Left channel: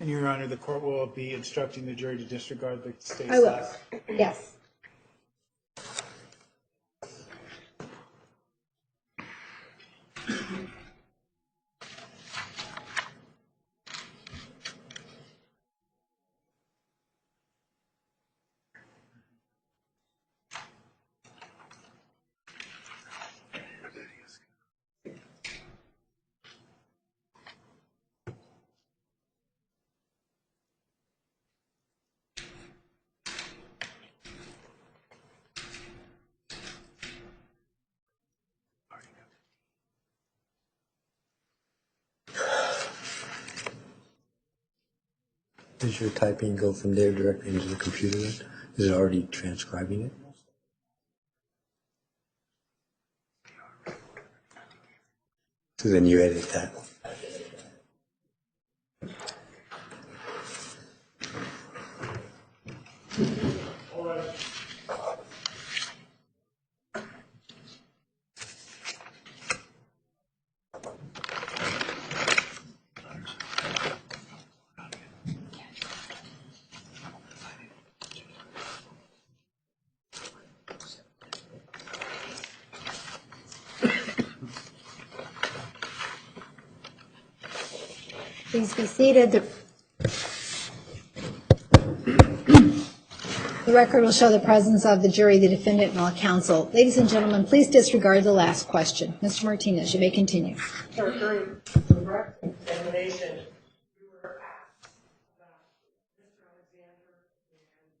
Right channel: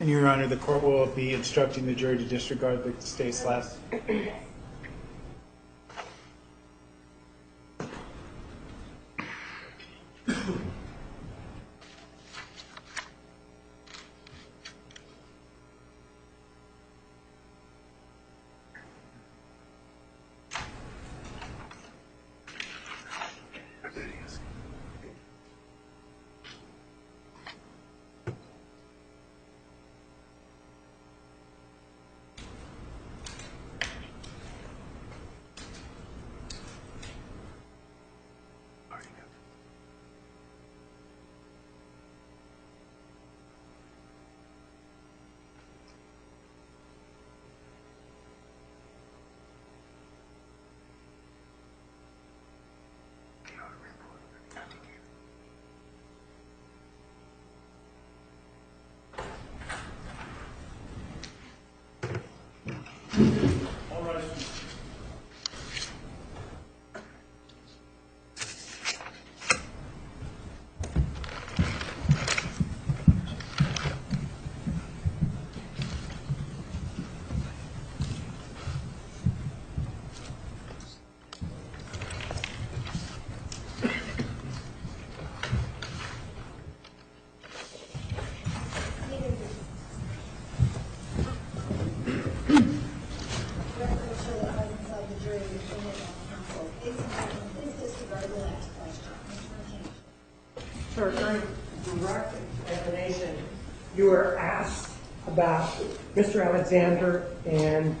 And Your Honor, the court will be instructing the jury to disregard the state's last. Yes. Does your typing go from there directly into the computer then? Is it already transcribing it? So then you edit that. Please be seated. The record will show the presence of the jury, the defendant, and all counsel. Ladies and gentlemen, please disregard the last question. Mr. Martinez, you may continue. Sir, during the direct examination, you were asked about Mr. Alexander and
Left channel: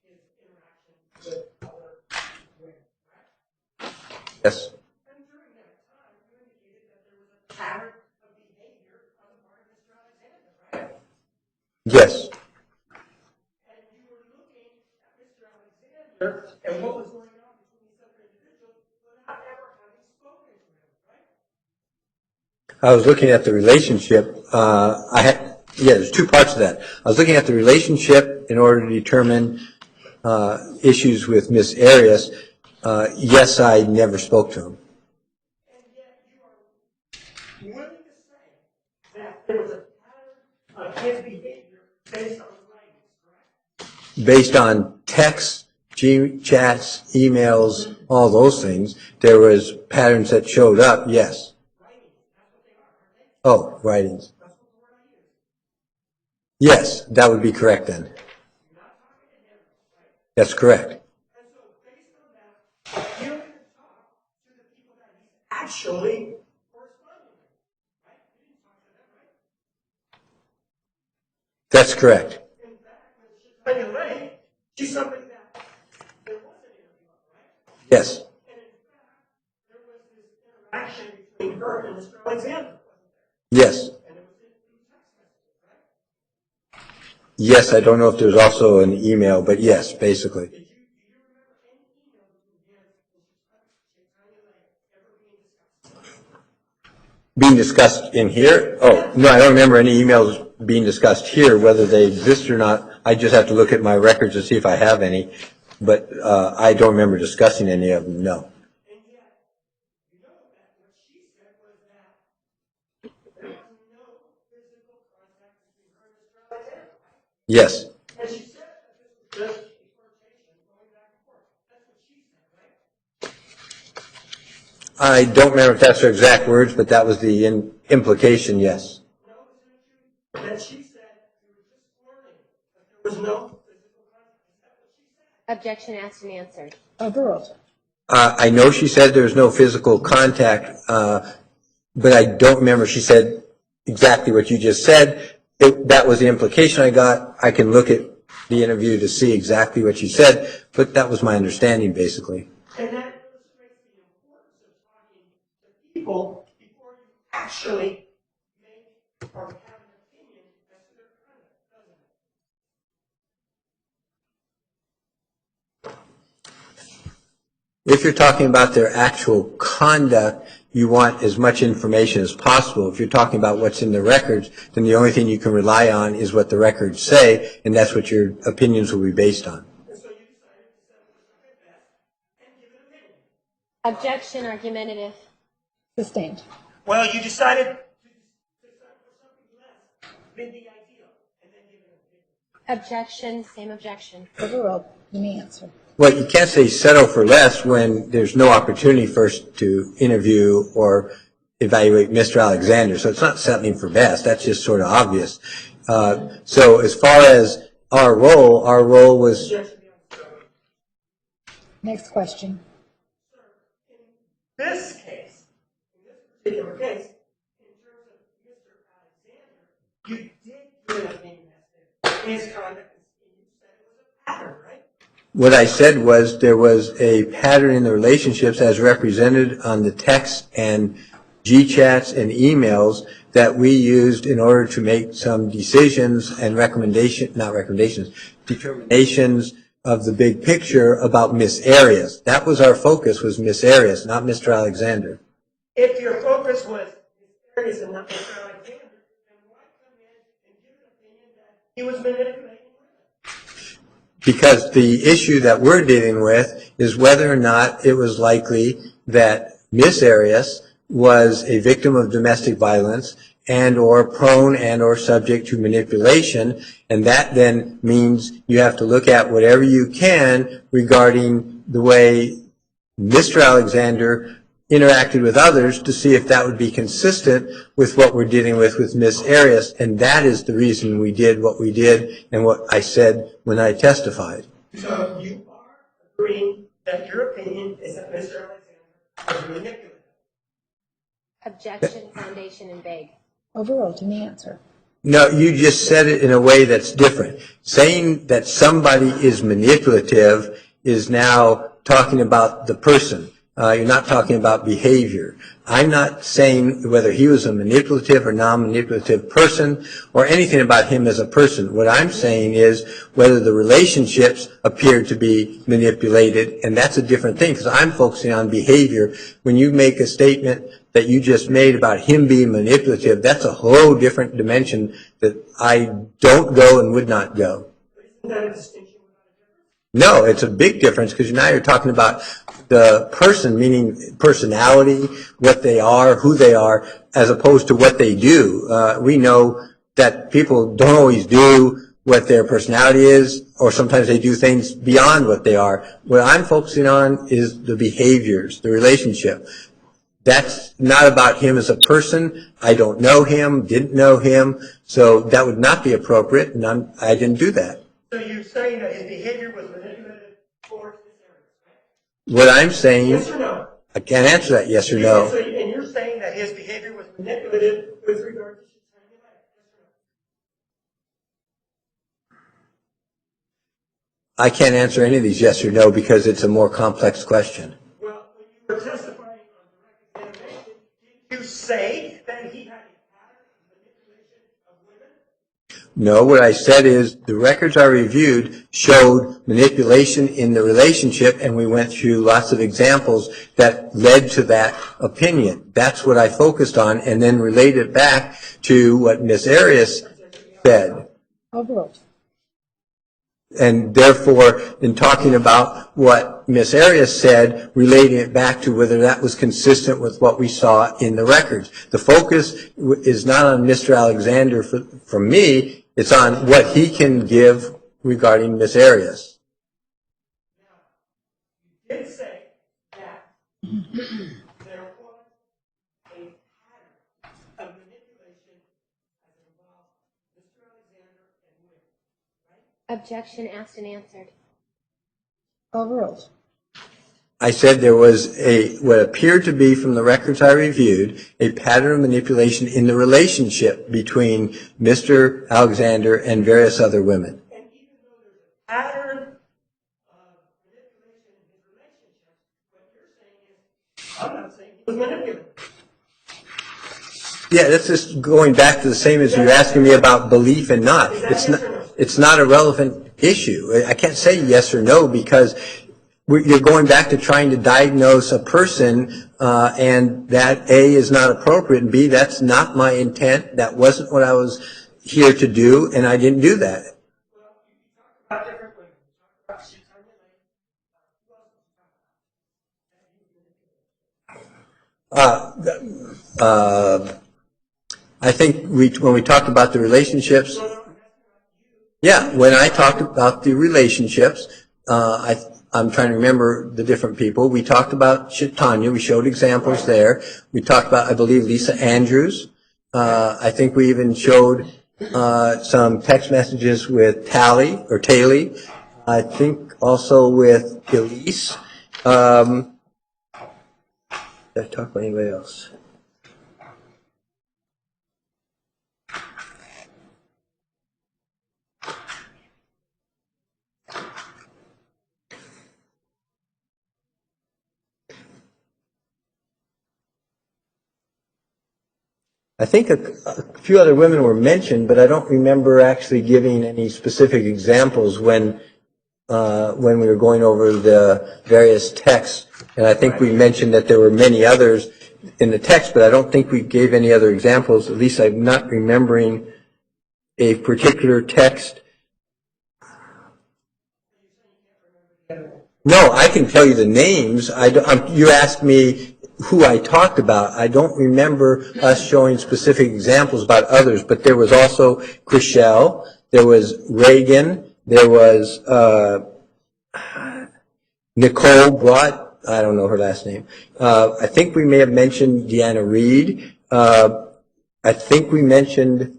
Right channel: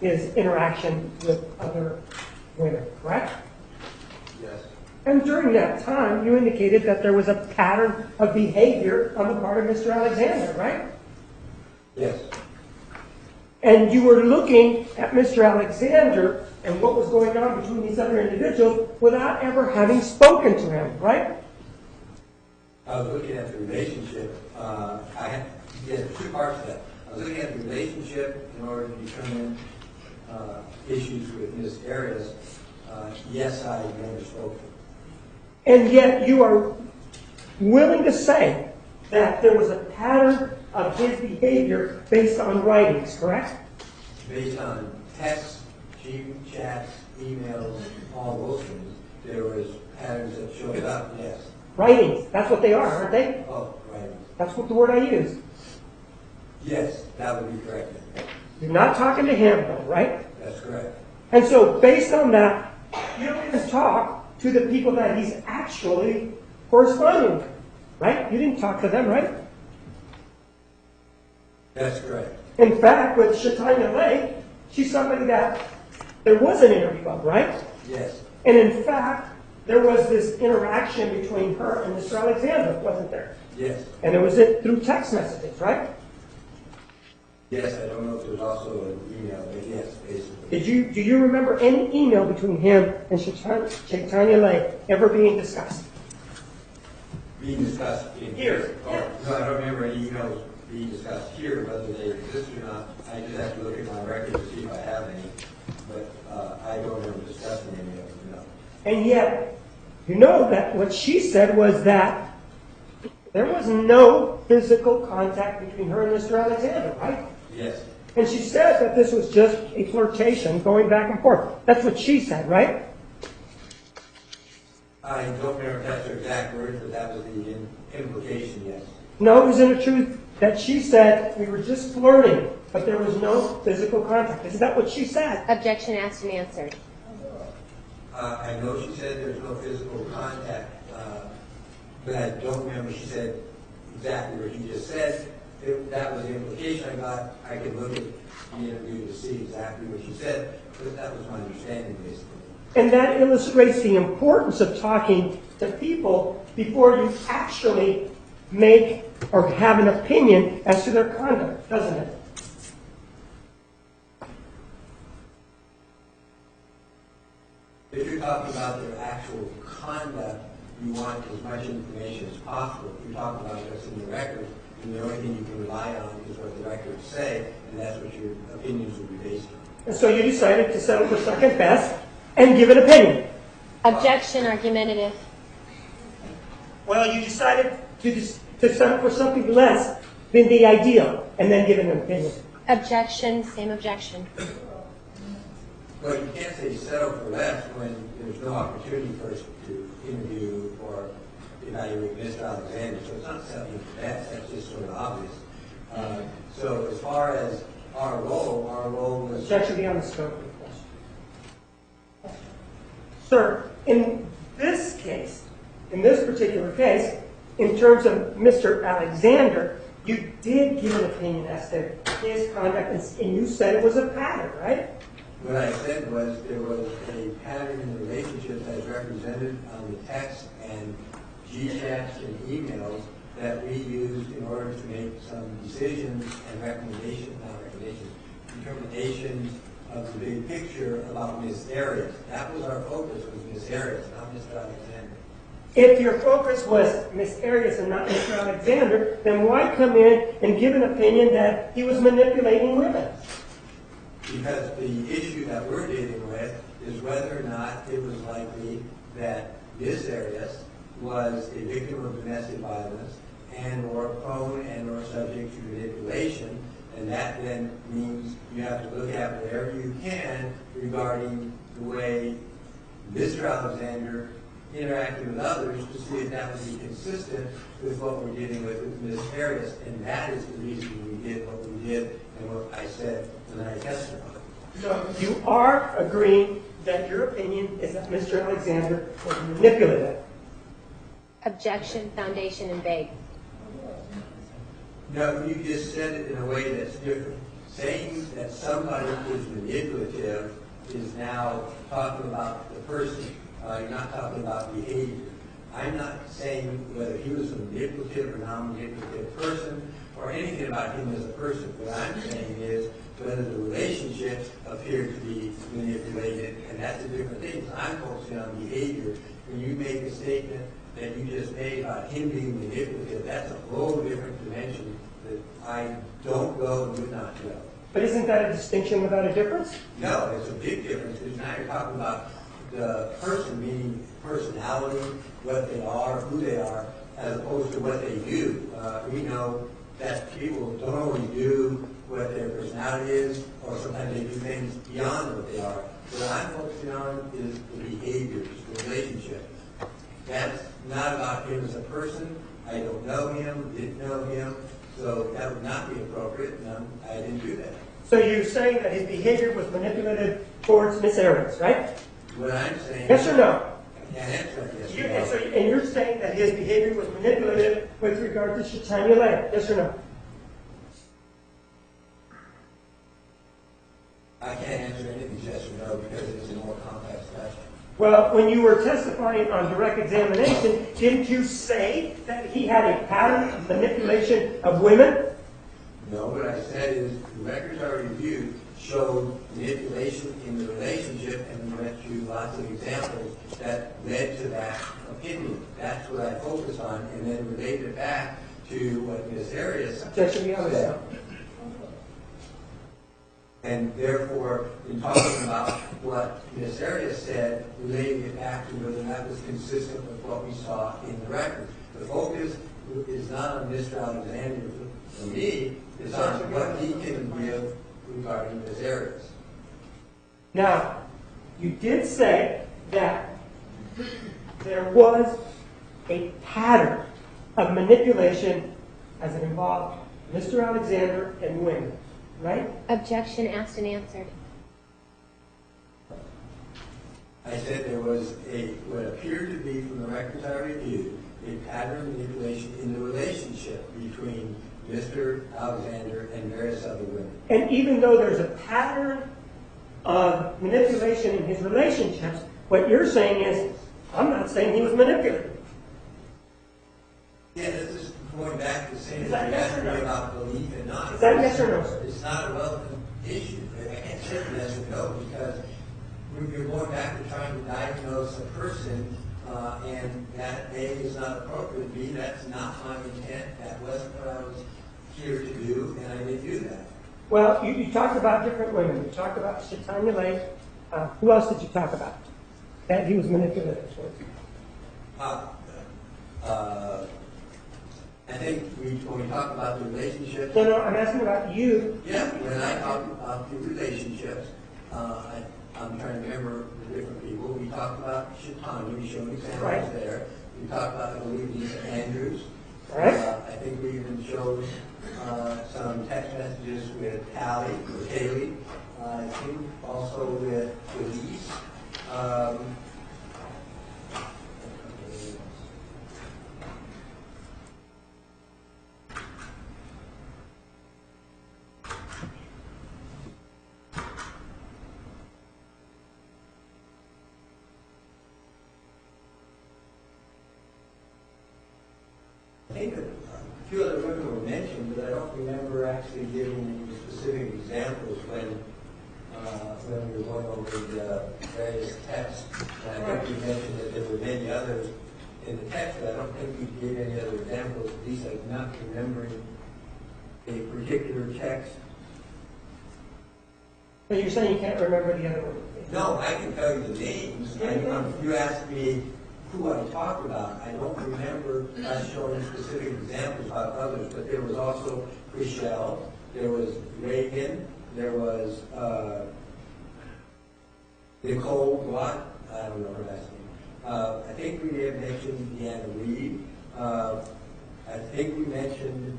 his interaction with other women, correct? Yes. And during that time, you indicated that there was a pattern of behavior on the part of Mr. Alexander, right? Yes. And you were looking at Mr. Alexander and what was going on between these other individuals without ever having spoken to him, right? I was looking at the relationship. There's two parts to that. I was looking at the relationship in order to determine issues with Miss Arias. Yes, I never spoke to him. And yet you are willing to say that there was a pattern of his behavior based on writings, correct? Based on texts, chats, emails, all those things, there was patterns that showed up, yes. Writings, that's what they are, aren't they? Oh, writings. That's what the word I use. Yes, that would be correct then. You're not talking to him, though, right? That's correct. And so based on that, you don't even talk to the people that he's actually corresponding with, right? You didn't talk to them, right? That's correct. In fact, with Shatanya Lay, she's somebody that there was an interview of, right? Yes. And in fact, there was this interaction between her and Mr. Alexander, wasn't there? Yes. And it was through text messages, right? Yes, I don't know if there's also an email, but yes, basically. Do you remember any email between him and Shatanya Lay ever being discussed? Being discussed in here? Oh, no, I don't remember any emails being discussed here, whether they exist or not. I just have to look at my records to see if I have any, but I don't remember discussing any of them, no. And yet, you know that what she said was that there was no physical contact between her and Mr. Alexander, right? Yes. And she said that this was just a flirtation going back and forth. That's what she said, right? I don't remember if that's her exact words, but that was the implication, yes. No, isn't it true that she said we were just flirting, but there was no physical contact? Isn't that what she said? Objection asked and answered. Overruled. I know she said there was no physical contact, but I don't remember she said exactly what you just said. That was the implication I got. I can look at the interview to see exactly what she said, but that was my understanding, basically. And that illustrates the importance of talking to people before you actually make or have an opinion as to their conduct, doesn't it? If you're talking about their actual conduct, you want as much information as possible. If you're talking about what's in the records, then the only thing you can rely on is what the records say, and that's what your opinions will be based on. And so you decided to settle for second best and give an opinion. Objection argumentative. Sustained. Well, you decided to settle for something less been the ideal, and then given an opinion. Objection, same objection. Overruled. Let me answer. Well, you can't say settle for less when there's no opportunity first to interview or evaluate Mr. Alexander. So it's not settling for best. That's just sort of obvious. So as far as our role was... Objection beyond the scope of the question. Next question. Sir, in this case, in this particular case, in terms of Mr. Alexander, you did give an opinion as to his conduct, and you said it was a pattern, right? What I said was there was a pattern in the relationships as represented on the text and G-chats and emails that we used in order to make some decisions and determinations of the big picture about Miss Arias. That was our focus, was Miss Arias, not Mr. Alexander. If your focus was Miss Arias and not Mr. Alexander, then why come in and give an opinion that he was manipulating women? Because the issue that we're dealing with is whether or not it was likely that Miss Arias was a victim of domestic violence and or prone and or subject to manipulation, and that then means you have to look at whatever you can regarding the way Mr. Alexander interacted with others to see if that would be consistent with what we're dealing with Miss Arias, and that is the reason we did what we did and what I said when I testified. So you are agreeing that your opinion is that Mr. Alexander was manipulative? Objection, foundation, and vague. Overruled. Let me answer. No, you just said it in a way that's different. Saying that somebody is manipulative is now talking about the person. You're not talking about behavior. I'm not saying whether he was a manipulative or non-manipulative person or anything about him as a person. What I'm saying is whether the relationships appeared to be manipulated, and that's a different thing because I'm focusing on behavior. When you make a statement that you just made about him being manipulative, that's a whole different dimension that I don't go and would not go. But isn't that a distinction without a difference? No, it's a big difference because now you're talking about the person, meaning personality, what they are, who they are, as opposed to what they do. We know that people don't always do what their personality is, or sometimes they do things beyond what they are. What I'm focusing on is the behaviors, the relationship. That's not about him as a person. I don't know him, didn't know him, so that would not be appropriate, and I didn't do that. So you're saying that his behavior was manipulative towards Miss Arias, right? What I'm saying... Yes or no? I can't answer that yes or no. And you're saying that his behavior was manipulative with regard to Shatanya Leah, yes or no? I can't answer any of these yes or no because it's a more complex question. Well, when you were testifying on direct examination, didn't you say that he had a pattern of manipulation of women? No, what I said is the records I reviewed showed manipulation in the relationship, and we went through lots of examples that led to that opinion. That's what I focused on, and then related back to what Ms. Arias said. Overruled. And therefore, in talking about what Ms. Arias said, relating it back to whether that was consistent with what we saw in the records. The focus is not on Mr. Alexander from me, it's on what he can give regarding Ms. Arias. Now, you did say that there was a pattern of manipulation as it involved Mr. Alexander and women, right? Objection, asked and answered. Overruled. I said there was what appeared to be from the records I reviewed, a pattern of manipulation in the relationship between Mr. Alexander and various other women. And even though there's a pattern of manipulation in his relationships, what you're saying is, I'm not saying he was manipulative. Yeah, that's just going back to the same as you're asking me about belief and not. It's not a relevant issue. I can't say yes or no because you're going back to trying to diagnose a person and that A, is not appropriate, and B, that's not my intent. That wasn't what I was here to do, and I didn't do that. Well, you talked about different women. You talked about Shatanya Leah. Who else did you talk about that he was manipulative towards? I think when we talked about the relationships, No, I'm asking about you. yeah, when I talked about the relationships, I'm trying to remember the different people. We talked about Tanya. We showed examples there. We talked about, I believe, Lisa Andrews. I think we even showed some text messages with Tally. I think also with Elise. Did I talk about anybody else? I think a few other women were mentioned, but I don't remember actually giving any specific examples when we were going over the various texts. And I think we mentioned that there were many others in the text, but I don't think we gave any other examples. At least I'm not remembering a particular text. But you're saying you can't remember the other one? No, I can tell you the names. You asked me who I talked about. I don't remember us showing specific examples about others, but there was also Chriselle, there was Reagan, there was Nicole Brott, I don't know her last name. I think we may have mentioned Deanna Reed. I think we mentioned,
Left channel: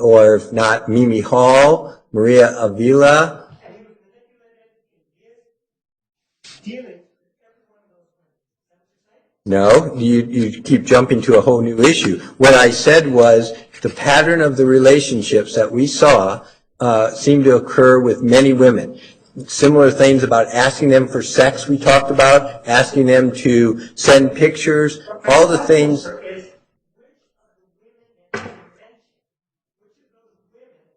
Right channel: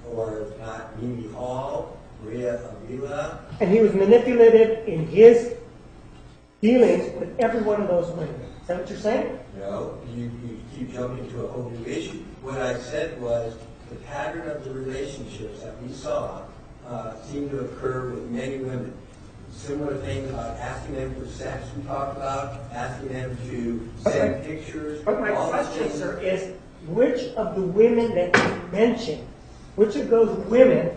or if not, Mimi Hall, Maria Avila. And he was manipulative in his dealings with every one of those women. Is that what you're saying? No, you keep jumping to a whole new issue. What I said was the pattern of the relationships that we saw seemed to occur with many women. Similar things about asking them for sex we talked about, asking them to send pictures, all the things. Sir, is which of the women that you mentioned, which of those women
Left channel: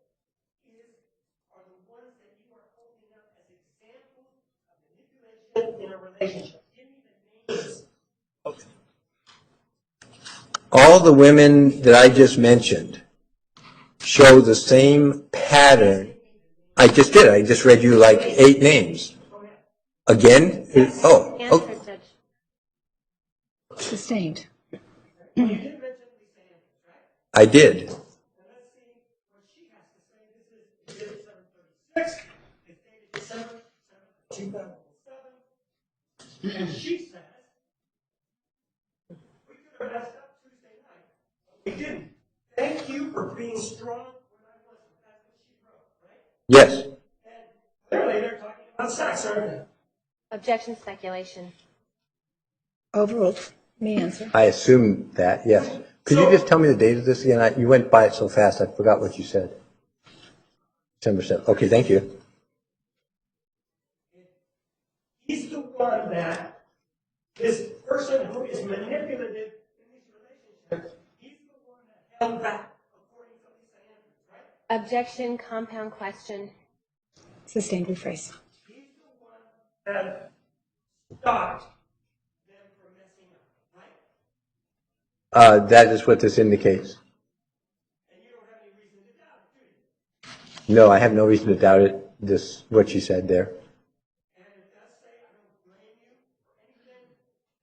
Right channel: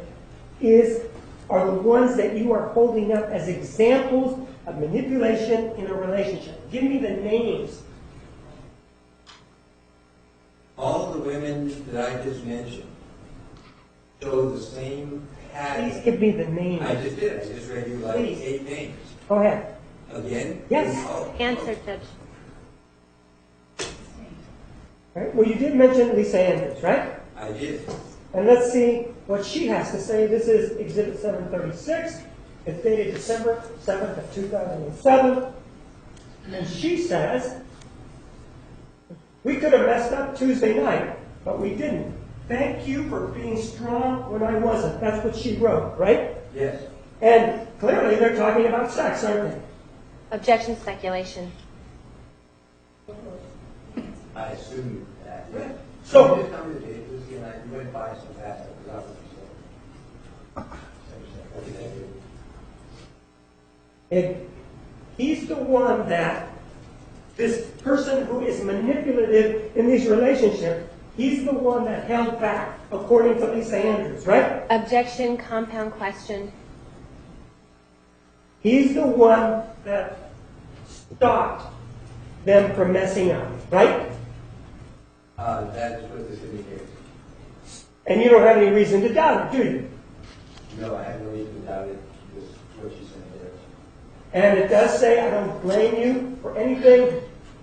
are the ones that you are holding up as examples of manipulation in a relationship? Give me the names. All the women that I just mentioned show the same pattern. Give me the names. I just did. I just read you like 8 names. Go ahead. Again? Yes. Oh. Answer, Judge. Sustained. Right? Well, you did mention Lisa Andrews, right? I did. And let's see what she has to say. This is Exhibit 736. It's dated December 7th of 2007. And she says, we could have messed up Tuesday night, but we didn't. Thank you for being strong when I wasn't. That's what she wrote, right? Yes. And clearly they're talking about sex, aren't they? Objection, speculation. Overruled. Me answer. I assumed that, yes. Could So- you just tell me the date of this again? You went by it so fast, I forgot what you said. December 7th. Okay, thank you. And he's the one that, this person who is manipulative in these relationships, he's the one that held back, according to Lisa Andrews, right? Objection, compound question. Sustained. Rephrase. He's the one that stopped them from messing up, right? That is what this indicates. And you don't have any reason to doubt it, do you? No, I have no reason to doubt it, what you said there. And it does say, I don't blame you for anything.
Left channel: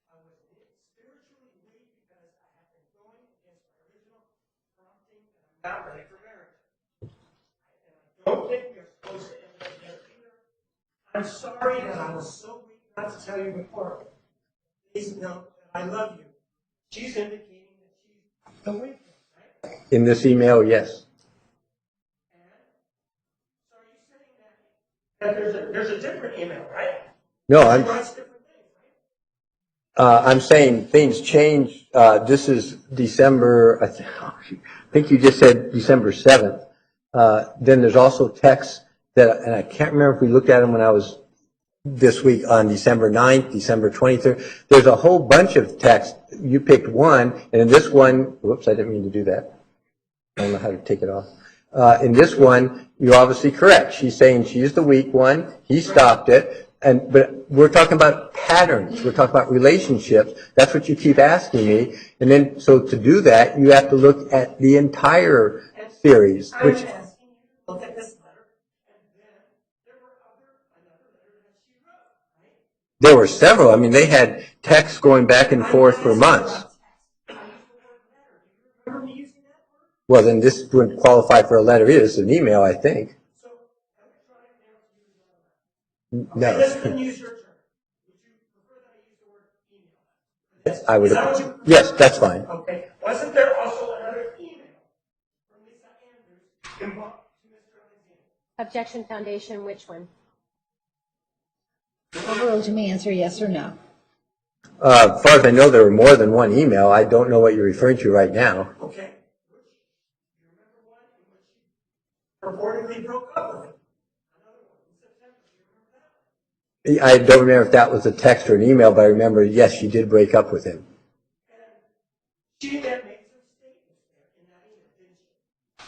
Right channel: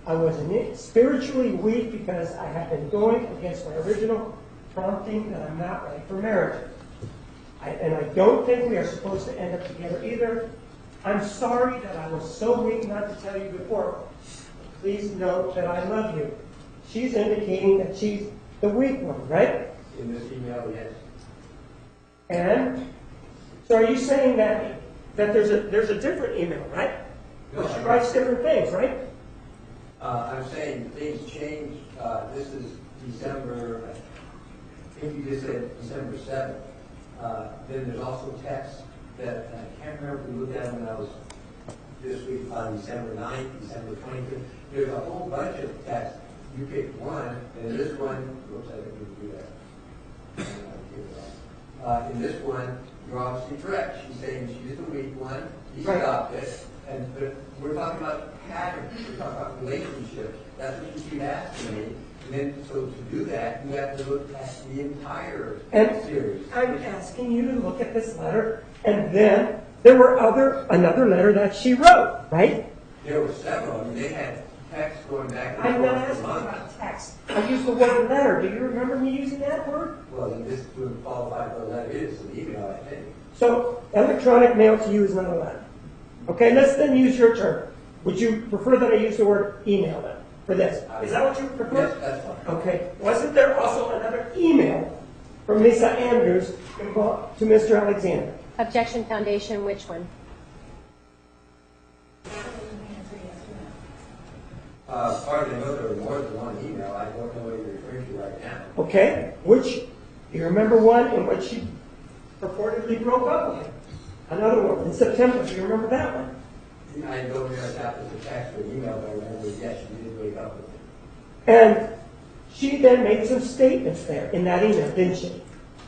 I was spiritually weak because I had been going against my original prompting that I'm not ready for marriage. And I don't think we are supposed to end up together either. I'm sorry that I was so weak not to tell you before. Please note that I love you. She's indicating that she's the weak one, right? In this email, yes. And so are you saying that there's a different email, right? No, She writes different things, right? I'm saying things change. This is December, I think you just said December 7th. Then there's also texts that, and I can't remember if we looked at them when I was this week on December 9th, December 23rd. There's a whole bunch of texts. You picked one, and in this one, whoops, I didn't mean to do that. I don't know how to take it off. In this one, you're obviously correct. She's saying she's the weak one. He stopped it. But we're talking about patterns. We're talking about relationships. That's what you keep asking me. And then, so to do that, you have to look at the entire series. I'm asking you to look at this letter, and then there were another letter that she wrote, right? There were several. I mean, they had texts going back and forth for months. I used the word letter. Do you remember me using that word? Well, then this wouldn't qualify for a letter either. It's an email, I think. So electronic mail to you is not a letter. Okay, No. let's then use your term. Would you prefer that I use the word email then for this? I would. Is that what you prefer? Yes, that's fine. Okay. Wasn't there also another email from Lisa Andrews involved to Mr. Alexander? Objection Foundation, which one? Overruled to me, answer yes or no. As far as I know, there were more than one email. I don't know what you're referring to right now. Okay. Which, do you remember one in which she purportedly broke up with him? Another one in September. Do you remember that one? I don't remember if that was a text or an email, but I remember, yes, she did break up with him. And she then made some statements there in that email, didn't she?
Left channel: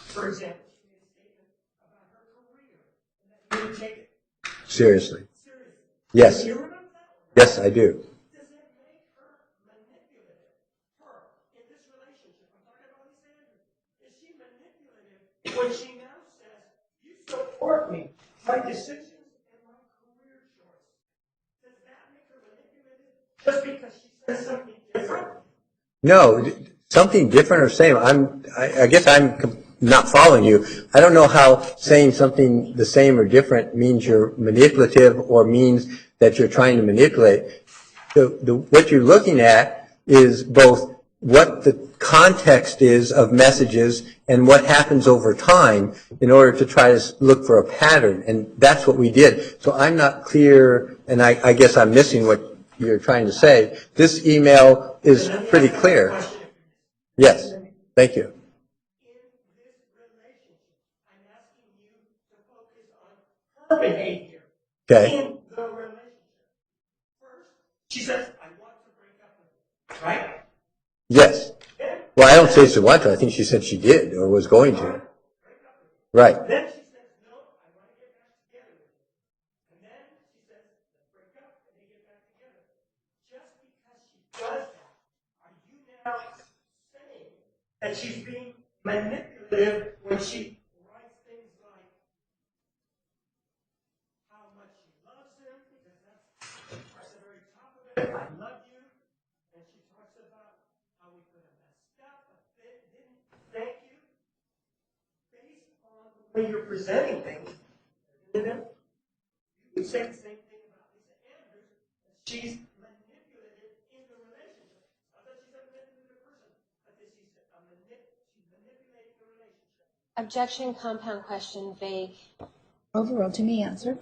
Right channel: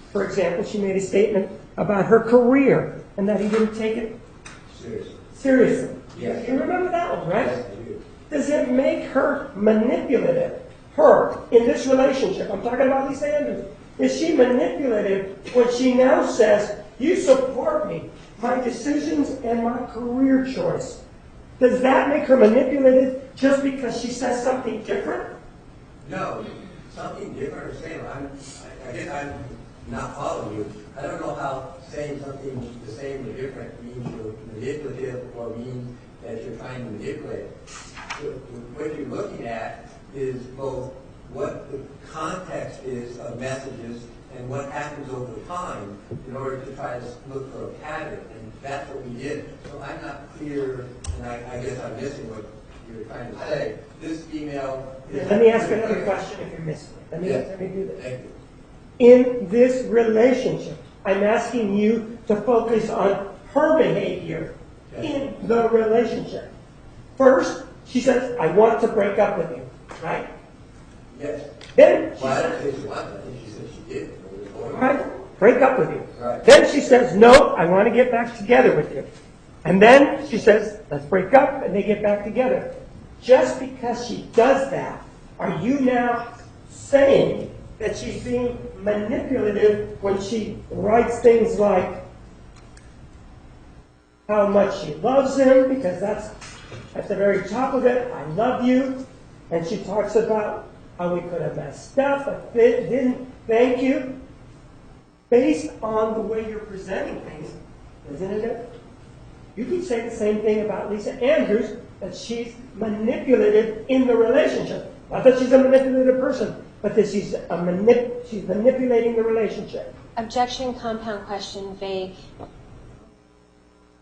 For example, she made a statement about her career and that he didn't take it Seriously. seriously. Yes. You remember that one, right? Yes, I do. Does it make her manipulative? Her, in this relationship, I'm talking about Lisa Andrews. Is she manipulative when she now says, you support me, my decisions and my career choice? Does that make her manipulative just because she says something different? No, something different or same. I guess I'm not following you. I don't know how saying something the same or different means you're manipulative or means that you're trying to manipulate. What you're looking at is both what the context is of messages and what happens over time in order to try to look for a pattern. And that's what we did. So I'm not clear, and I guess I'm missing what you're trying to say. This email is Let me pretty ask clear. you a question if you're missing it. Yes, Let me do this. thank you. In this relationship, I'm asking you to focus on her behavior Okay. in the relationship. First, she says, I want to break up with you, right? Yes. Then, Well, I don't say she wanted to. I think she said she did or was going to. right, break up with you. Right. Then she says, no, I want to get back together with you. And then she says, let's break up, and they get back together. Just because she does that, are you now saying that she's being manipulative when she writes things like how much she loves him, because that's at the very top of it, I love you, and she talks about how we could have messed up, but didn't thank you, based on the way you're presenting things, isn't it? You could say the same thing about Lisa Andrews, that she's manipulative in the relationship. Not that she's a manipulative person, but that she's manipulating the relationship. Objection Compound Question, vague. Overruled to me, answer.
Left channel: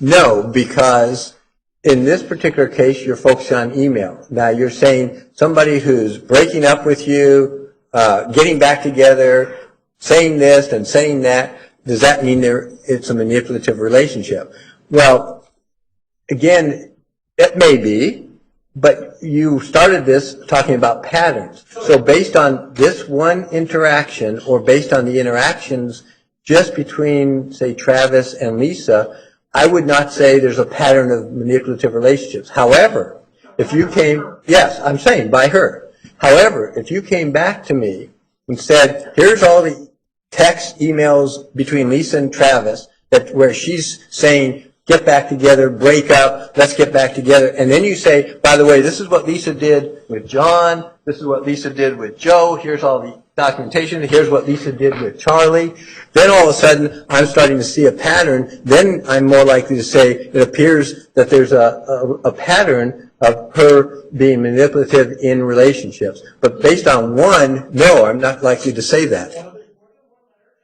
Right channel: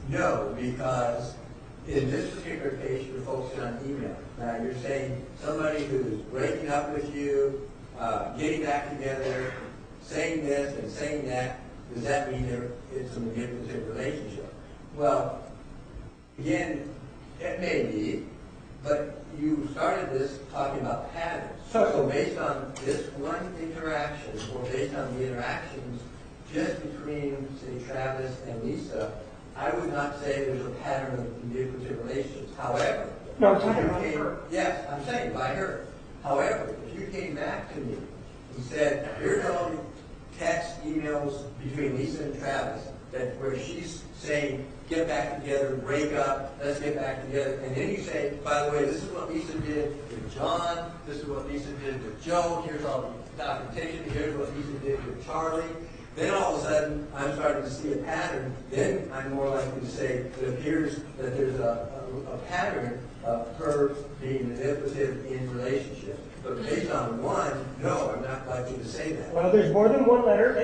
No, because in this particular case, you're focusing on email. Now, you're saying somebody who's breaking up with you, getting back together, saying this and saying that, does that mean it's a manipulative relationship? Well, again, it may be, but you started this talking about patterns. So based on this one interaction, or based on the interactions just between, say, Travis and Lisa, I would not say there's a pattern of manipulative relationships. However, if you came, yes, I'm saying by her. However, if you came back to me and said, here's all the text, emails between Lisa and Travis where she's saying, get back together, break up, let's get back together, and then you say, by the way, this is what Lisa did with John, this is what Lisa did with Joe, here's all the documentation, here's what Lisa did with Charlie, then all of a sudden I'm starting to see a pattern, then I'm more likely to say it appears that there's a pattern of her being manipulative in relationships. But based on one, no, I'm not likely to say that. Well, there's more than one letter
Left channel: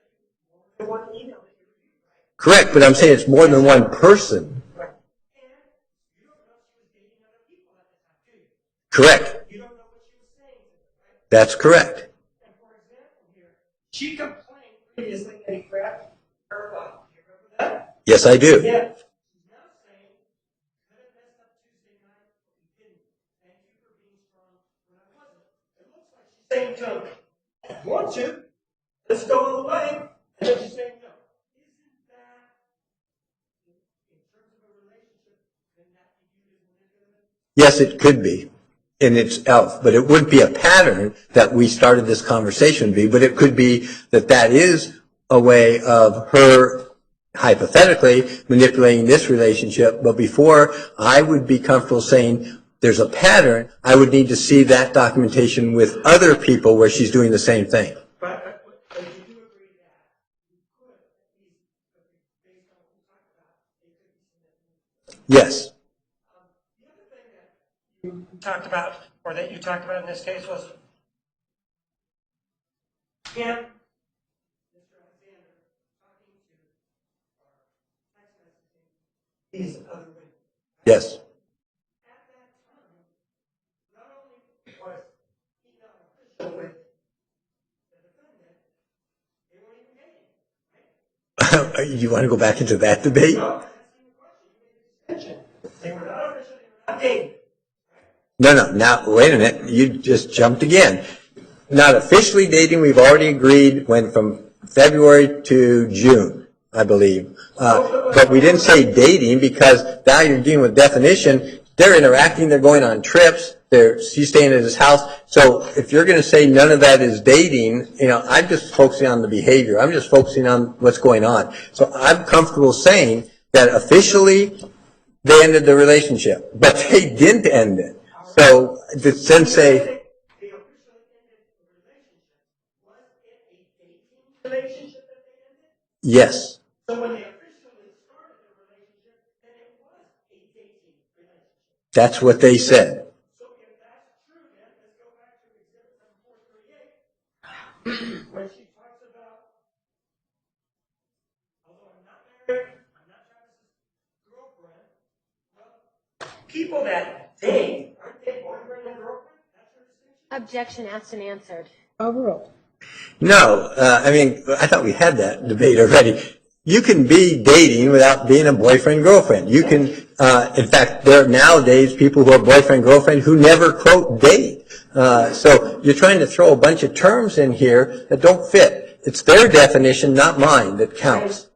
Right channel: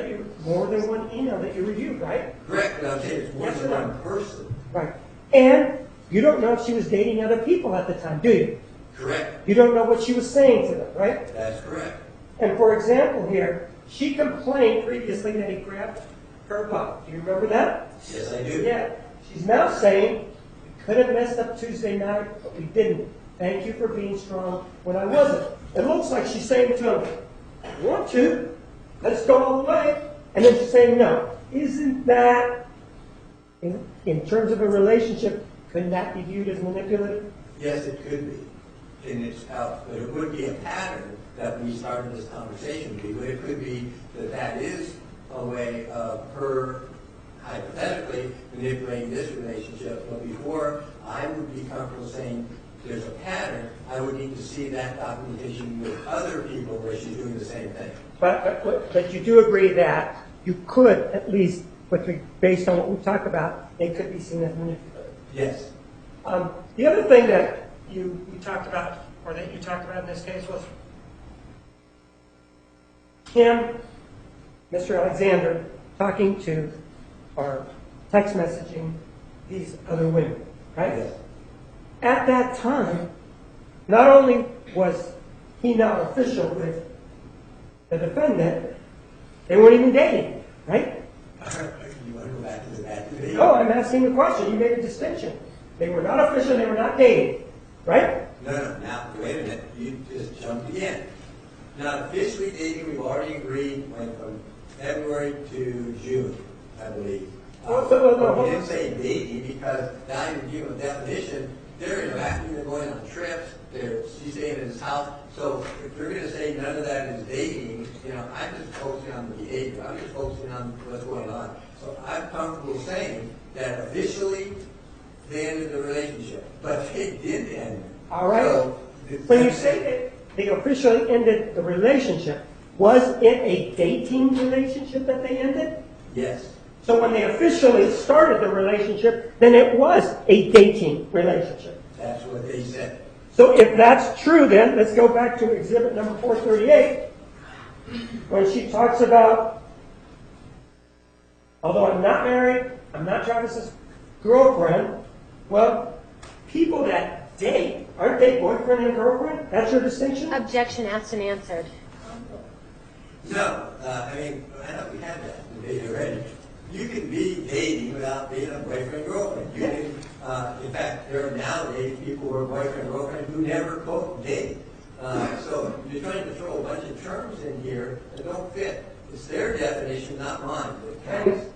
more than one email that you reviewed, right? Correct, but I'm saying it's more than one person. Right. And you don't know if she was dating other people at the time, do you? Correct. You don't know what she was saying to them, right? That's correct. And for example here, she complained previously that he grabbed her butt. Do you remember that? Yes, I do. Yeah. She's now saying, we could have messed up Tuesday night, but we didn't. Thank you for being strong when I wasn't. It looks like she's saying to him, I want to, let's go all the way. And then she's saying no. Isn't that, in terms of a relationship, couldn't that be viewed as manipulative? Yes, it could be in itself, but it wouldn't be a pattern that we started this conversation be, but it could be that is a way of her hypothetically manipulating this relationship. But before I would be comfortable saying there's a pattern, I would need to see that documentation with other people where she's doing the same thing. But you do agree that you could, at least based on what we talked about, they could be seen as manipulative. Yes. The other thing that you talked about, or that you talked about in this case, was him, Mr. Alexander, talking to or text messaging these other women, right? Yes. At that time, not only was he not official with the defendant, they weren't even dating, right? You want to go back into that debate? No, I'm asking the question. You made a distinction. They were not official, they were not dating, right? No. Now, wait a minute. You just jumped again. Not officially dating, we've already agreed, went from February to June, I believe. But we didn't say dating because now you're dealing with definition. They're interacting, they're going on trips, she's staying at his house. So if you're going to say none of that is dating, I'm just focusing on the behavior. I'm just focusing on what's going on. So I'm comfortable saying that officially they ended the relationship, but they didn't end it. All right. So then say they officially ended the relationship. Was it a dating relationship that they ended? yes. So when they officially started the relationship, then it was a dating relationship. That's what they said. So if that's true, then let's go back to exhibit number 438, when she talks about, although I'm not married, I'm not Travis's girlfriend. Well, people that date, aren't they boyfriend and girlfriend? That's your distinction? Objection asked and answered. Overruled. No, I thought we had that debate already. You can be dating without being a boyfriend-girlfriend. You can, in fact, there are nowadays people who are boyfriend-girlfriend who never, quote, date. So you're trying to throw a bunch of terms in here that don't fit. It's their definition, not mine, that counts.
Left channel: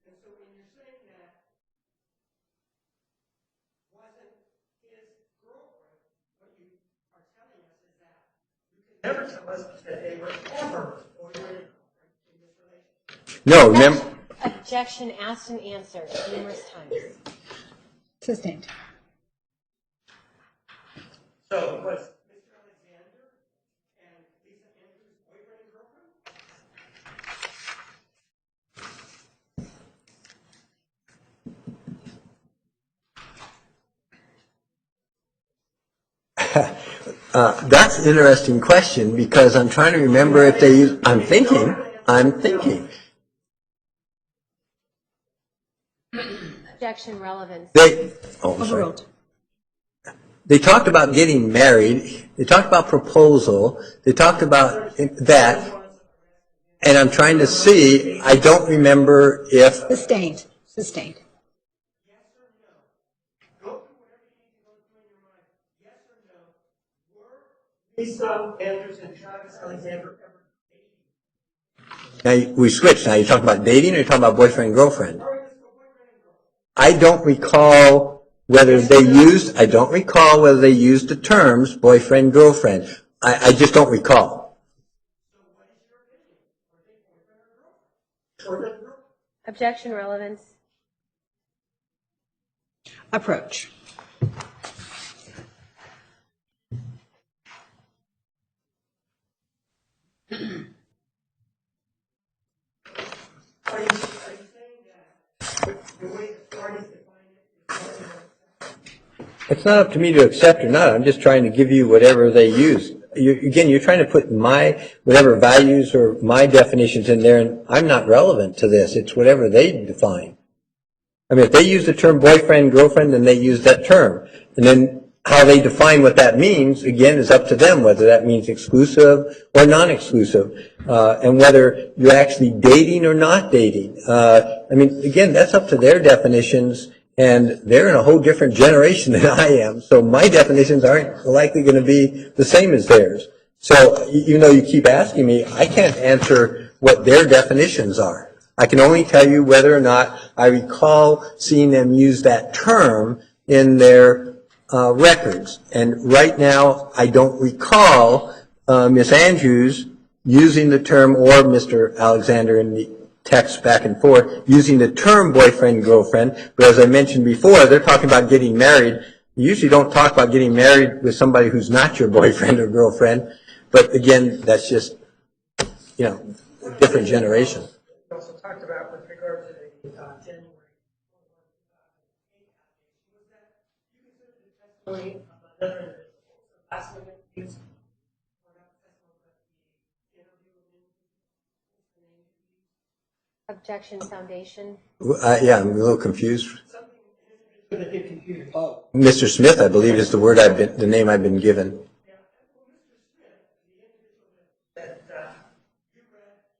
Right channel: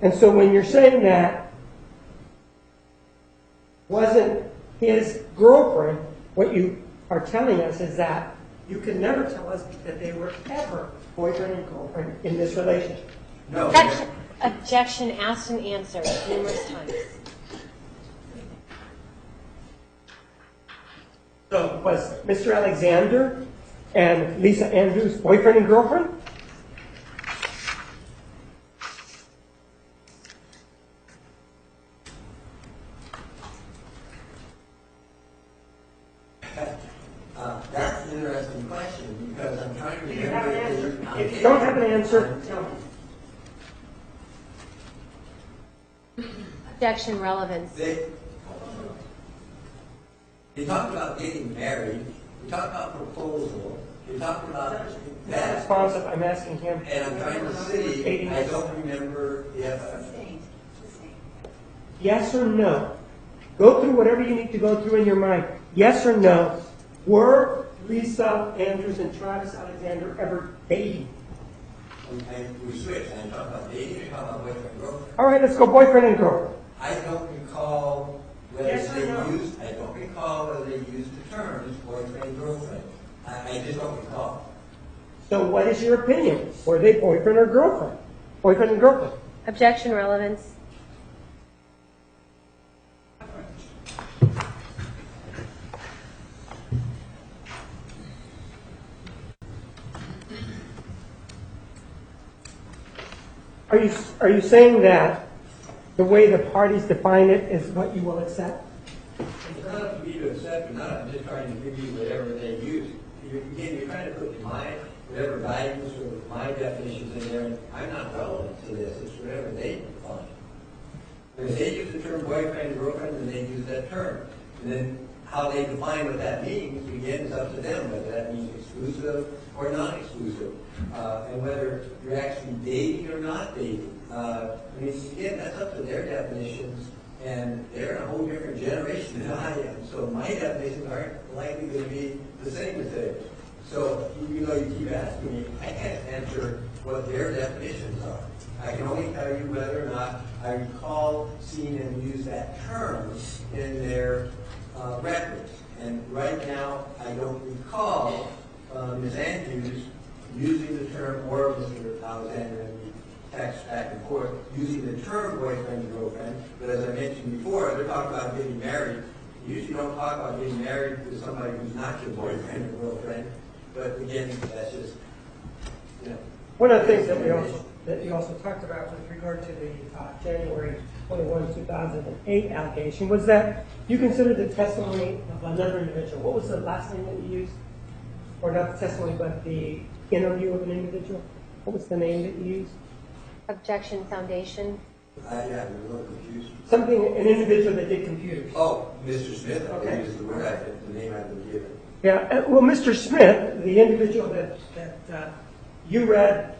And so when you're saying that wasn't his girlfriend, what you are telling us is that you can never tell us that they were ever boyfriend and girlfriend in this relationship. No, remember. Objection asked and answered numerous times. Sustained. So was Mr. Alexander and Lisa Andrews boyfriend and girlfriend? That's an interesting question because I'm trying to remember if they use. I'm thinking. Objection relevance. Overruled. They talked about getting married. They talked about proposal. They talked about that. Responsive, I'm asking him. And I'm trying to see. I don't remember if. Sustained. Sustained. Yes or no? Go through whatever you need to go through in your mind. Yes or no? Were Lisa Andrews and Travis Alexander ever dating? Now we switched. Now you're talking about dating or you're talking about boyfriend and girlfriend? All right, let's go boyfriend and girlfriend. I don't recall whether they used. I don't recall whether they used the terms boyfriend girlfriend. I just don't recall. So what is your opinion? Were they boyfriend or girlfriend? Boyfriend and girlfriend. Objection relevance. Approach. Are you saying that the way the parties define it is what you will accept? It's not up to me to accept or not. I'm just trying to give you whatever they use. You're trying to put my whatever values or my definitions in there, and I'm not relevant to this. It's whatever they define. I mean, if they use the term boyfriend, girlfriend, then they use that term. And then how they define what that means, again, is up to them, whether that means exclusive or non-exclusive, and whether you're actually dating or not dating. I mean, again, that's up to their definitions, and they're in a whole different generation than I am, so my definitions aren't likely going to be the same as theirs. So even though you keep asking me, I can't answer what their definitions are. I can only tell you whether or not I recall seeing them use that term in their records. And right now, I don't recall Ms. Andrews using the term, or Mr. Alexander in the text back and forth, using the term boyfriend, girlfriend. But as I mentioned before, they're talking about getting married. You usually don't talk about getting married with somebody who's not your boyfriend or girlfriend, but again, that's just, you know, One of the different things generation. that you also talked about with regard to the January 21, 2008 allegation was that you considered the testimony of another individual. What was the last name that you used? Or not the testimony, but the interview of an individual? What was the name that you used? Objection Foundation. Yeah, I'm a little confused. Something, an individual that did computers. Oh. Mr. Smith, I believe, is the name I've been given. Yeah, well, Mr. Smith, the individual that you read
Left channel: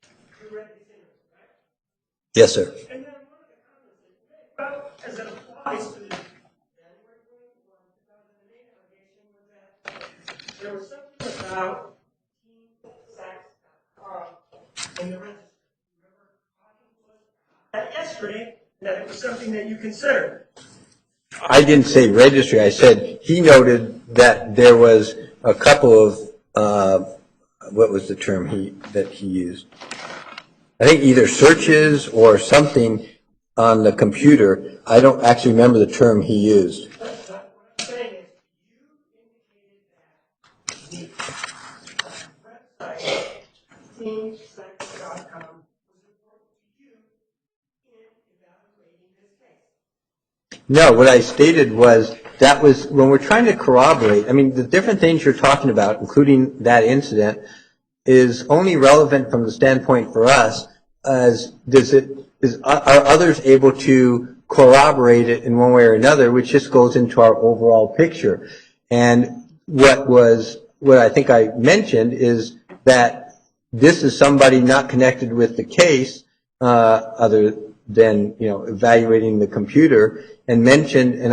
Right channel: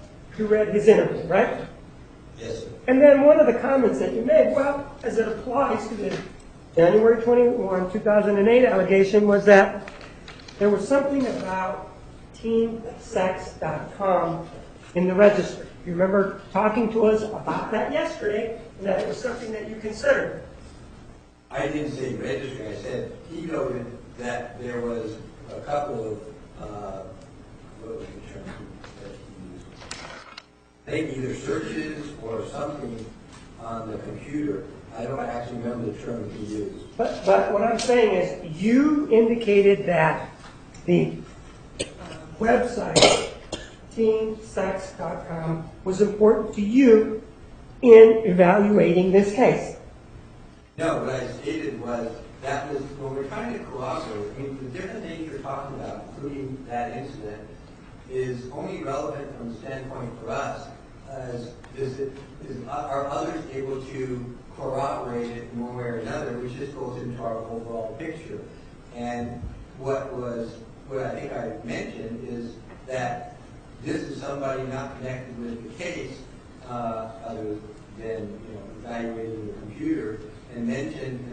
his interview, right? Yes, sir. And then one of the comments that you made, well, as it applies to the January 21, 2008 allegation, was that there was something about teensex.com in the registry. You remember talking to us about that yesterday, and that it was something that you considered. I didn't say registry. I said he noted that there was a couple of, what was the term that he used? I think either searches or something on the computer. I don't actually remember the term he used. But what I'm saying is you indicated that the website, teensex.com, was important to you in evaluating this case. No, what I stated was that was when we're trying to corroborate. I mean, the different things you're talking about, including that incident, is only relevant from the standpoint for us as are others able to corroborate it in one way or another, which just goes into our overall picture. And what I think I mentioned is that this is somebody not connected with the case, other than, you know, evaluating the computer, and mentioned, and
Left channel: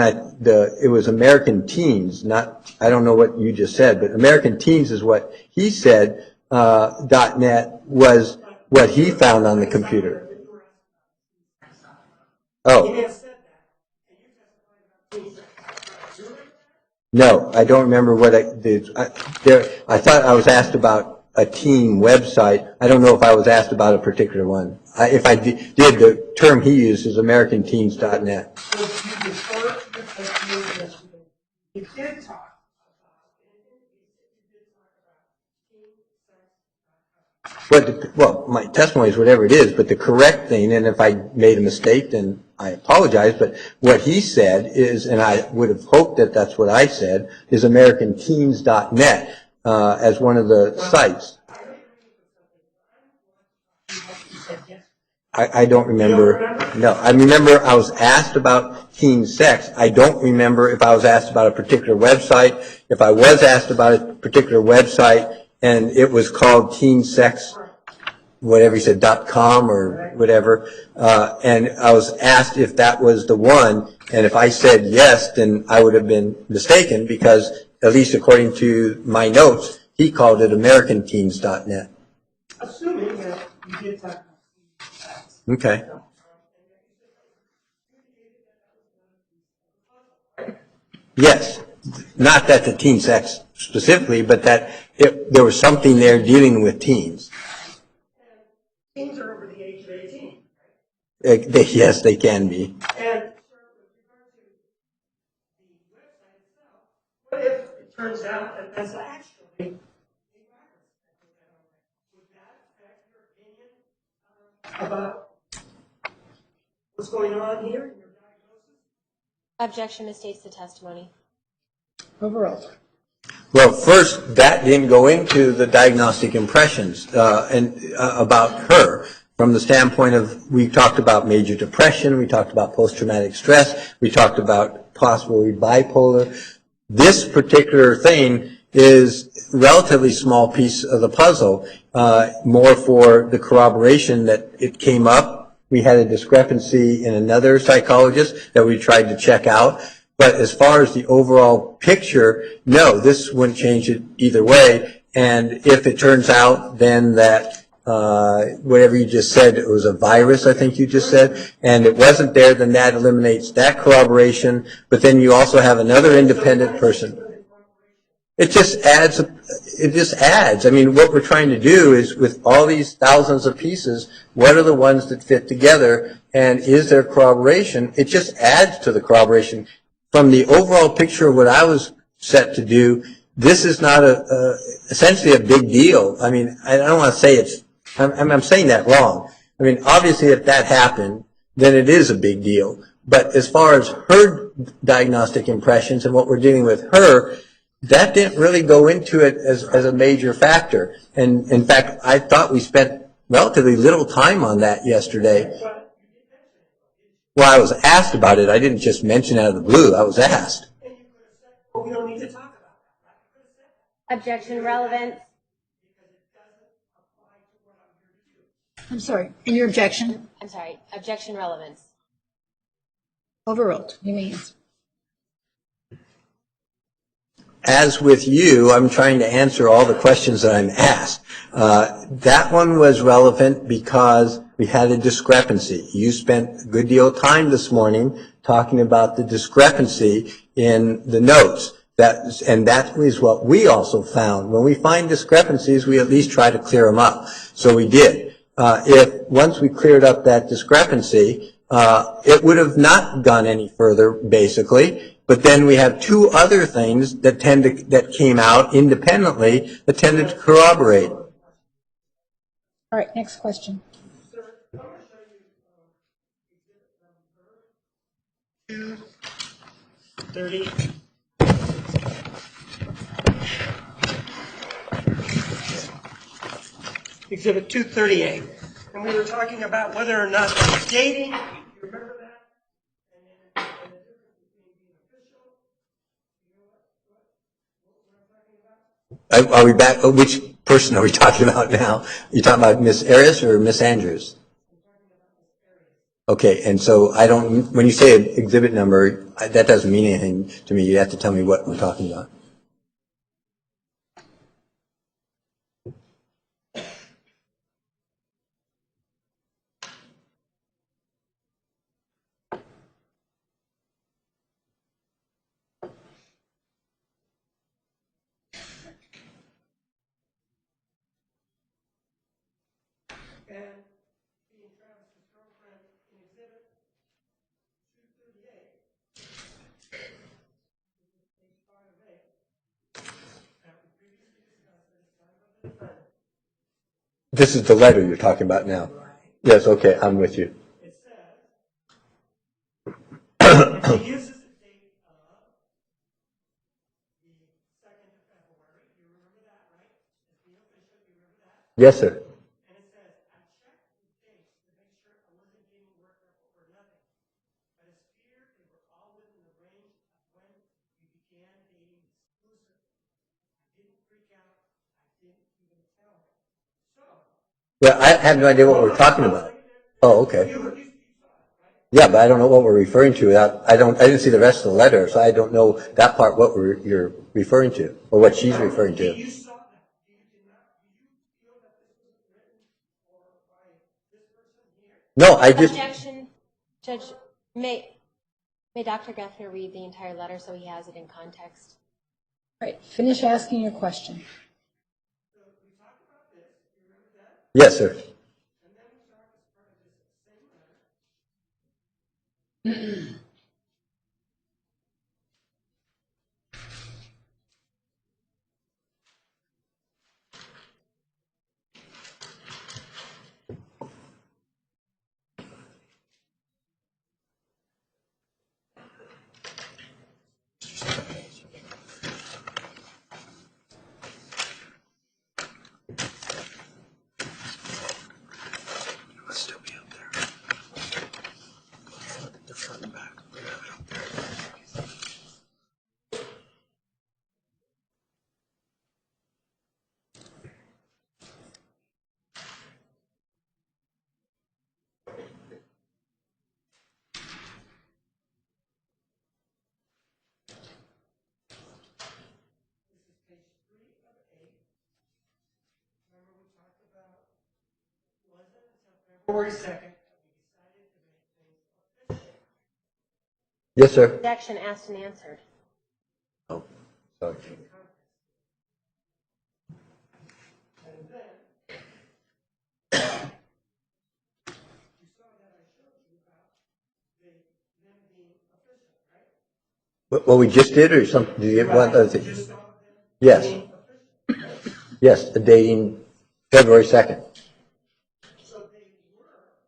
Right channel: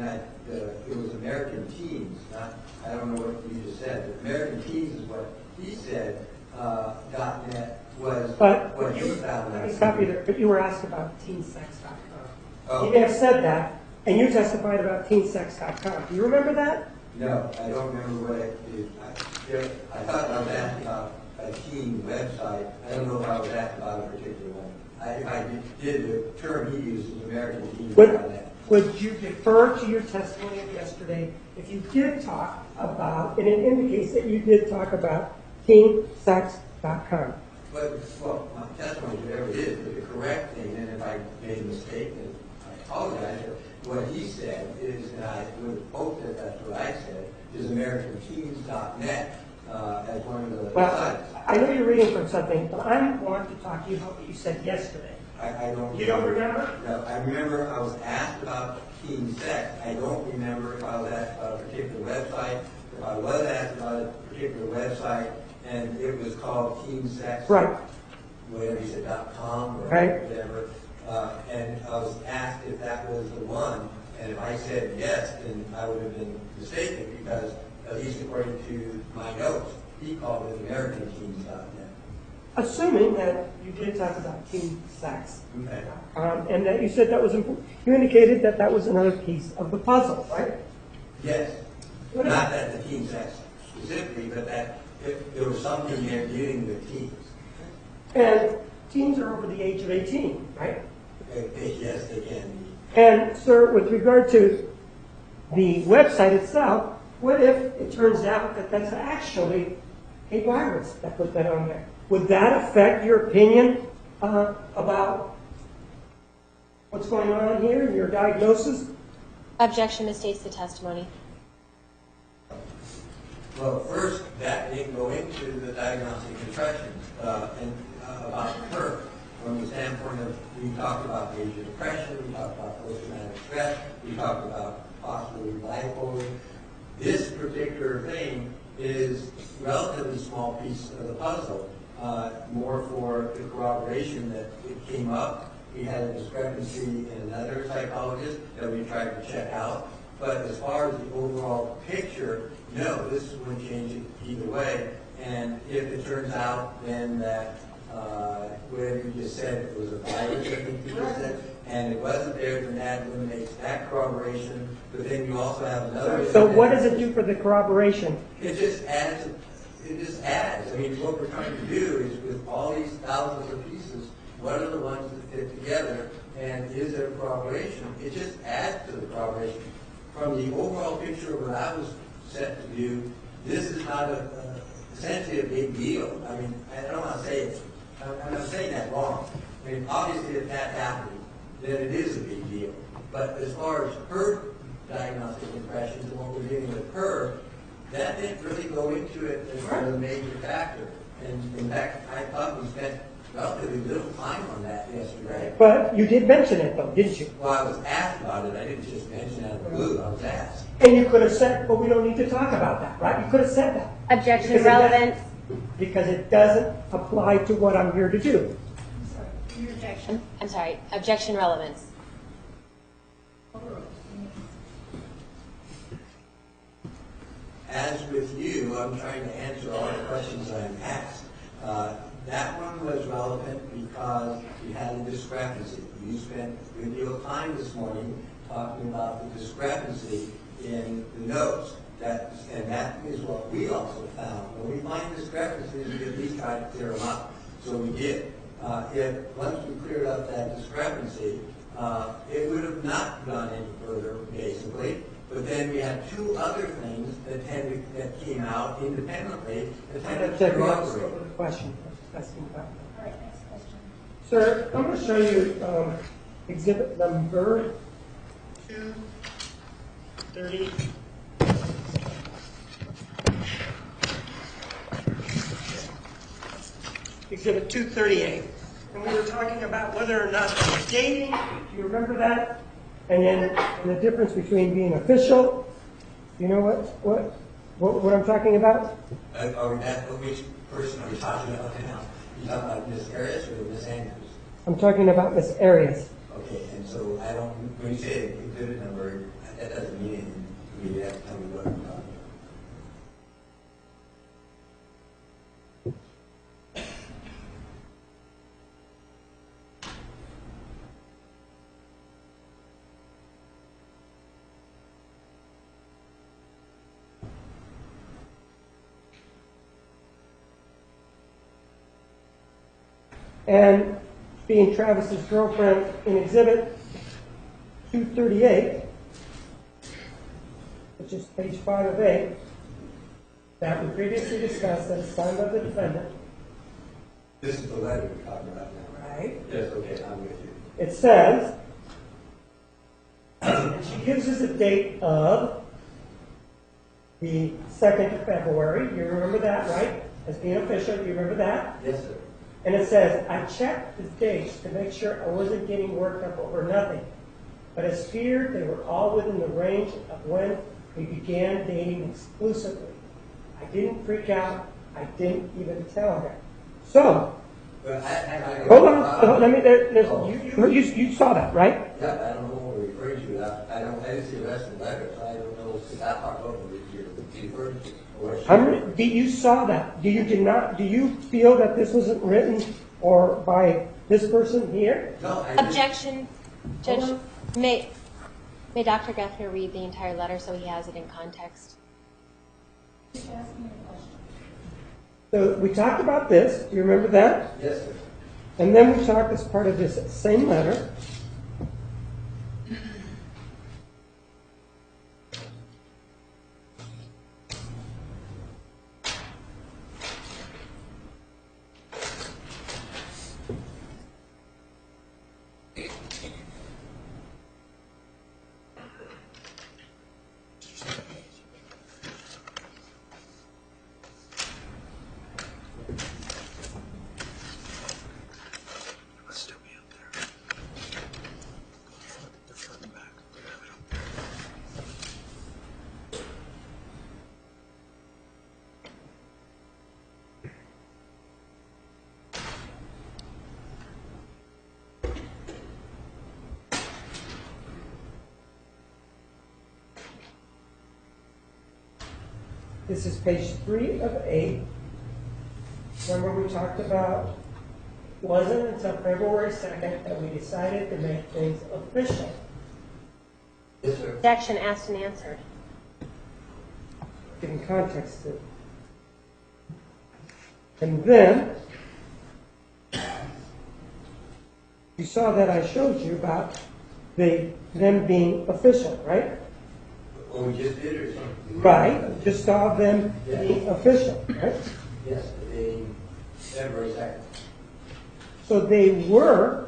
it was American Teens, not, I don't know what you just said, but American Teens is what he said, .net was what he found on the computer. But you were asked about teensex.com. Oh. You may have said that, and you testified about teensex.com. Do you remember that? No, I don't remember what I did. I thought I was asked about a teen website. I don't know if I was asked about a particular one. If I did, the term he used is AmericanTeens.net. So you refer to your testimony yesterday. If you did talk about, and it indicates that you did talk about teensex.com. Well, my testimony is whatever it is, but the correct thing, and if I made a mistake, then I apologize, but what he said is, and I would have hoped that that's what I said, is AmericanTeens.net as one of the sites. I know you're reading from something, but I want to talk to you about what you said yesterday. I don't remember. You don't remember? No, I remember I was asked about teen sex. I don't remember if I was asked about a particular website. If I was asked about a particular website and it was called teen sex, Right. whatever he said, .com or Right. whatever, and I was asked if that was the one, and if I said yes, then I would have been mistaken because, at least according to my notes, he called it AmericanTeens.net. Assuming that you did talk about teen sex. Okay. And that you said that was important. You indicated that that was another piece of the puzzle, right? Yes. Not that the teen sex specifically, but that there was something there dealing with teens. And teens are over the age of 18, right? Yes, they can be. And, sir, with regard to the website itself, what if it turns out that that's actually a virus that put that on there? Would that affect your opinion about what's going on here and your diagnosis? Objection misstates the testimony. Overall. Well, first, that didn't go into the diagnostic impressions about her. From the standpoint of, we talked about major depression, we talked about post-traumatic stress, we talked about possibly bipolar. This particular thing is a relatively small piece of the puzzle, more for the corroboration that it came up. We had a discrepancy in another psychologist that we tried to check out. But as far as the overall picture, no, this wouldn't change it either way. And if it turns out then that whatever you just said, it was a virus, I think you just said, and it wasn't there, then that eliminates that corroboration. But then you also have another independent person. So what does it person. do for the corroboration? It just adds. It just adds. I mean, what we're trying to do is, with all these thousands of pieces, what are the ones that fit together, and is there corroboration? It just adds to the corroboration. from the overall picture of what I was set to do, this is not essentially a big deal. I mean, I don't want to say I'm saying that wrong. I mean, obviously if that happened, then it is a big deal. But as far as her diagnostic impressions and what we're dealing with her, that didn't really go into it as a major factor. And in fact, I thought we spent relatively little time on that yesterday. But you did mention it though, didn't you? Well, I was asked about it. I didn't just mention it out of the blue. I was asked. And you could have said, well, we don't need to talk about that, right? You could have said that. Objection Because relevant. Because it doesn't apply to what I'm here to do. I'm sorry. And your objection? I'm sorry, objection relevance. Overruled. You may answer. As with you, I'm trying to answer all the questions that I'm asked. That one was relevant because we had a discrepancy. You spent a good deal of time this morning talking about the discrepancy in the notes. And that is what we also found. When we find discrepancies, we at least try to clear them up. So we did. Once we cleared up that discrepancy, it would have not gone any further, basically. But then we have two other things that came out independently that tended to corroborate. All right, next question. Sir, I'm going to show you exhibit number 230. Exhibit 238. And we were talking about whether or not that's dating. Do you remember that? And then the difference between being official. You know what I'm talking about? Are we back? Which person are we talking about now? Are you talking about Miss Arias or Miss Andrews? I'm talking about Miss Arias. Okay, and so when you say an exhibit number, that doesn't mean anything to me. You have to tell me what we're talking about. And being Travis's girlfriend in exhibit 238, which is page 5 of 8, that we previously discussed that is signed by the defendant. This is the letter you're talking about now. Right. Yes, okay, I'm with you. It says, she gives us a date of the 2nd of February. You remember that, right? As being official, you remember that? Yes, sir. And it says, I checked the dates to make sure I wasn't getting worked up over nothing. But as feared, they were all within the range of when we began dating exclusively. I didn't freak out. I didn't even tell her. So. Well, I have no idea what we're talking about. Oh, okay. You saw that, right? Yeah, but I don't know what we're referring to. I didn't see the rest of the letter, so I don't know that part what you're referring to or what she's referring to. You saw that. Do you feel that this wasn't written or by this person here? No, I just. Objection, Judge. May Dr. Geffner read the entire letter so he has it in context? All right, finish asking your question. So we talked about this. Do you remember that? Yes, sir. And then we talked as part of this same letter. This is page 3 of 8. Remember we talked about, it wasn't until February 2nd that we decided to make things official. Yes, sir. Objection asked and answered. Oh, sorry. Giving context to it. And then, you saw that I showed you about them being official, right? What we just did, or something? Did you, Right, just saw them Yes. being official, right? Yes, the dating February 2nd. So they were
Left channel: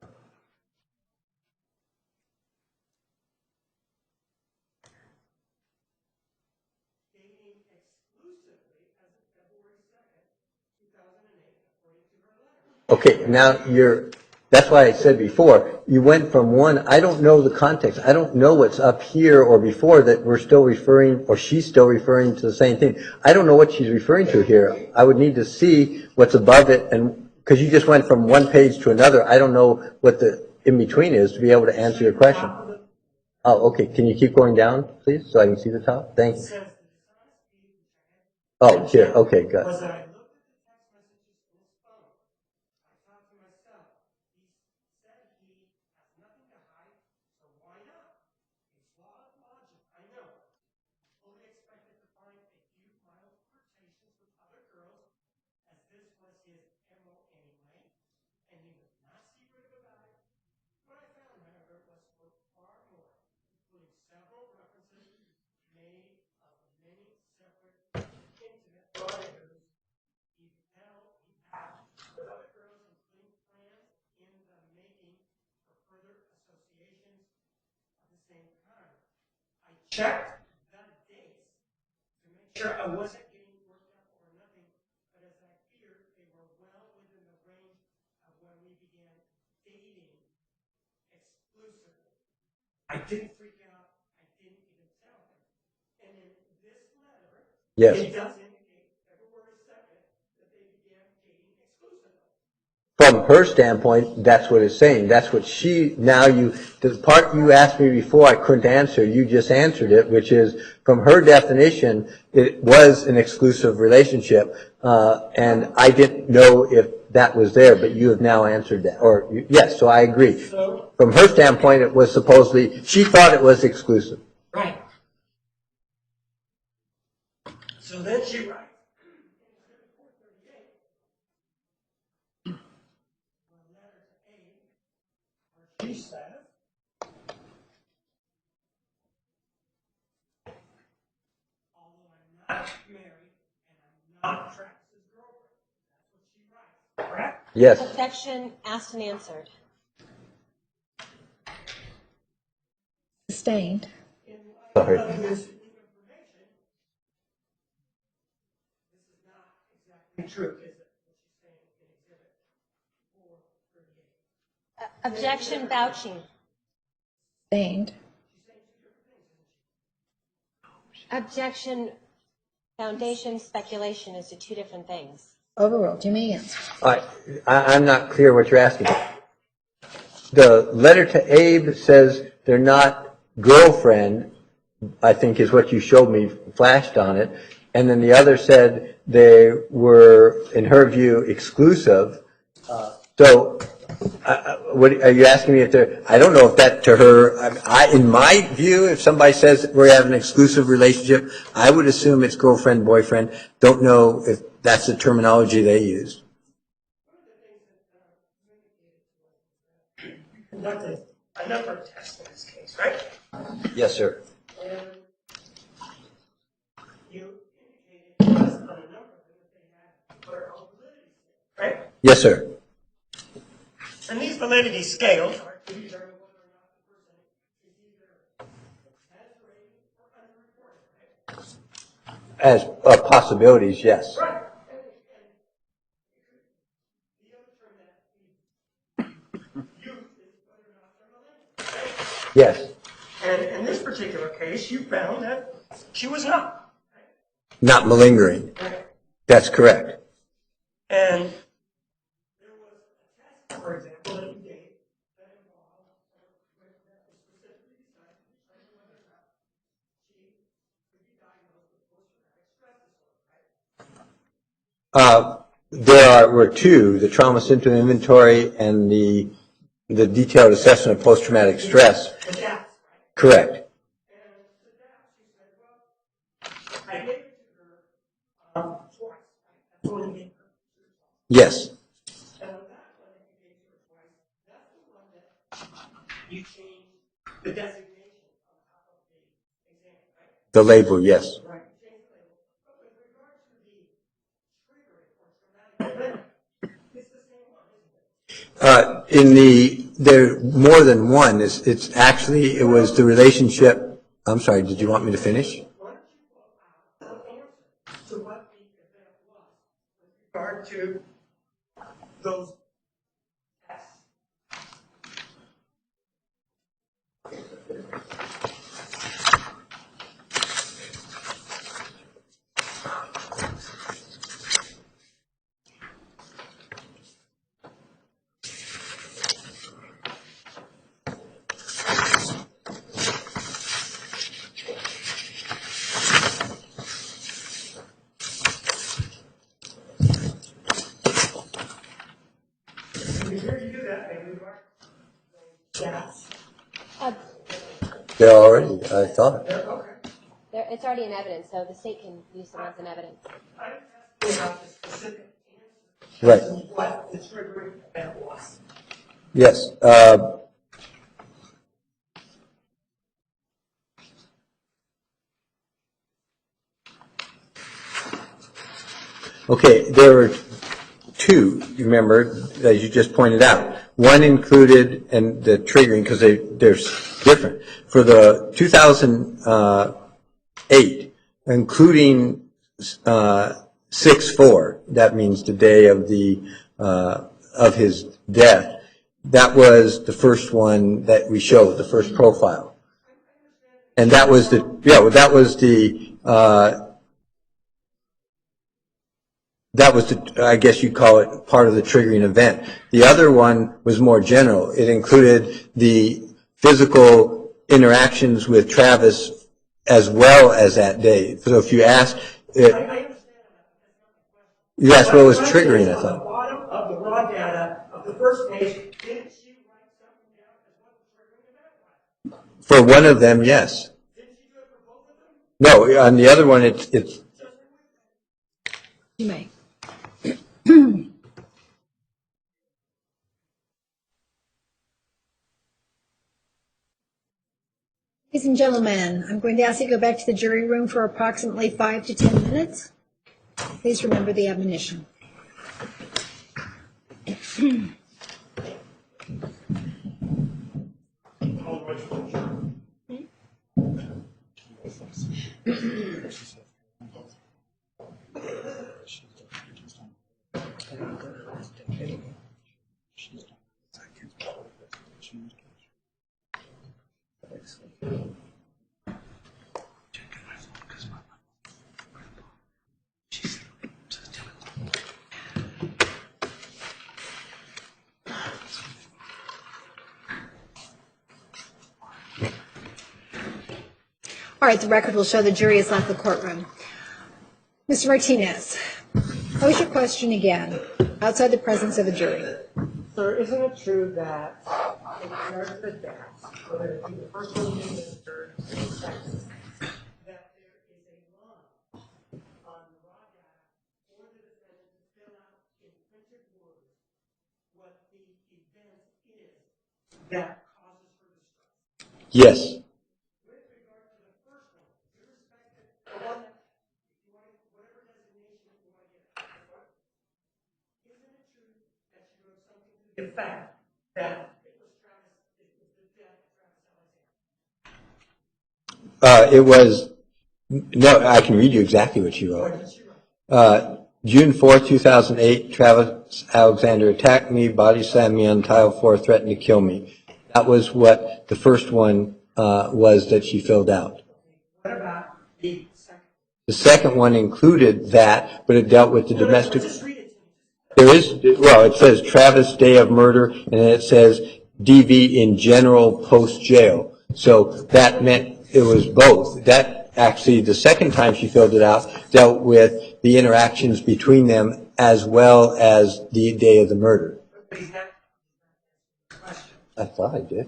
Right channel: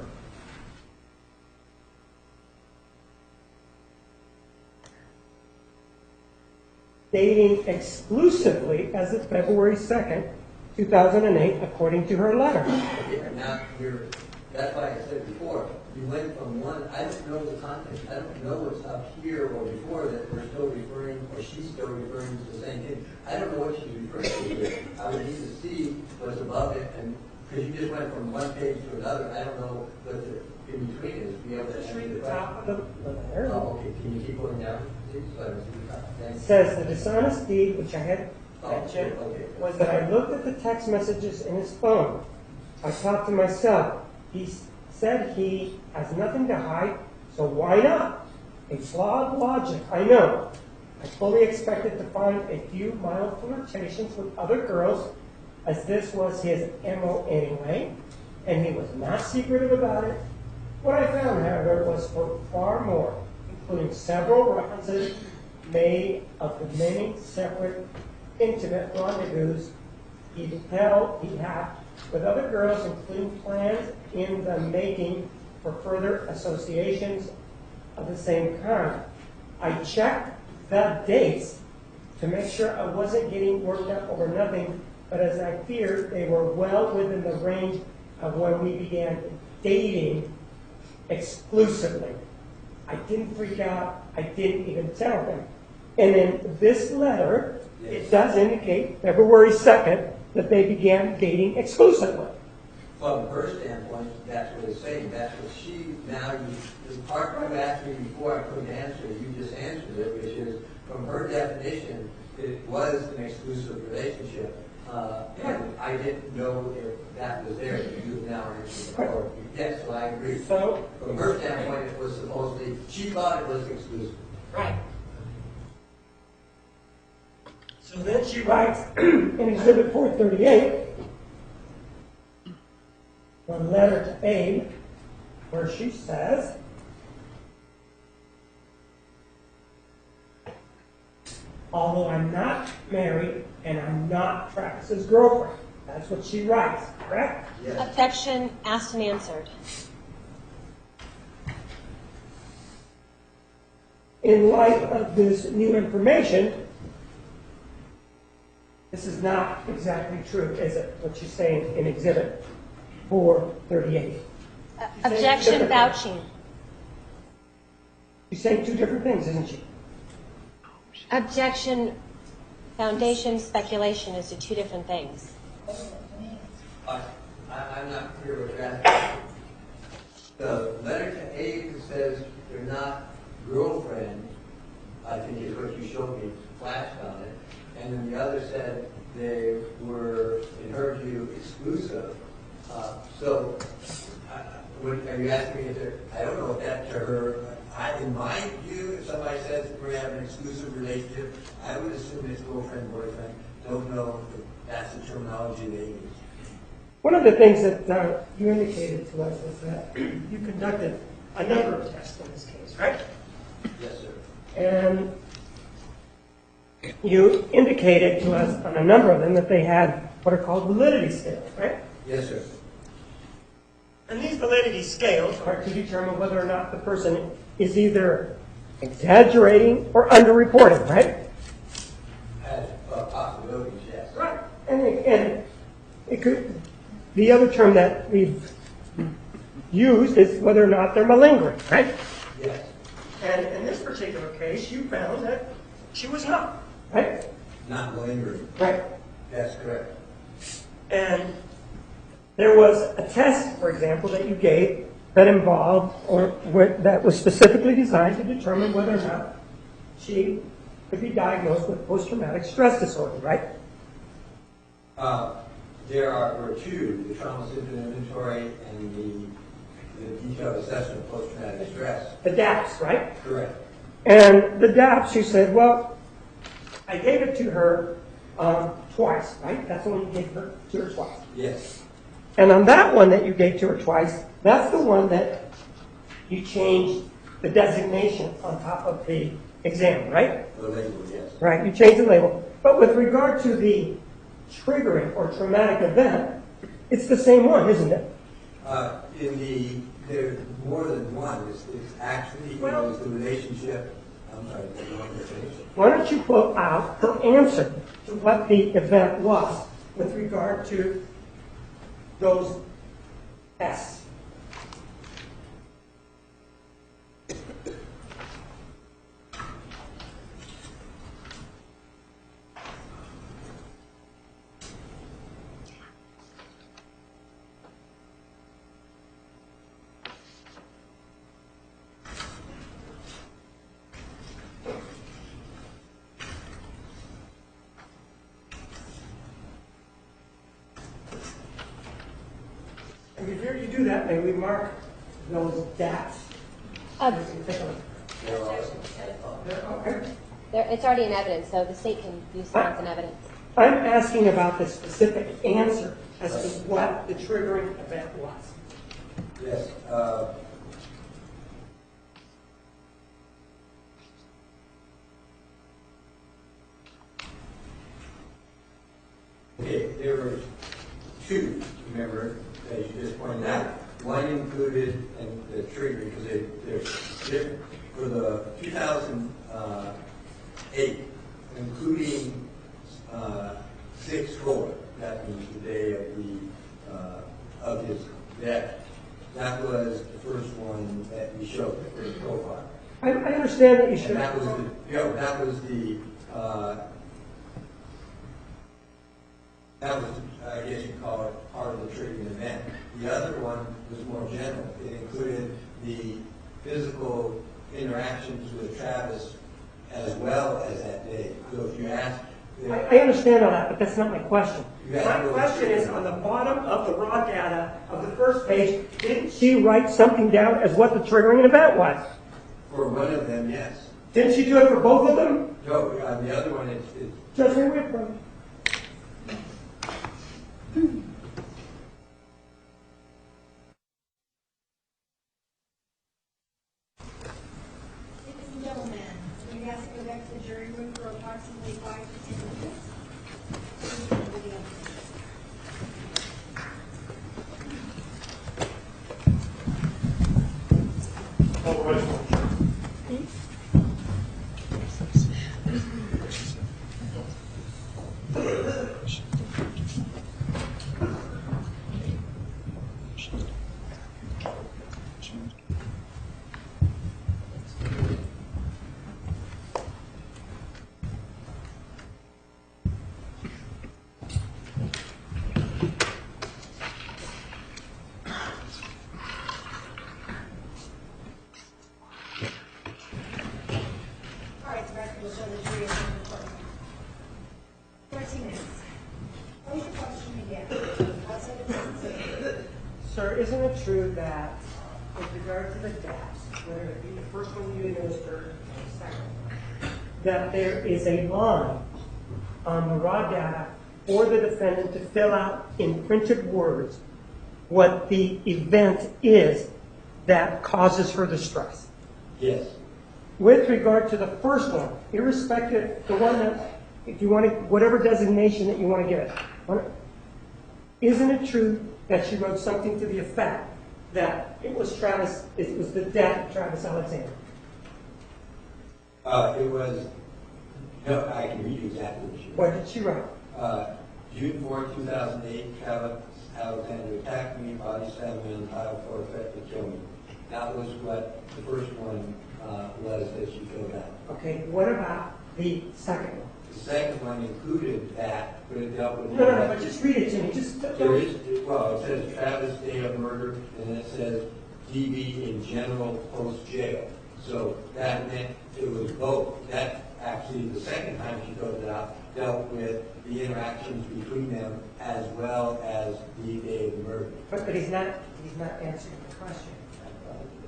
dating exclusively as of February 2nd, 2008, according to her letter. Okay, now that's why I said before, you went from one, I don't know the context, I don't know what's up here or before that we're still referring, or she's still referring to the same thing. I don't know what she's referring to here. I would need to see what's above it, and, because you just went from one page to another, I don't know what the in-between is to be able to answer your question. Top of the letter, Oh, okay, can you keep going down, please, so I can see the top? it Thanks. says the dishonest deed, which I had Oh, mentioned, here, okay, good. was that I looked at the text messages in his phone. I thought to myself, he said he has nothing to hide, so why not? A flawed logic, I know. I fully expected to find a few mild flirtations with other girls, as this was his MO anyway, and he was not secretive about it. What I found, however, was for far more, including several references made of the many separate intimate rendezvous he had with other girls, including plans in the making for further associations of the same kind. I checked the dates to make sure I wasn't getting worked up over nothing, but as I feared, they were well within the range of when we began dating exclusively. I didn't freak out. I didn't even tell him. And in this letter, Yes. it does indicate February 2nd that they began dating exclusively. From her standpoint, that's what it's saying. That's what the part you asked me before I couldn't answer, you just answered it, which is, from her definition, it was an exclusive relationship, and I didn't know if that was there, but you have now answered that. Yes, so I agree. So, From her standpoint, it was supposedly, she thought it was exclusive. right. So then she writes in Exhibit 438, a letter to Abe, where she says, although I'm not married and I'm not Travis's girlfriend. That's what she writes, correct? Yes. Objection asked and answered. Sustained. In light Sorry. of this new information, this is not exactly true, is it? What she's saying in Exhibit 438. Objection vouching. Sustained. She's saying two different things, isn't she? Objection foundation speculation is to two different things. Overruled. You may answer. I'm not clear what you're asking. The letter to Abe says they're not girlfriend, I think is what you showed me, flashed on it. And then the other said they were, in her view, exclusive. So, what are you asking me if they're? I don't know if that to her. In my view, if somebody says we have an exclusive relationship, I would assume it's girlfriend boyfriend. Don't know if that's the terminology they used. One of the things that you indicated to us is that you conducted a number of tests in this case, right? Yes, sir. And you indicated to us on a number of them that they had what are called validity scales, right? Yes, sir. And these validity scales are to determine whether or not the person is either exaggerating or underreporting, right? As possibilities, yes. Right. And it could, the other term that we've used is whether or not they're malingering, right? Yes. And in this particular case, you found that she was not, right? Not malingering. Right. That's correct. And there was a test, for example, that you gave that involved that was specifically designed to determine whether or not she could be diagnosed with post-traumatic stress disorder, right? There were two, the trauma symptom inventory and the detailed assessment of post-traumatic stress. The DAPS, right? Correct. And the DAPS, she said, well, I gave it to her twice, right? That's the one you gave to her twice. Yes. And on that one that you gave to her twice, that's the one that you changed the designation on top of the exam, right? The label, yes. Right, you changed the label. But with regard to the triggering or traumatic event, it's the same one, isn't it? There more than one. It's actually, it was the relationship. I'm sorry, did you want me to finish? Why don't you quote out her answer to what the event was with regard to those S? Before you do that, may we mark those dots? They're already, I thought. Okay. It's already in evidence, so the state can use the ones in evidence. I'm asking about the specific answer Right. as to what the triggering event was. Yes. Okay, there were two, you remember, that you just pointed out. One included, and the triggering, because they're different. For the 2008, including 6/4, that means the day of his death, that was the first one that we showed, the first profile. I understand that you And that was the, I guess you'd call it part of the triggering event. The other one was more general. It included the physical interactions with Travis as well as that day. So if you ask... I understand all that, but that's not my question. You asked what was My question triggering, is, I on thought. the bottom of the raw data of the first page, didn't she write something down as what the triggering event was? For one of them, yes. Didn't she do it for both of them? No, on the other one, it's Judge Whitman. You may. Ladies and gentlemen, I'm going to ask you to go back to the jury room for approximately 5 to 10 minutes. Please remember the admonition. All right, the record will show the jury has left the courtroom. Mr. Martinez, pose your question again, outside the presence of a jury. Sir, isn't it true that in regard to the deaths, whether it be the first one you administered or the second, that there is a line on the raw data for the defendant to fill out in printed words what the event is that causes her distress? yes. With regard to the first one, irrespective, the one that, if you want to, whatever designation that you want to give it, isn't it true that she wrote something to the effect that it was the death of Travis Alexander? It was, no, I can read you exactly what she wrote. What did she write? June 4th, 2008, Travis Alexander attacked me, body slammed me on tile floor, threatened to kill me. That was what the first one was that she filled out. Okay, what about the second one? The second one included that, but it dealt with the domestic... Just read it to me. There is, well, it says Travis, day of murder, and then it says DV in general post-jail. So that meant it was both. That actually, the second time she filled it out, dealt with the interactions between them as well as the day of the murder. But he's not answering the question. I thought I did.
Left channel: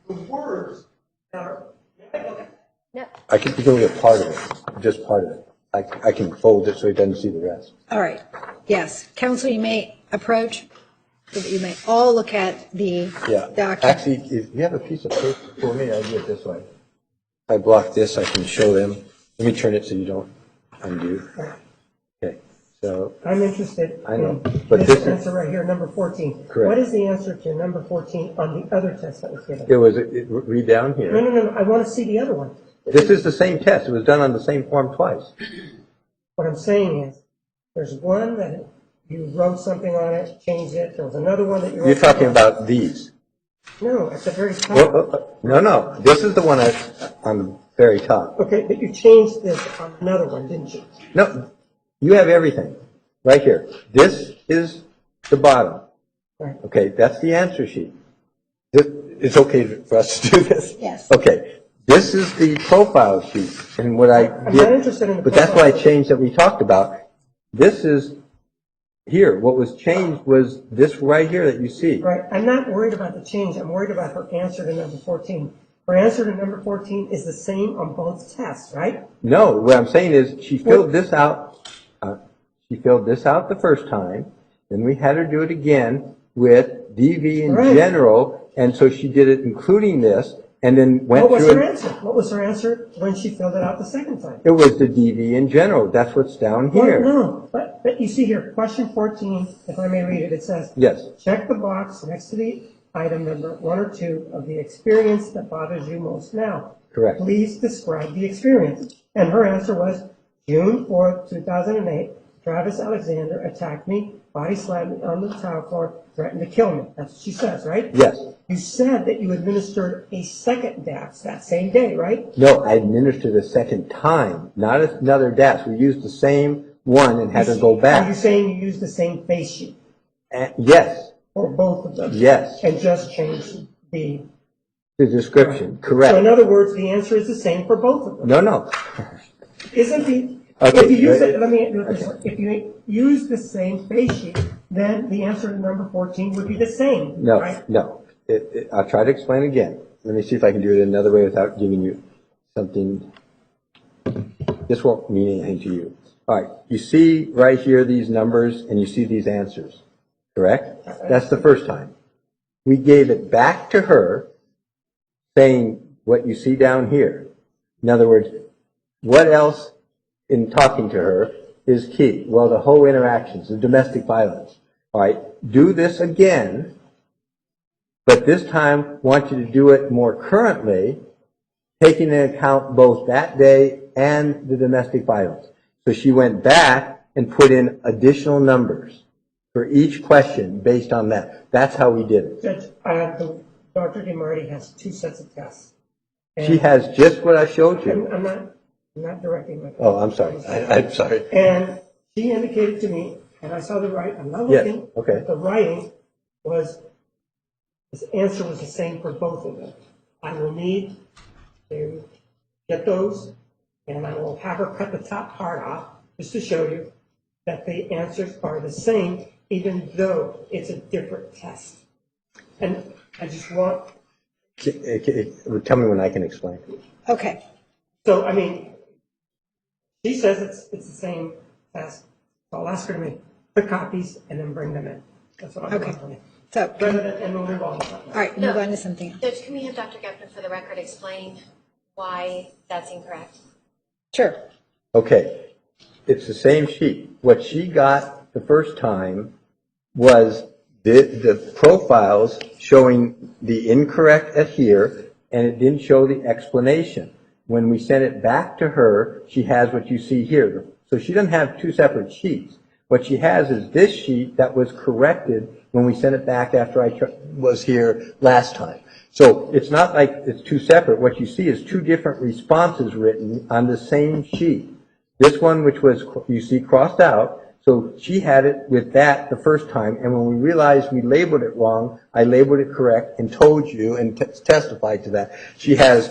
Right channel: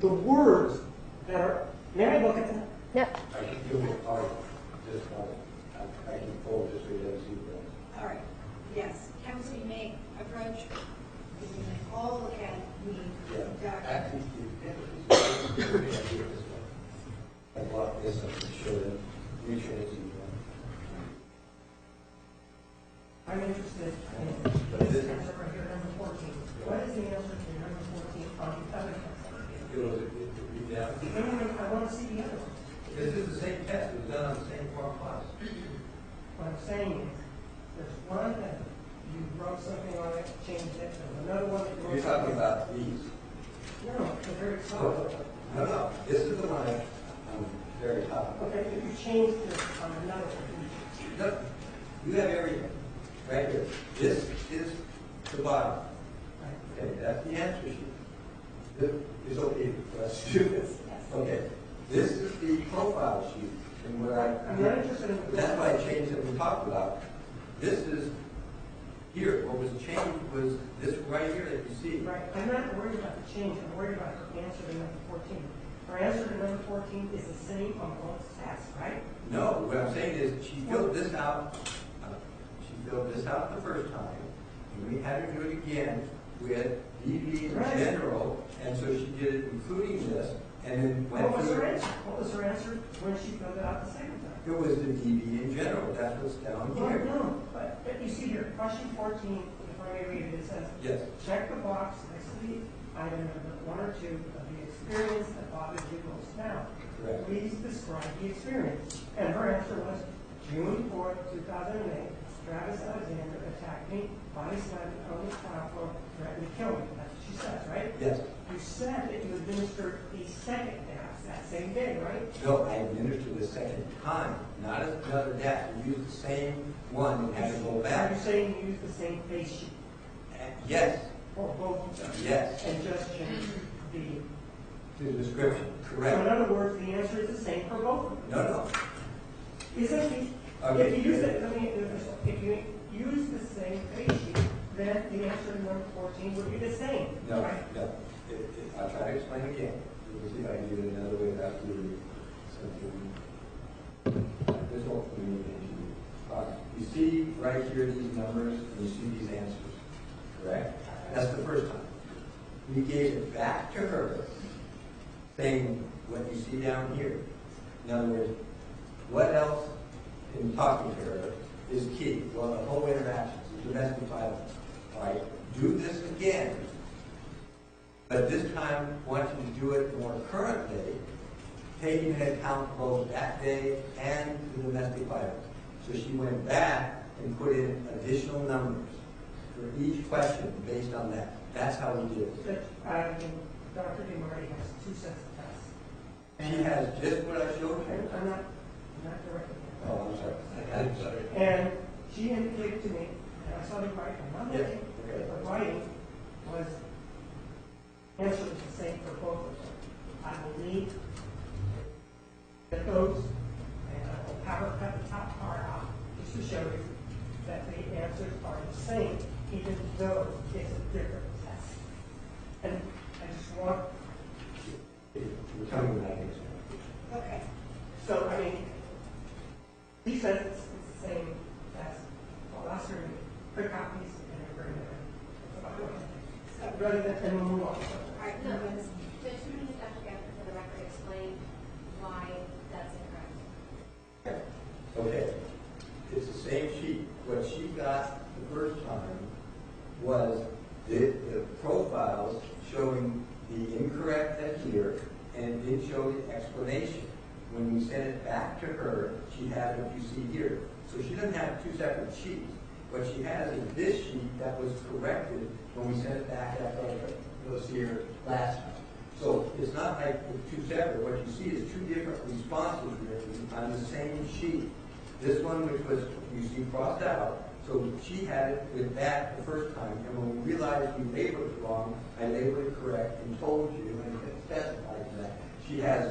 The words that are, may I look at that? No. I can go get part of it, just part of it. I can fold it so he doesn't see the rest. All right, yes. Counsel, you may approach, you may all look at the Yeah. document. Actually, if you have a piece of paper for me, I'll do it this way. I block this, I can show them. Let me turn it so you don't undo. Okay, so, I'm interested I know, in but this this is- answer right here, number 14. Correct. What is the answer to number 14 on the other test that was given? it was, read down No, here. no, no, I want to see the other one. This is the same test. It was done on the same form twice. What I'm saying is, there's one that you wrote something on it, changed it, there was another one that you wrote. You're talking something on. about these. No, at the very top. No, this is the one on the very top. Okay, but you changed this on another one, didn't you? No, you have everything, right here. This is the bottom. Right. Okay, that's the answer sheet. It's okay for us to do this? Yes. Okay, this is the profile sheet, and what I I'm did. not interested in the But that's why I profile. changed that we talked about. This is here. What was changed was this right here that you see. Right, I'm not worried about the change, I'm worried about her answer to number 14. Her answer to number 14 is the same on both tests, right? No, what I'm saying is she filled this out. She filled this out the first time, then we had her do it again with DV in Right. general, and so she did it including this, and then went What was through her it. answer? What was her answer when she filled it out the second time? It was the DV in general. That's what's down Well, here. no, but you see here, question 14, if I may read it, it says, Yes, check the box next to the item number 1 or 2 of the experience that bothers you most now. correct. Please describe the experience. And her answer was, June 4th, 2008, Travis Alexander attacked me, body slammed me on the tile floor, threatened to kill me. That's what she says, right? Yes. You said that you administered a second DAPS that same day, right? No, I administered a second time, not another DAS. We used the same one and had her go Are you back. saying you used the same face sheet Yes, for both of them? yes, And just changed the... the description, So in correct. other words, the answer is the same for both of them. No, Isn't the... Okay, If you use but- it, let me, if you use the same face sheet, then the answer to number 14 would be the same, no, right? no. I'll try to explain again. Let me see if I can do it another way without giving you something. This won't mean anything to you. All right, you see right here these numbers and you see these answers, correct? That's the first time. We gave it back to her saying what you see down here. In other words, what else in talking to her is key? Well, the whole interactions, the domestic violence. All right, do this again, but this time want you to do it more currently, taking into account both that day and the domestic violence. So she went back and put in additional numbers for each question based on that. That's how we did it. Judge, Dr. DeMarty has 2 sets of tests. She has just what I showed you. I'm not directing my... Oh, I'm sorry. I'm sorry. And she indicated to me, and I saw the right, I'm not Yes, looking. okay. but the writing was, this answer was the same for both of them. I will need to get those, and I will have her cut the top part off, just to show you that the answers are the same, even though it's a different test. And I just want, Tell me when I can explain. Okay. so, I mean, she says it's the same test. I'll ask her to make the copies and then bring them in. That's what I'm Okay. doing. So, And we'll move on. all right, move on to something. Judge, can we have Dr. Geffner for the record explain why that's incorrect? Sure. Okay, it's the same sheet. What she got the first time was the profiles showing the incorrect at here, and it didn't show the explanation. When we sent it back to her, she has what you see here. So she doesn't have 2 separate sheets. What she has is this sheet that was corrected when we sent it back after I was here last time. So it's not like it's 2 separate. What you see is 2 different responses written on the same sheet. This one, which was, you see, crossed out, so she had it with that the first time, and when we realized we labeled it wrong, I labeled it correct and told you and testified to that. She has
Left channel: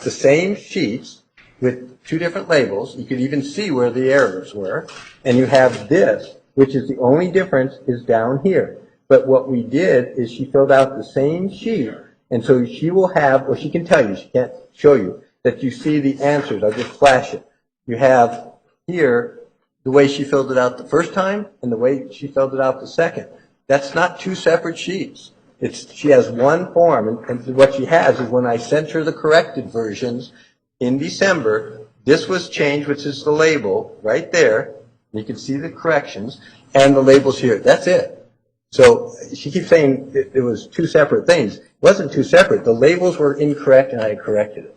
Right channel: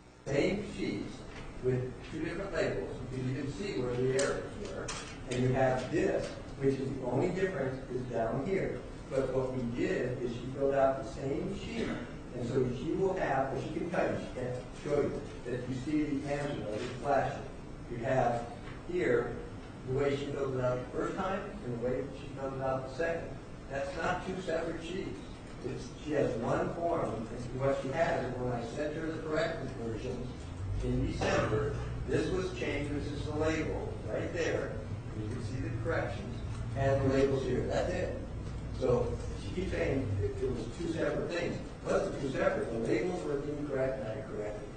the same sheets with 2 different labels. You could even see where the errors were. And you have this, which is the only difference is down here. But what we did is she filled out the same sheet, and so she will have, or she can tell you, she can't show you, that you see the answers. I'll just flash it. You have here the way she filled it out the first time and the way she filled it out the second. That's not 2 separate sheets. She has one form, and what she has is when I sent her the corrected versions in December, this was changed, which is the label right there. You can see the corrections, and the label's here. That's it. So she keeps saying it was two separate things. It wasn't two separate. The labels were incorrect, and I corrected it.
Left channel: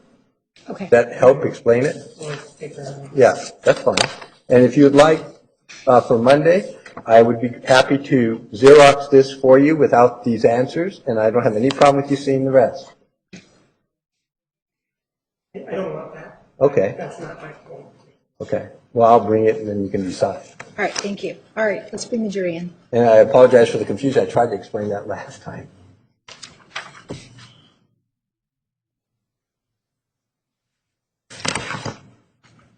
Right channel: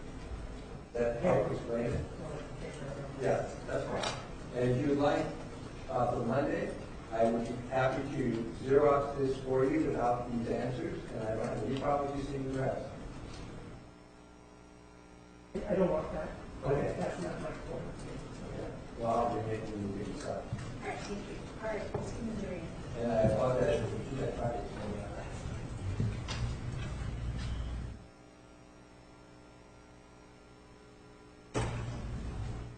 Okay. Does that help explain it? Yeah, that's fine. And if you'd like, for Monday, I would be happy to Xerox this for you without these answers, and I don't have any problem with you seeing the rest. I don't want that. Okay. That's not my fault. Okay. Well, I'll bring it, and then you can decide. All right, thank you. All right, let's bring the jury in. And I apologize for the confusion. I tried to explain that last time.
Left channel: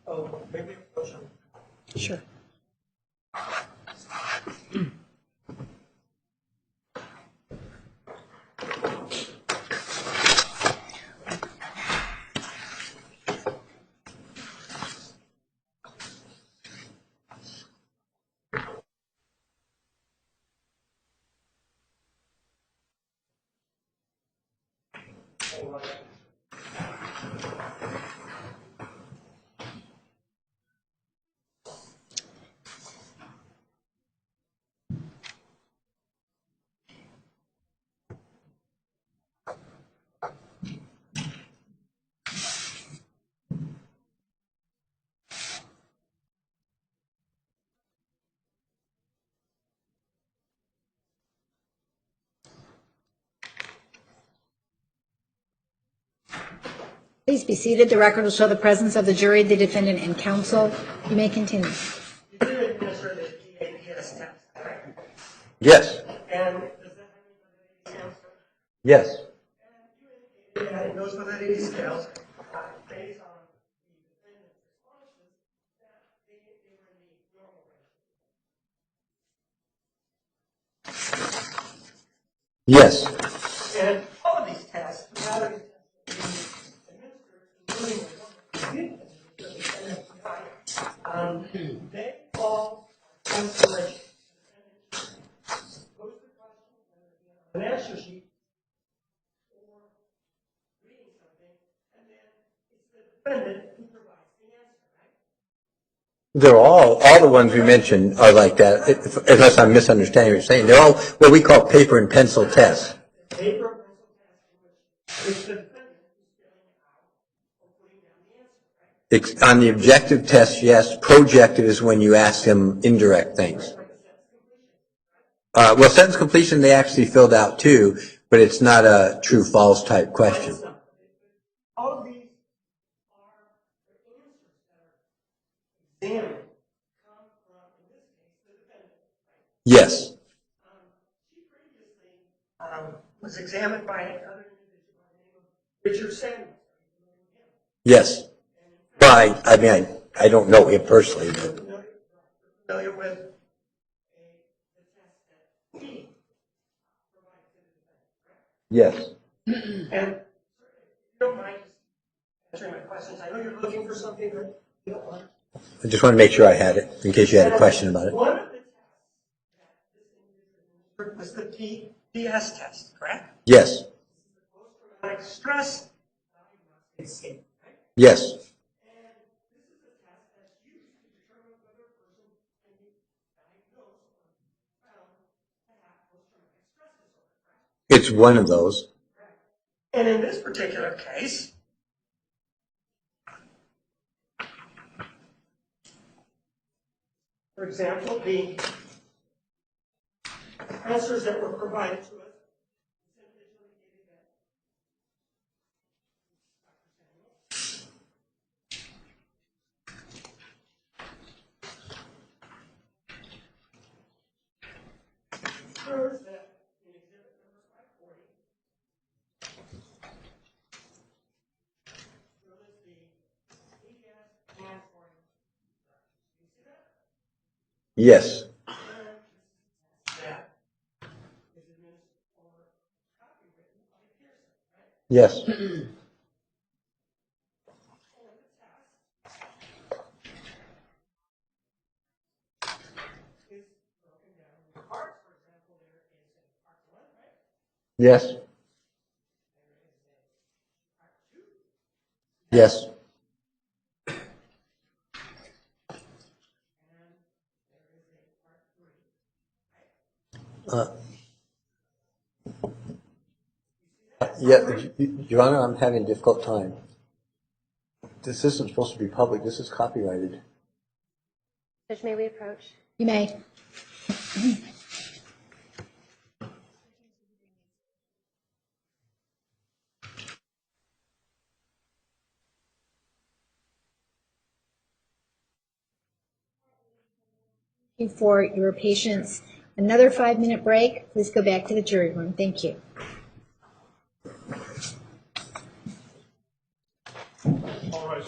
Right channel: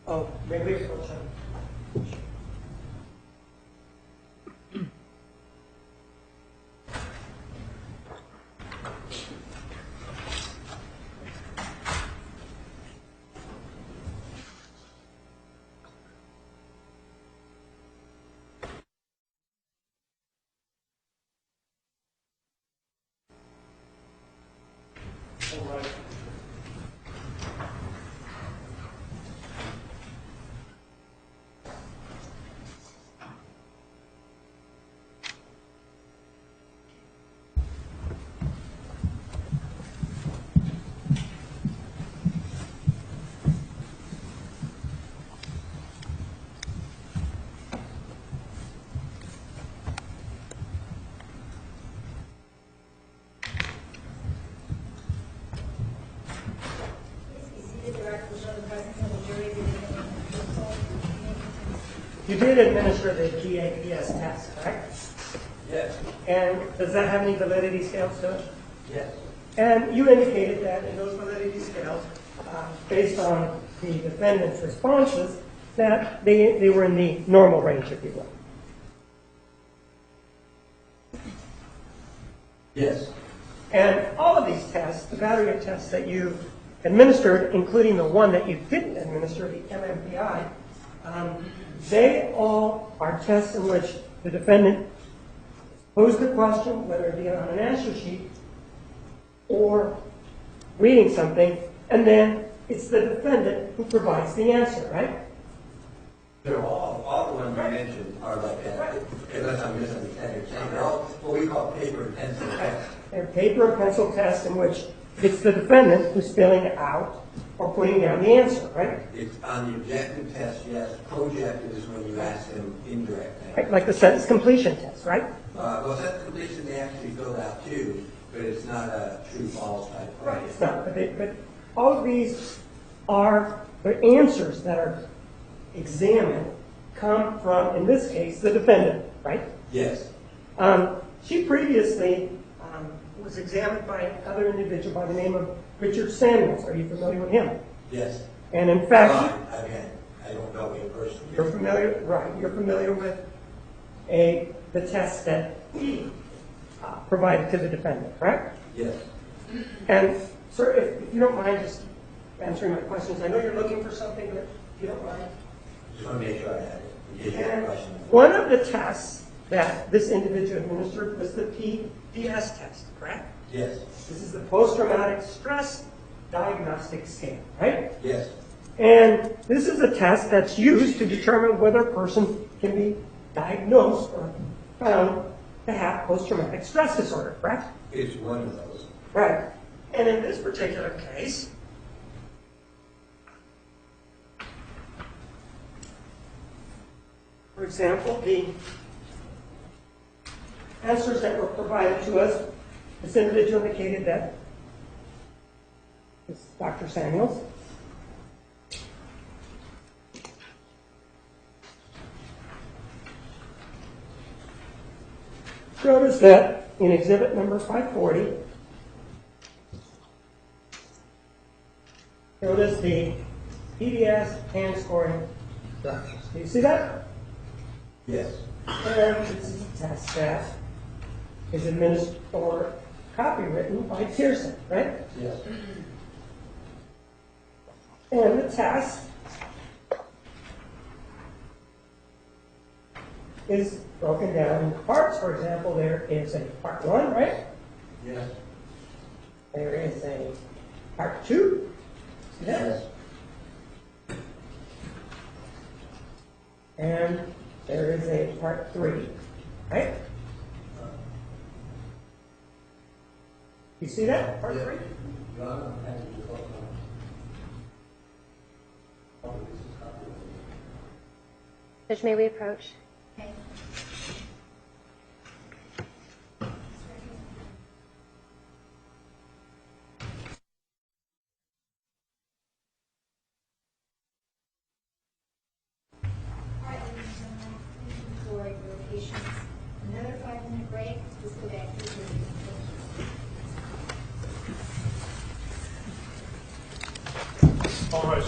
Oh, maybe it's for Sure. Please be seated. The record will show the presence of the jury, the defendant, and counsel. You may continue. You did administer the GAPS test, correct? Yes. And does that have any validity scales to it? Yes. And you indicated that in those validity scales, based on the defendant's responses, that they were in the normal range, if you will. Yes. And all of these tests, the battery of tests that you administered, including the one that you didn't administer, the MMPI, they all are tests in which the defendant posed the question, whether it be on an answer sheet or reading something, and then it's the defendant who provides the answer, right? They're all the ones we mentioned are like that, unless I'm misunderstanding what you're saying. They're all what we call paper and pencil tests. They're paper and pencil tests in which it's the defendant who's filling it out or putting down the answer, right? On the objective test, yes. Projective is when you ask them indirect things. Like the sentence completion test, right? Well, sentence completion they actually filled out too, but it's not a true-false type question. It's not, but all of these are the answers that are examined come from, in this case, the defendant, right? Yes. She previously was examined by another individual by the name of Richard Samuels. Are you familiar with him? Yes. And in fact, Well, I don't know him personally. you're familiar, right? You're familiar with the test that he provided to the defendant, correct? Yes. And sir, if you don't mind just answering my questions, I know you're looking for something that you don't mind. I just want to make sure I had it, in case you had a question about it. One of the tests that this individual administered was the PTSD test, correct? Yes. This is the post-traumatic stress diagnostic scale, right? Yes. And this is a test that's used to determine whether a person can be diagnosed or found to have post-traumatic stress disorder, correct? It's one of those. Right. And in this particular case, for example, the answers that were provided to us, this individual indicated that this is Dr. Samuels. Showed us that in exhibit number 540, showed us the PDS hand scoring structures. Do you see that? Yes. And this is a test that is administered or copywritten by Pearson, right? Yes. And the test is broken down into parts. For example, there is a part 1, right? Yes. There is a part 2. Yes. And there is a part 3, right? You see that? Yeah, Your Honor, I'm having a difficult time. This isn't supposed to be public. This is copyrighted. Judge, may we approach? You may. For your patience, another 5-minute break. Please go back to the jury room. Thank you. All right,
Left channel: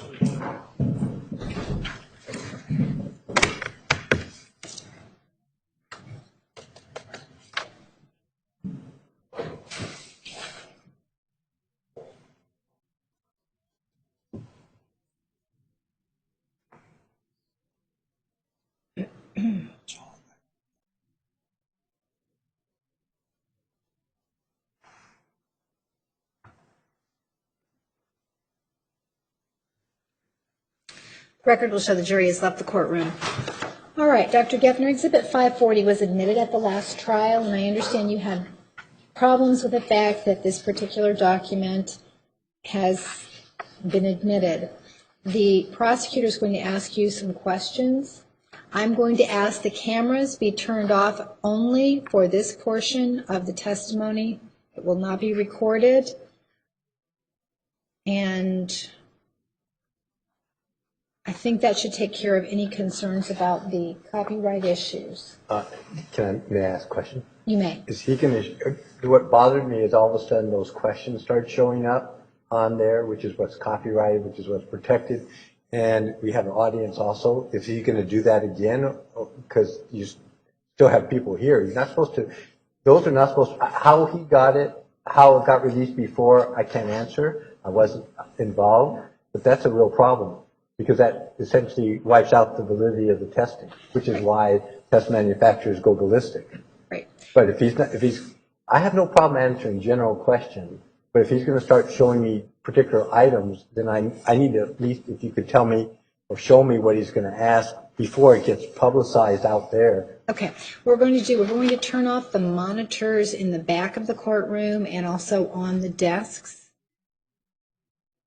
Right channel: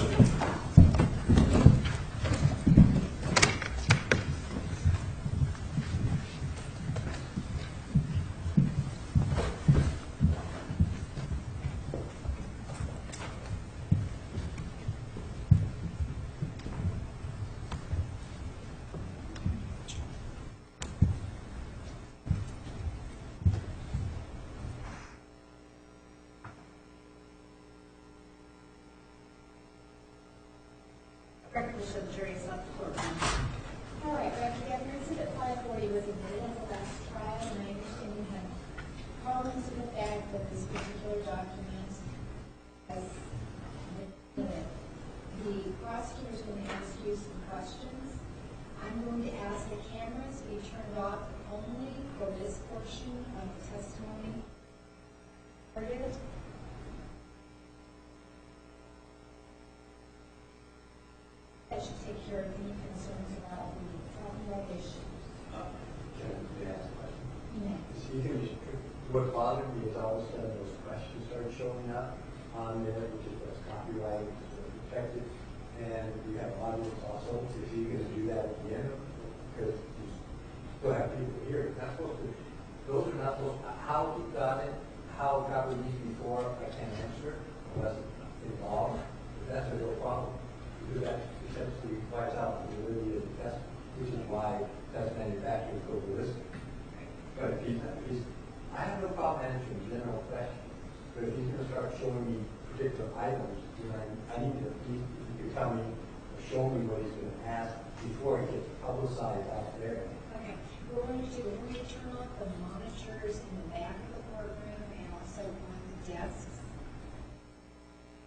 Record will show the jury has left the courtroom. All right, Dr. Geffner, Exhibit 540 was admitted at the last trial, and I understand you had problems with the fact that this particular document has been admitted. The prosecutor is going to ask you some questions. I'm going to ask the cameras be turned off only for this portion of the testimony. It will not be recorded. And I think that should take care of any concerns about the copyright issues. May I ask a question? You may. Is he going to, what bothered me is all of a sudden those questions start showing up on there, which is what's copyrighted, which is what's protected, and we have an audience also. Is he going to do that again? Because you still have people here. You're not supposed to, those are not supposed to, how he got it, how it got released before, I can't answer. I wasn't involved, but that's a real problem, because that essentially wipes out the validity of the testing, which is why test manufacturers go ballistic. Right. But if he's, I have no problem answering general questions, but if he's going to start showing me particular items, then I need to at least, if you could tell me or show me what he's going to ask before it gets publicized out there. Okay. We're going to turn off the monitors in the back of the courtroom and also on the desks.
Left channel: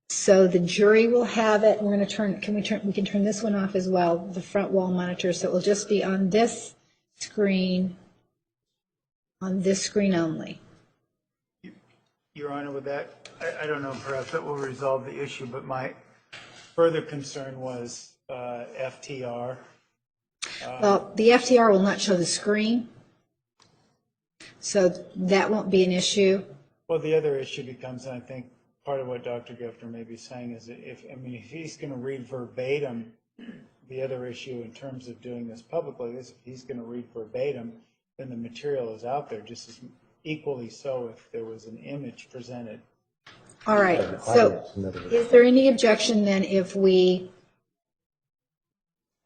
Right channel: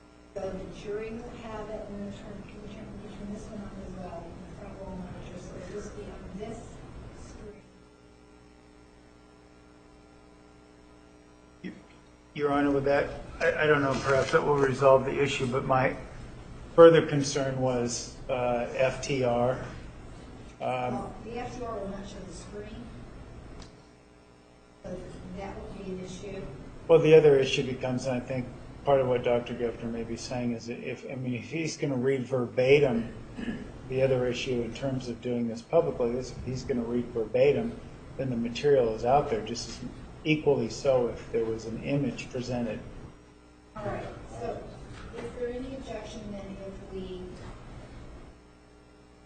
So the jury will have it. We're going to we can turn this one off as well, the front wall monitor, so it will just be on this screen only. Your Honor, with that, I don't know, perhaps that will resolve the issue, but my further concern was FTR. Well, the FTR will not show the screen, so that won't be an issue. Well, the other issue becomes, and I think part of what Dr. Geffner may be saying is that if he's going to read verbatim, the other issue in terms of doing this publicly is if he's going to read verbatim, then the material is out there just as equally so if there was an image presented. All right. So is there any objection then if we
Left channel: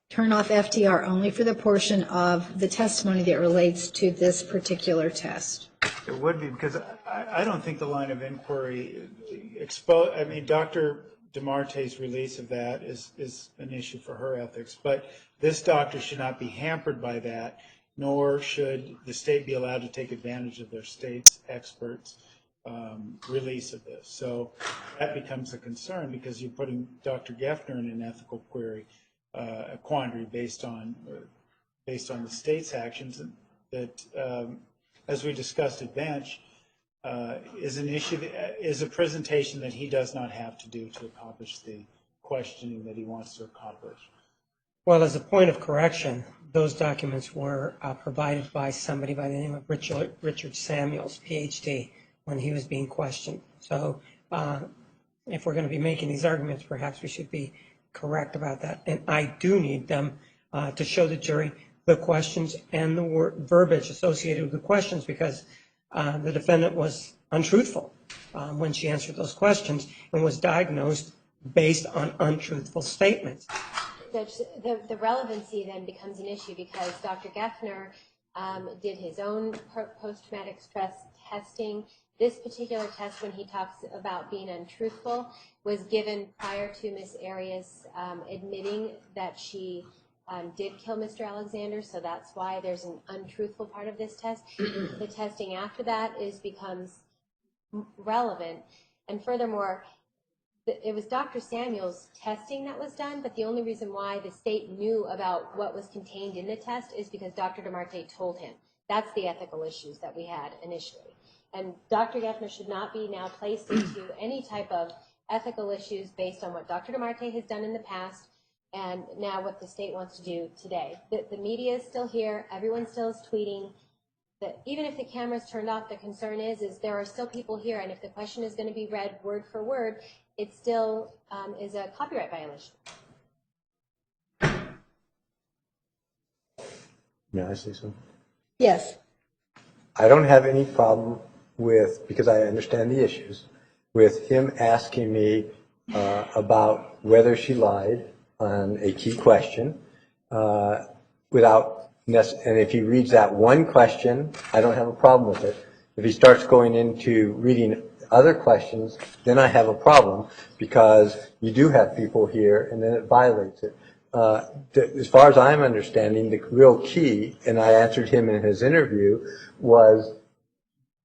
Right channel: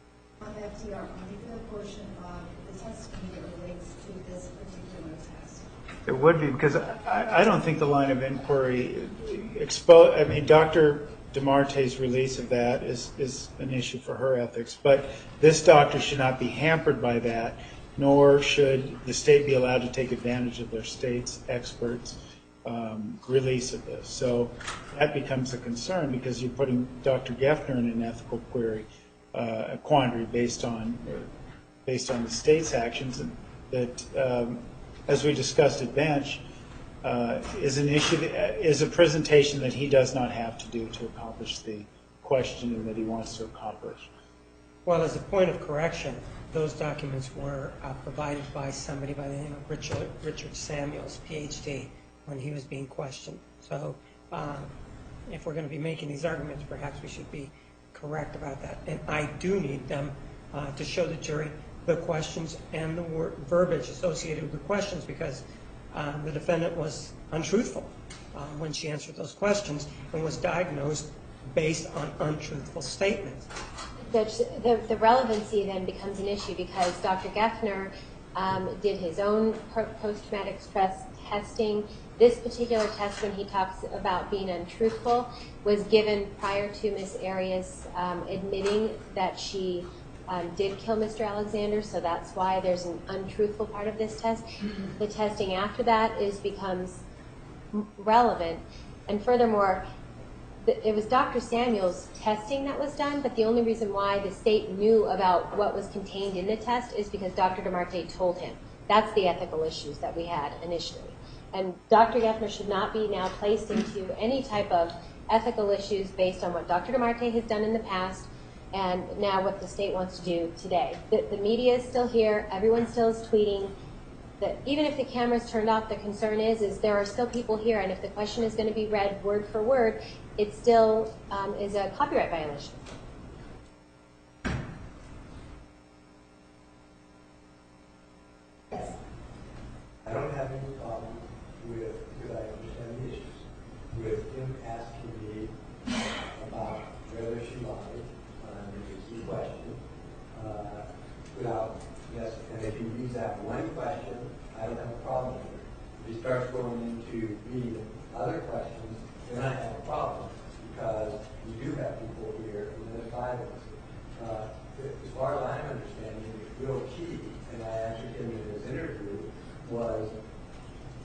turn off FTR only for the portion of the testimony that relates to this particular test? It would be, because I don't think the line of inquiry Dr. DeMarte's release of that is an issue for her ethics, but this doctor should not be hampered by that, nor should the state be allowed to take advantage of their state's experts' release of this. So that becomes a concern, because you're putting Dr. Geffner in an ethical a quandary based on the state's actions that, as we discussed at bench, is an issue, is a presentation that he does not have to do to accomplish the questioning that he wants to accomplish. Well, as a point of correction, those documents were provided by somebody by the name of Richard Samuels, PhD, when he was being questioned. So if we're going to be making these arguments, perhaps we should be correct about that. And I do need them to show the jury the questions and the verbiage associated with the questions, because the defendant was untruthful when she answered those questions and was diagnosed based on untruthful statements. The relevancy then becomes an issue, because Dr. Geffner did his own post-traumatic stress testing. This particular test, when he talks about being untruthful, was given prior to Ms. Arias admitting that she did kill Mr. Alexander, so that's why there's an untruthful part of this test. The testing after that becomes relevant, and furthermore, it was Dr. Samuel's testing that was done, but the only reason why the state knew about what was contained in the test is because Dr. DeMarte told him. That's the ethical issues that we had initially. And Dr. Geffner should not be now placed into any type of ethical issues based on what Dr. DeMarte has done in the past and now what the state wants to do today. The media is still here. Everyone still is tweeting. Even if the camera's turned off, the concern is there are still people here, and if the question is going to be read word for word, it still is a copyright violation. May I say something? Yes. I don't have any problem with, because I understand the issues, with him asking me about whether she lied on a key question without, and if he reads that one question, I don't have a problem with it. If he starts going into reading other questions, then I have a problem, because you do have people here and then it violates it. As far as I'm understanding, the real key, and I answered him in his interview, was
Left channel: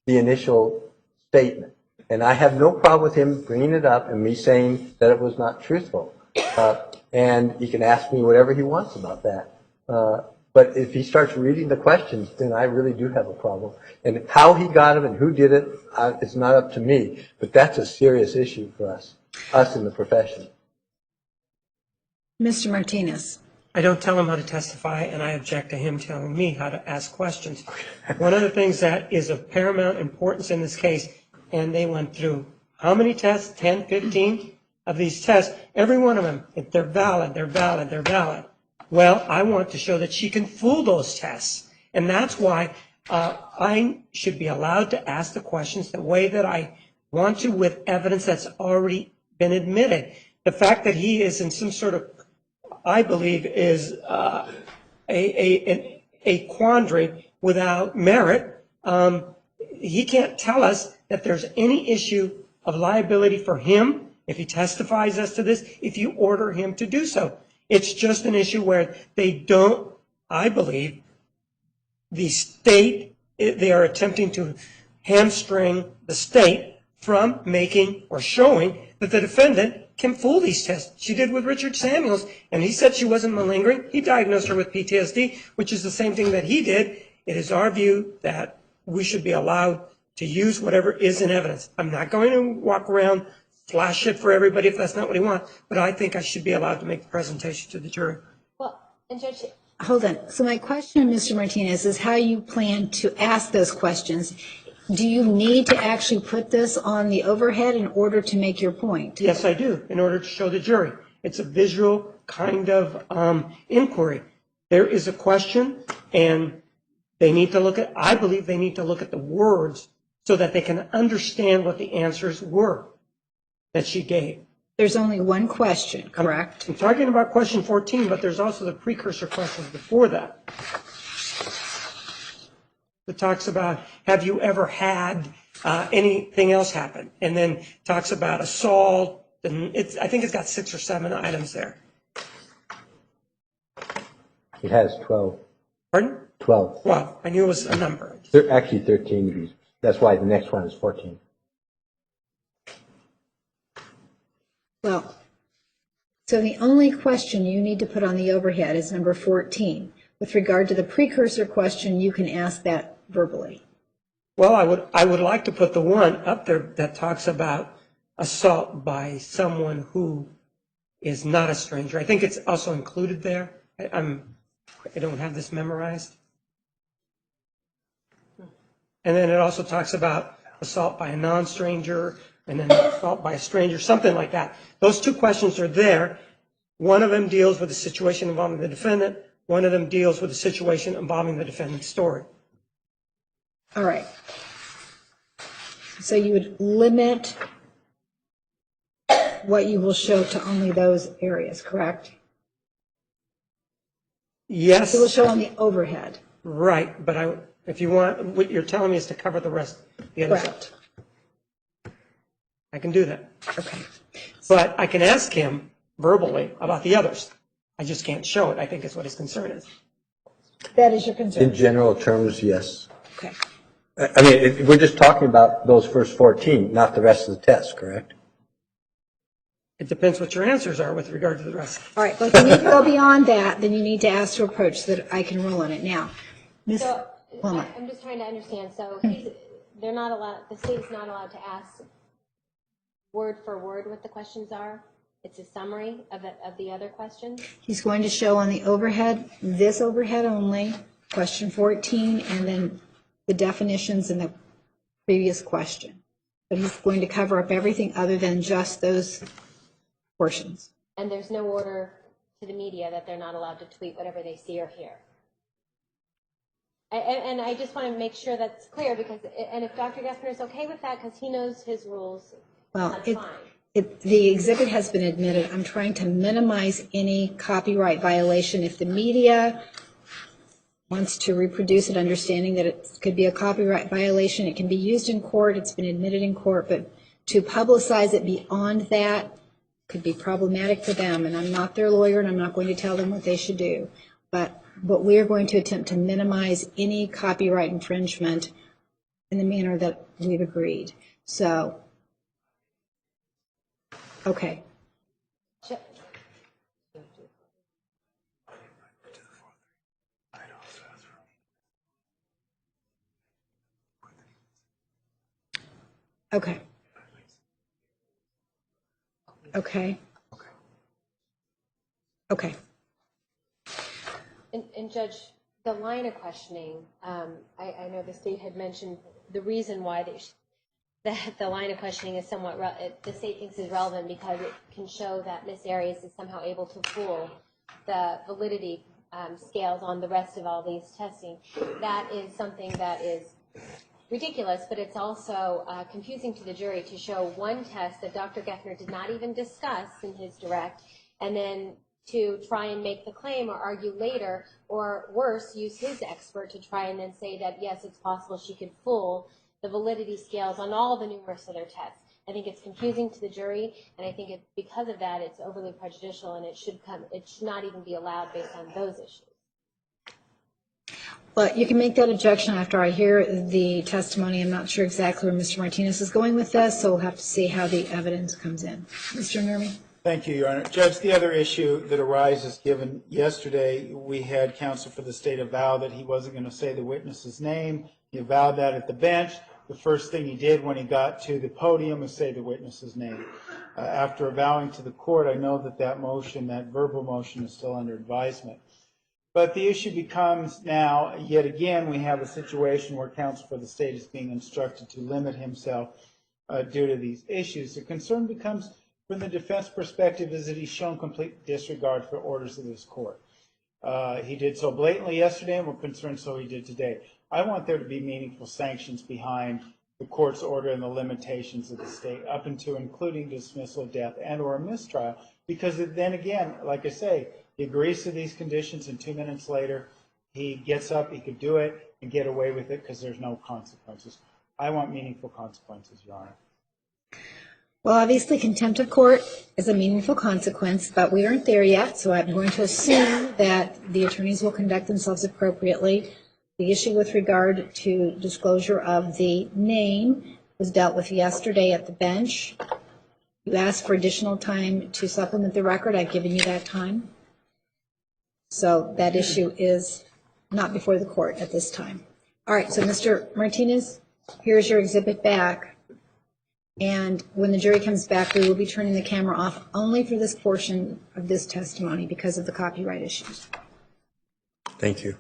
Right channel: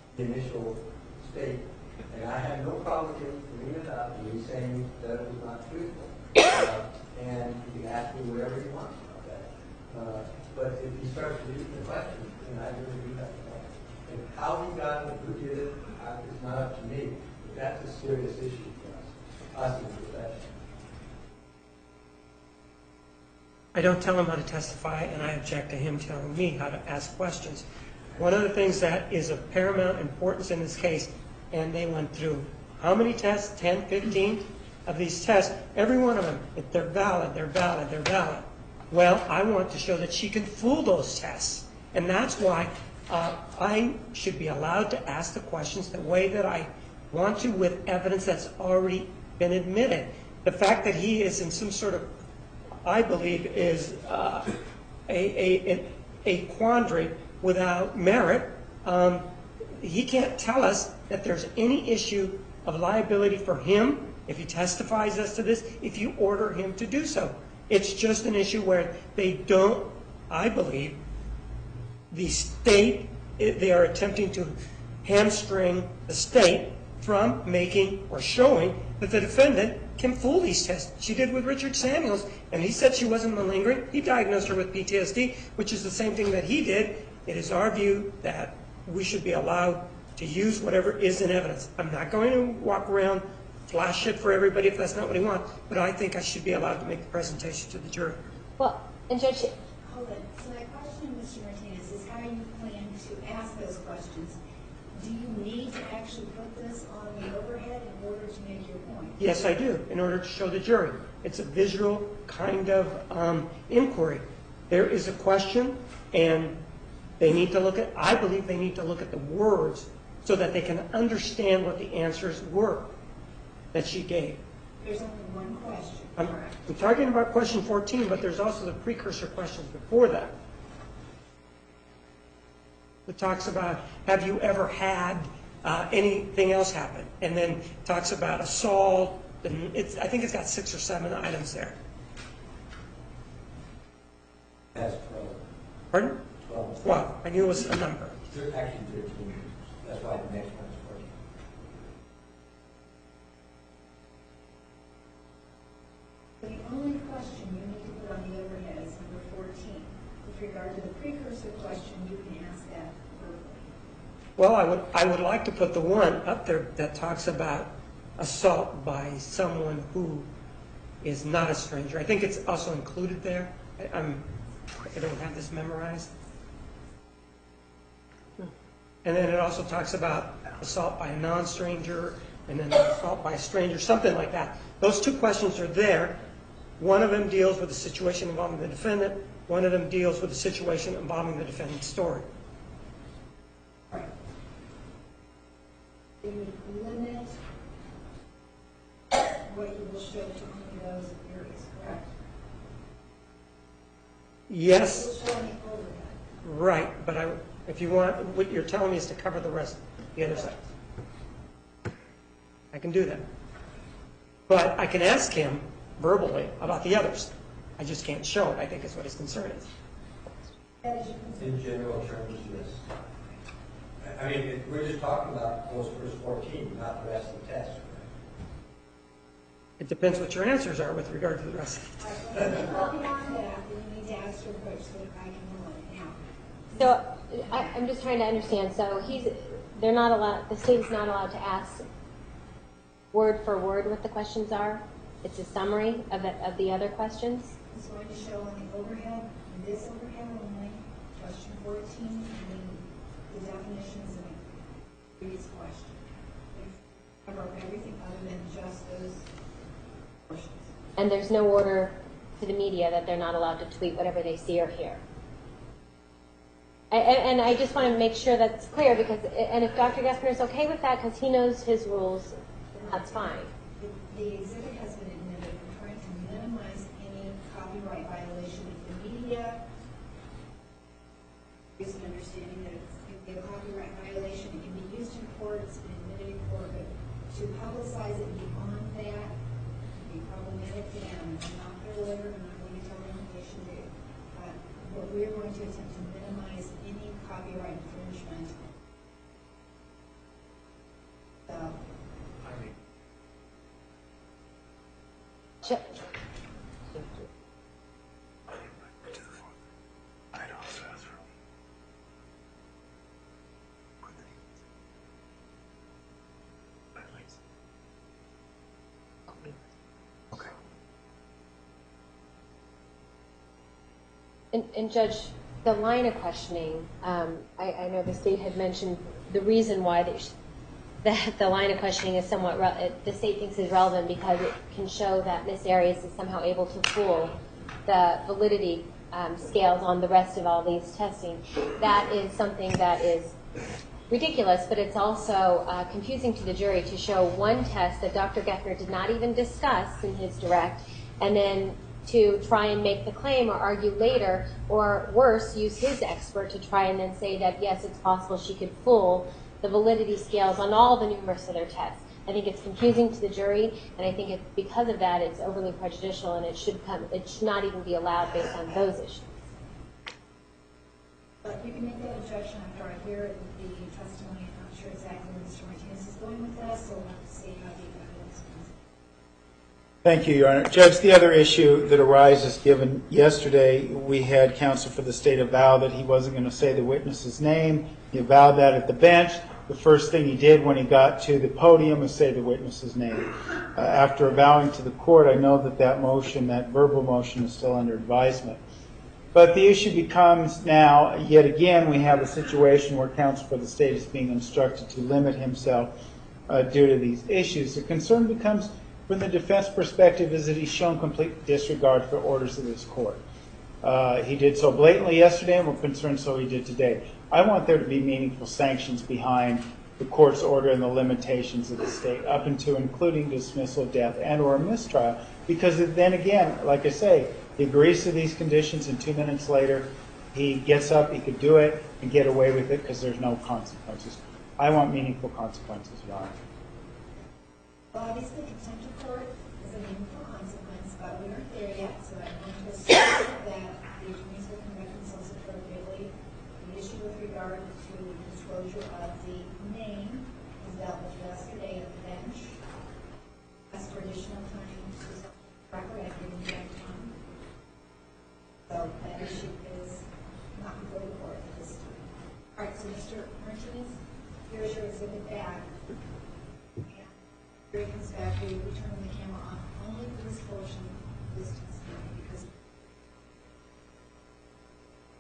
the initial statement. And I have no problem with him bringing it up and me saying that it was not truthful. And he can ask me whatever he wants about that. But if he starts reading the questions, then I really do have a problem. And how he got them and who did it, it's not up to me. But that's a serious issue for us in the profession. Mr. Martinez. I don't tell him how to testify, and I object to him telling me how to ask questions. One of the things that is of paramount importance in this case, and they went through how many tests? 10, 15 of these tests. Every one of them, if they're valid, they're valid, they're valid. Well, I want to show that she can fool those tests. And that's why I should be allowed to ask the questions the way that I want to, with evidence that's already been admitted. The fact that he is in some sort of, I believe, is a quandary without merit. He can't tell us that there's any issue of liability for him if he testifies as to this, if you order him to do so. It's just an issue where they don't, I believe, the state, they are attempting to hamstring the state from making or showing that the defendant can fool these tests. She did with Richard Samuels, and he said she wasn't malingering. He diagnosed her with PTSD, which is the same thing that he did. It is our view that we should be allowed to use whatever is in evidence. I'm not going to walk around, flash it for everybody if that's not what he wants, but I think I should be allowed to make the presentation to the jury. Well, and Judge, Hold on. So my question, Mr. Martinez, is how you plan to ask those questions. Do you need to actually put this on the overhead in order to make your point? Yes, I do, in order to show the jury. It's a visual kind of inquiry. There is a question, and they need to look at, I believe they need to look at the words so that they can understand what the answers were that she gave. There's only one question, correct? I'm talking about question 14, but there's also the precursor questions before that. It talks about, have you ever had anything else happen? And then talks about assault, and I think it's got 6 or 7 items there. It has 12. Pardon? 12. Well, I knew it was a number. Actually 13. That's why the next one is 14. Well, so the only question you need to put on the overhead is number 14. With regard to the precursor question, you can ask that verbally. Well, I would like to put the one up there that talks about assault by someone who is not a stranger. I think it's also included there. I don't have this memorized. And then it also talks about assault by a non-stranger and then assault by a stranger, something like that. Those 2 questions are there. One of them deals with the situation involving the defendant. One of them deals with the situation involving the defendant's story. All right. So you would limit what you will show to only those areas, correct? Yes. You will show on the overhead. Right, but if you want, what you're telling me is to cover the rest the other side. Correct. I can do that. Okay. But I can ask him verbally about the others. I just can't show it, I think is what his concern is. That is your In concern? general terms, yes. Okay. I mean, we're just talking about those first 14, not the rest of the test, correct? It depends what your answers are with regard to the rest. All right, but if you need to go beyond that, then you need to ask to approach so that I can rule on it now. So Well- I'm just trying to understand. So they're not allowed. The state is not allowed to ask word for word what the questions are. It's a summary of the other questions. He's going to show on the overhead, this overhead only, question 14, and then the definitions in the previous question. But he's going to cover up everything other than just those portions. And there's no order to the media that they're not allowed to tweet whatever they see or hear. And I just want to make sure that's clear because, and if Dr. Geffner is okay with that because he knows his rules, Well, that's fine. The exhibit has been admitted. I'm trying to minimize any copyright violation. If the media wants to reproduce it, understanding that it could be a copyright violation, it can be used in court, it's been admitted in court, but to publicize it beyond that could be problematic for them, and I'm not their lawyer, and I'm not going to tell them what they should do. But we are going to attempt to minimize any copyright infringement in the manner that we've agreed. So, okay. Sure. Okay. Okay. Okay. And Judge, the line of questioning, I know the state had mentioned the reason why that the line of questioning is somewhat, the state thinks is relevant because it can show that Ms. Arias is somehow able to fool the validity scales on the rest of all these testing. That is something that is ridiculous, but it's also confusing to the jury to show one test that Dr. Geffner did not even discuss in his direct, and then to try and make the claim or argue later, or worse, use his expert to try and then say that, yes, it's possible she could fool the validity scales on all the numerous other tests. I think it's confusing to the jury, and I think because of that, it's overly prejudicial, and it should not even be allowed based on those issues. Well, you can make that objection after I hear the testimony. I'm not sure exactly where Mr. Martinez is going with this, so we'll have to see how the evidence comes in. Mr. Nermi? Thank you, Your Honor. Judge, the other issue that arises, given yesterday we had counsel for the state avow that he wasn't going to say the witness's name. He avowed that at the bench. The first thing he did when he got to the podium was say the witness's name. After avowing to the court, I know that motion, that verbal motion, is still under advisement. But the issue becomes now, yet again, we have a situation where counsel for the state is being instructed to limit himself due to these issues. The concern becomes, from the defense perspective, is that he's shown complete disregard for orders of this court. He did so blatantly yesterday, and we're concerned so he did today. I want there to be meaningful sanctions behind the court's order and the limitations of the state, up into including dismissal, death, and or a mistrial, because then again, like I say, he agrees to these conditions, and 2 minutes later, he gets up, he could do it, and get away with it because there's no consequences. I want meaningful consequences, Your Honor. Well, obviously, contempt of court is a meaningful consequence, but we aren't there yet, so I'm going to assume that the attorneys will conduct themselves appropriately. The issue with regard to disclosure of the name was dealt with yesterday at the bench. You asked for additional time to supplement the record. I've given you that time. So that issue is not before the court at this time. All right, so Mr. Martinez, here's your exhibit back. And when the jury comes back, we will be turning the camera off only for this portion of this testimony because of the copyright issues. Thank you.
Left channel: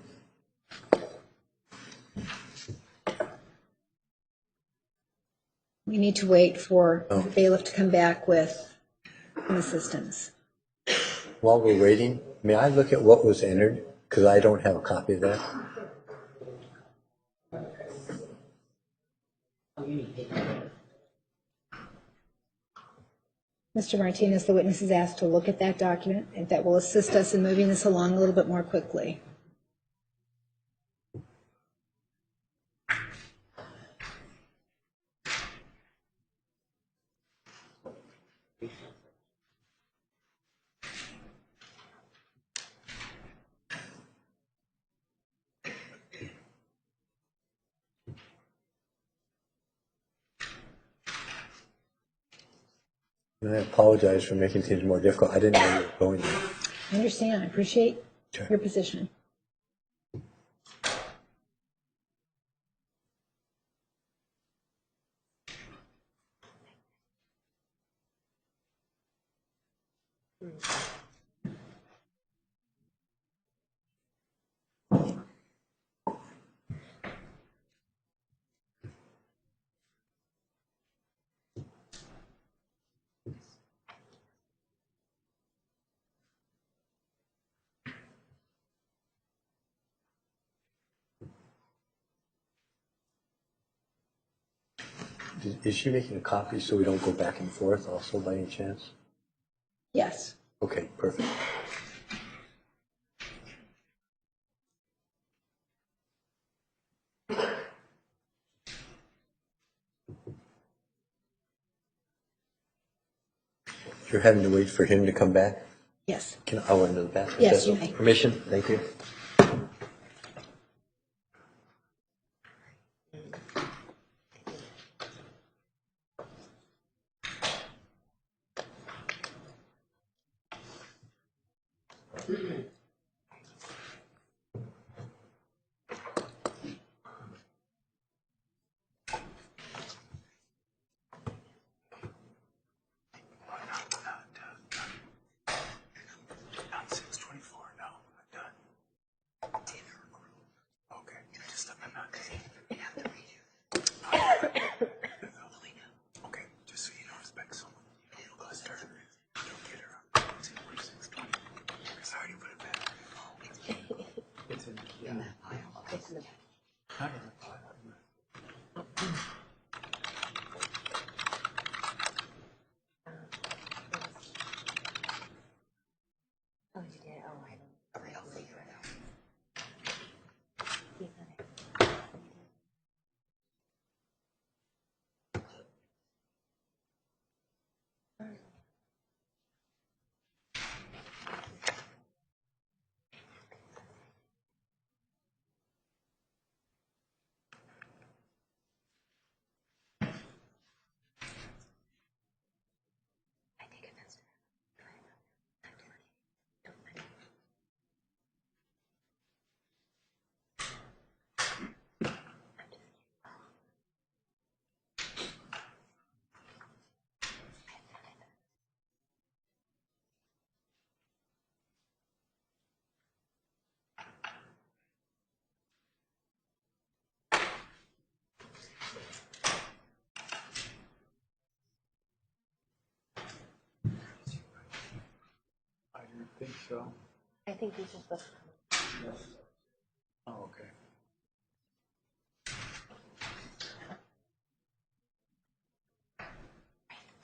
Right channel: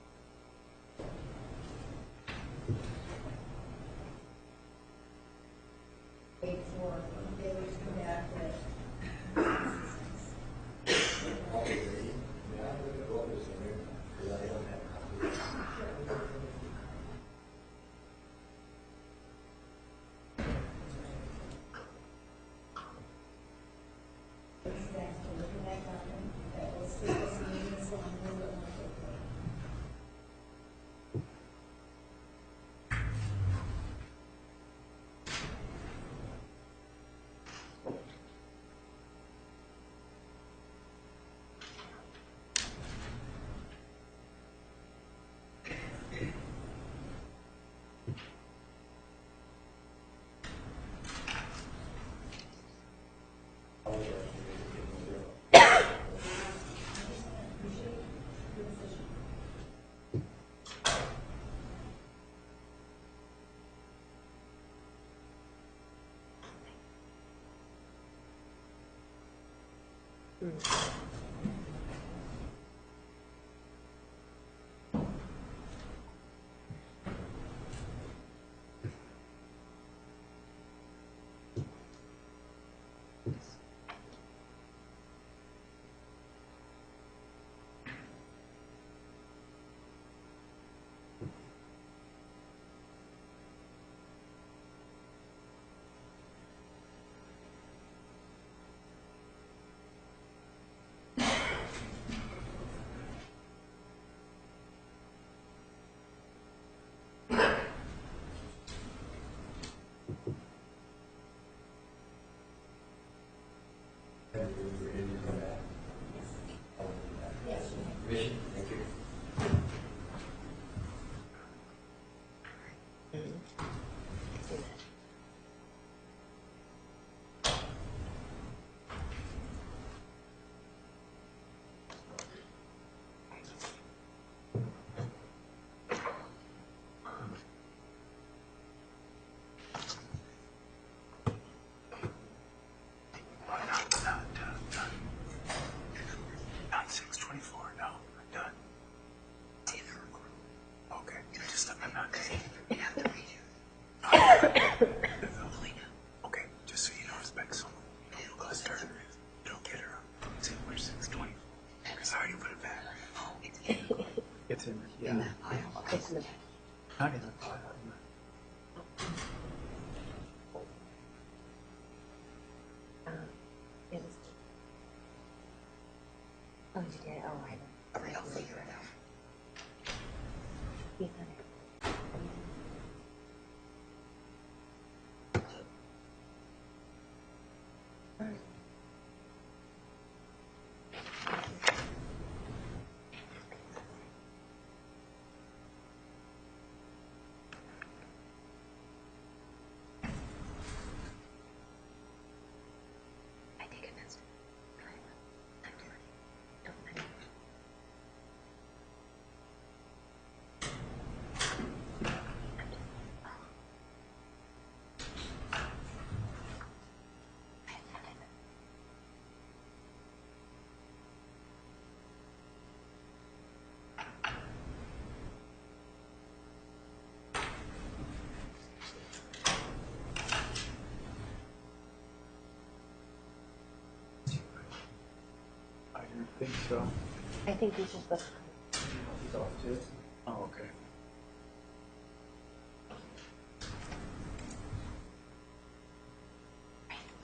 We need to wait for the bailiff to come back with an assistance. While we're waiting, may I look at what was entered? Because I don't have a copy of that. Mr. Martinez, the witness is asked to look at that document, and that will assist us in moving this along a little bit more quickly. And I apologize for making things more difficult. I didn't know where you were going. I understand. I appreciate your position. Is she making a copy so we don't go back and forth also by any chance? Yes. Okay, perfect. You're having to wait for him to come back? Yes. I want to know the bathroom? Yes, you may. Permission? Thank you. Not 6:24. No, I'm done. Dinner. Okay. I'm not. You have to read it. Okay. Just so you know, respect someone. Cluster. Don't get her up. It's in where 6:20. Because I already put it back. It's in. Yeah. In that pile. It's in the. Not in the pile. Oh, you did? Oh, I don't. I'll figure it out. You got it. I take offense to that. Don't mind. I didn't think so. I think these are supposed to Oh, okay.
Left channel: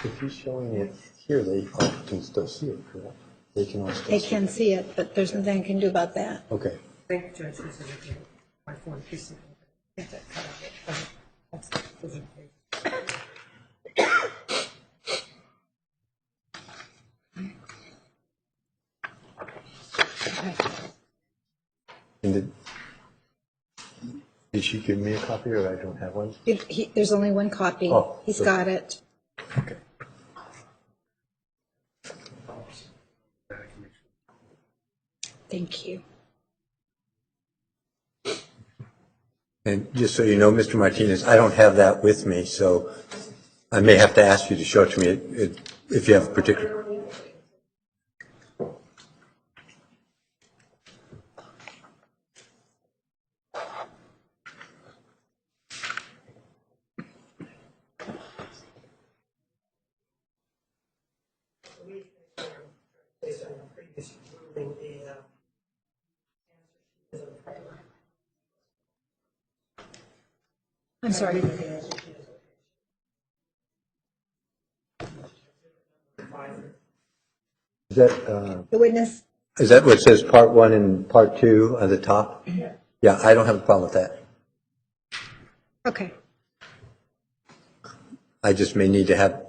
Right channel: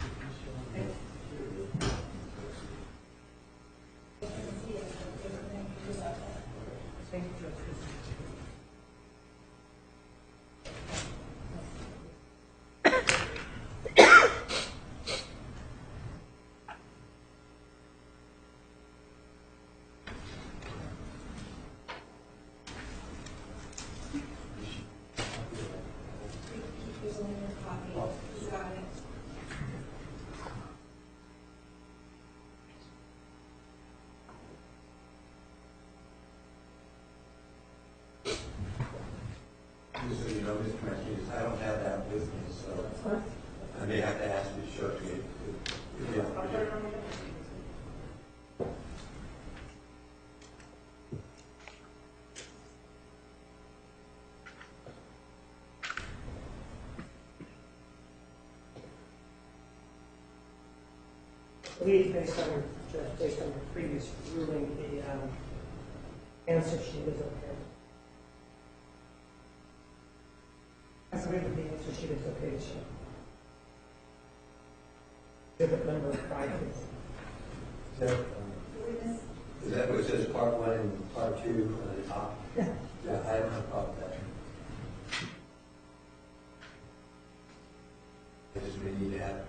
If he's showing it here, they all can still see it, correct? They can all still They see can it. see it, but there's nothing I can do about that. Okay. Thank you, Judge. This is my phone. Please. Get that cut off. Those are great. And did she give me a copy, or I don't have one? There's only one copy. Oh, He's so- got it. Okay. Thank you. And just so you know, Mr. Martinez, I don't have that with me, so I may have to ask you to show it to me if you have a particular. Based on your previous ruling, the answer sheet is okay. I'm sorry. The answer sheet is okay. Exhibit number 5. Is that, The witness, is that what says part 1 and part 2 at the top? Yeah. Yeah, I don't have a problem with that. okay. I just may need to have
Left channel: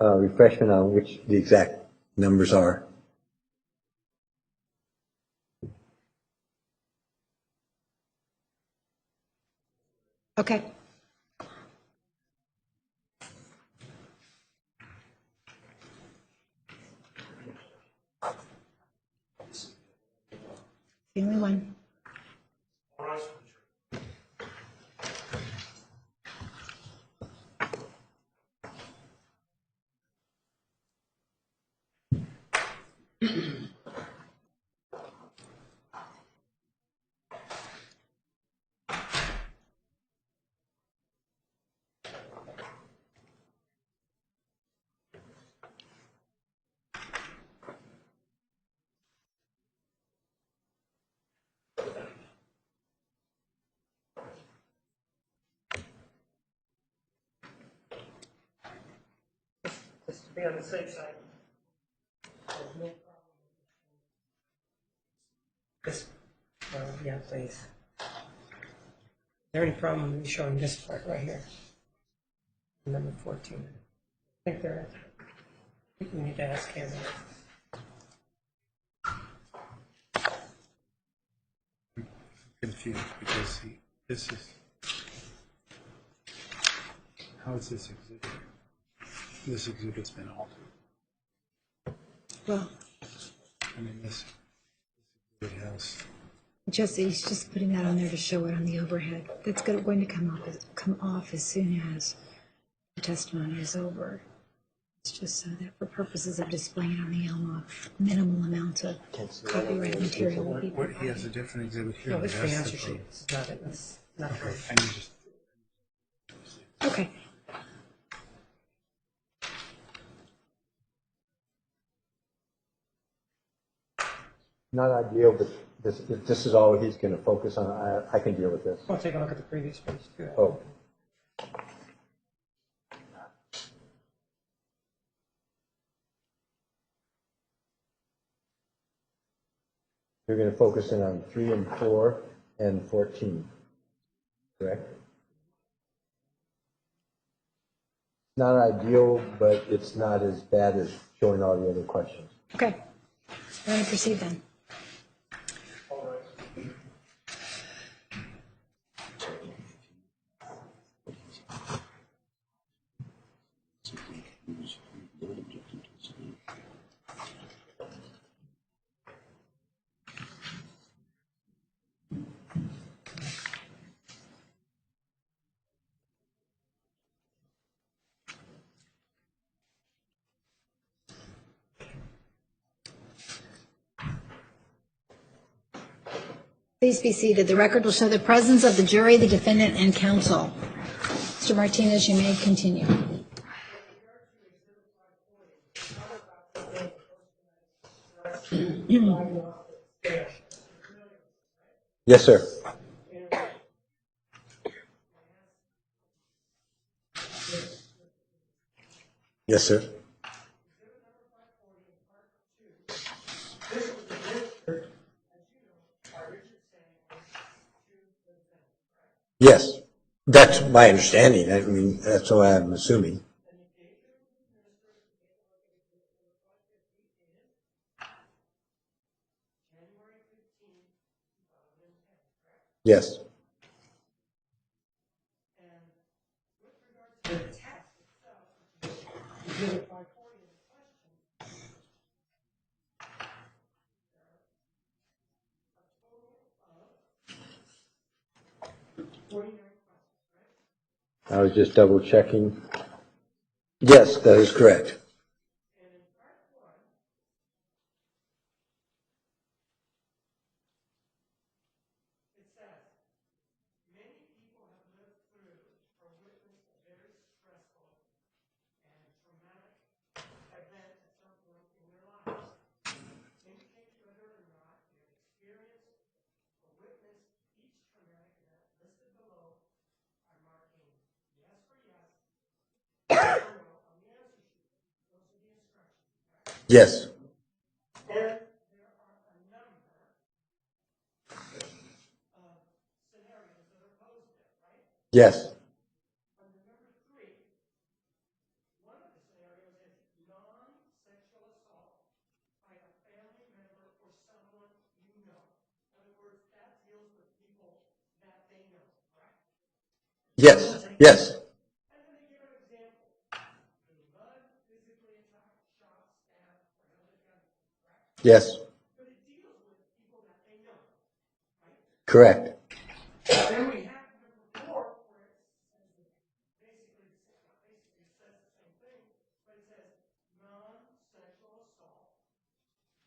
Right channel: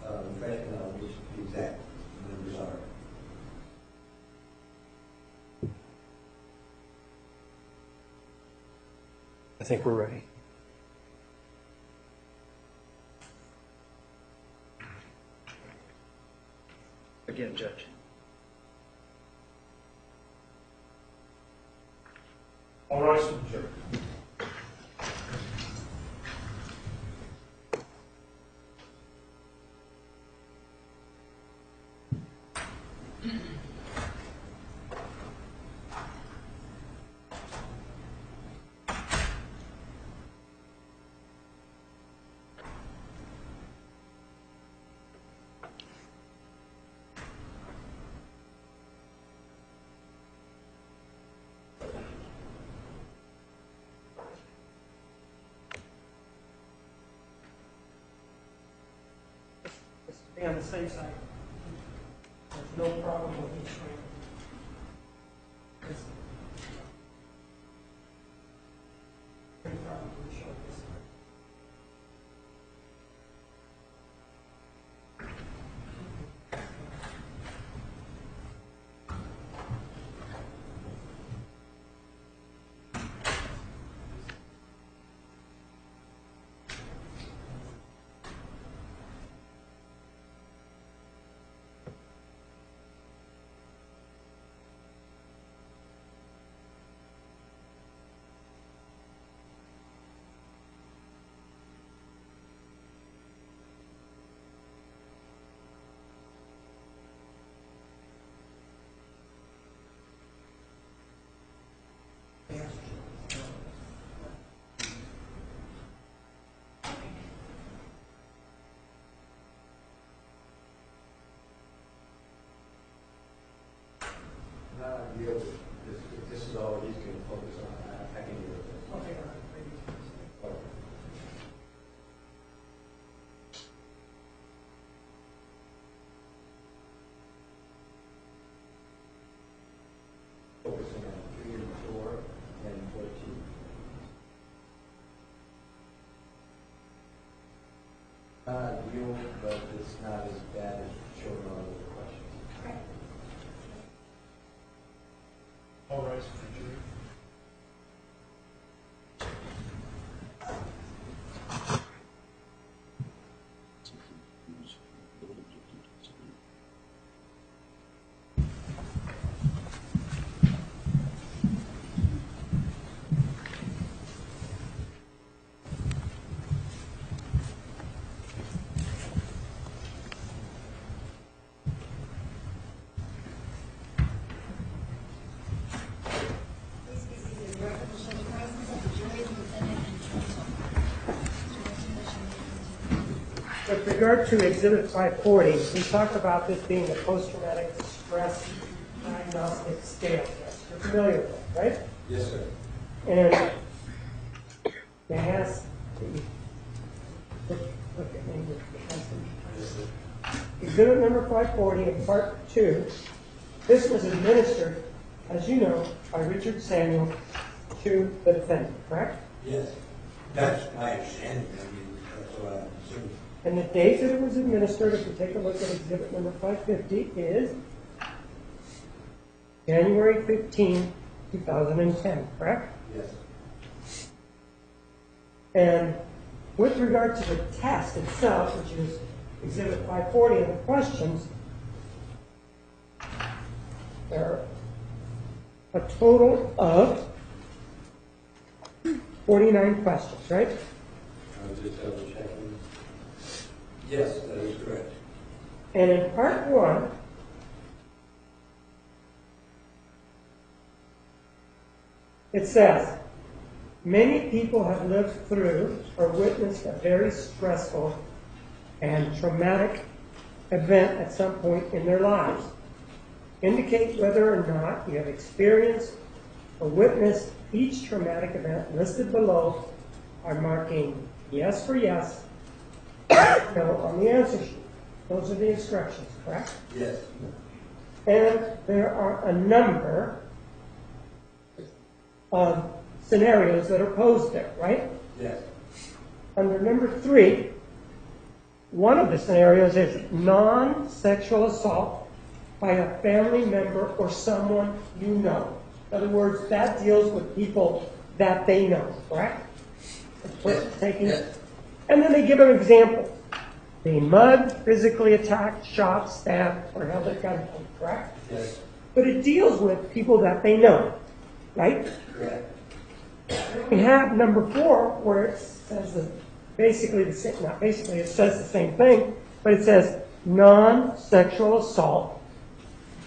refreshment on which the exact numbers are. I think we're ready. Okay. Again, Judge. The only one. All rise for the jury. Just to be on the safe side, there's no problem with you showing this. Yeah, please. Is there any problem with me showing this part right here? Number 14. I think there is. I think we need to ask him. Confused because this is, how is this exhibit? This exhibit's been altered. Well, I mean, this, it has, he's just putting that on there to show it on the overhead. That's going to come off as soon as the testimony is over. It's just so that for purposes of displaying it on the Elma, minimal amount of copyright material will be what, he Oh, has a different exhibit here. No, that it's the has answer the- sheet. It's not, it's not right. I mean, just, Okay. Not ideal, but this is all he's going to focus on. I can deal with this. I'll take a look at the previous ones. too. Oh. You're going to focus in on 3 and 4 and 14, correct? Not ideal, but it's not as bad as showing all the other questions. Okay. We're going to proceed then. all rise for the jury. Please be seated. The record will show the presence of the jury, the defendant, and counsel. Mr. Martinez, you may continue. With regard to Exhibit 540, we talked about this being a post-traumatic stress diagnostic scale. You're familiar with it, right? Yes, sir. And it has, look at me. Yes, sir. Exhibit number 540 in Part 2, this was administered, as you know, by Richard Samuel to the defendant, correct? Yes. That's my understanding. I mean, that's what I'm assuming. And the date that it was administered, if you take a look at exhibit number 550, is January 15, 2010, correct? Yes. And with regard to the test itself, which is exhibit 540 and the questions, there are a total of 49 questions, right? I was just double checking. Yes, that is correct. And in part 1, it says, many people have lived through or witnessed a very stressful and traumatic event at some point in their lives. Indicate whether or not you have experienced or witnessed each traumatic event listed below by marking yes for yes, no on the answer sheet. Those are the instructions, correct? Yes. And there are a number of scenarios that are posed there, right? Yes. Under number 3, one of the scenarios is non-sexual assault by a family member or someone you know. In other words, that deals with people that they know, correct? Yes. Yes. And then they give an example. being mugged, physically attacked, shot, stabbed, or held at gunpoint, correct? Yes, But it deals with people that they know, right? correct. And we have number 4, where it says basically the same, not basically, it says the same thing, but it says non-sexual assault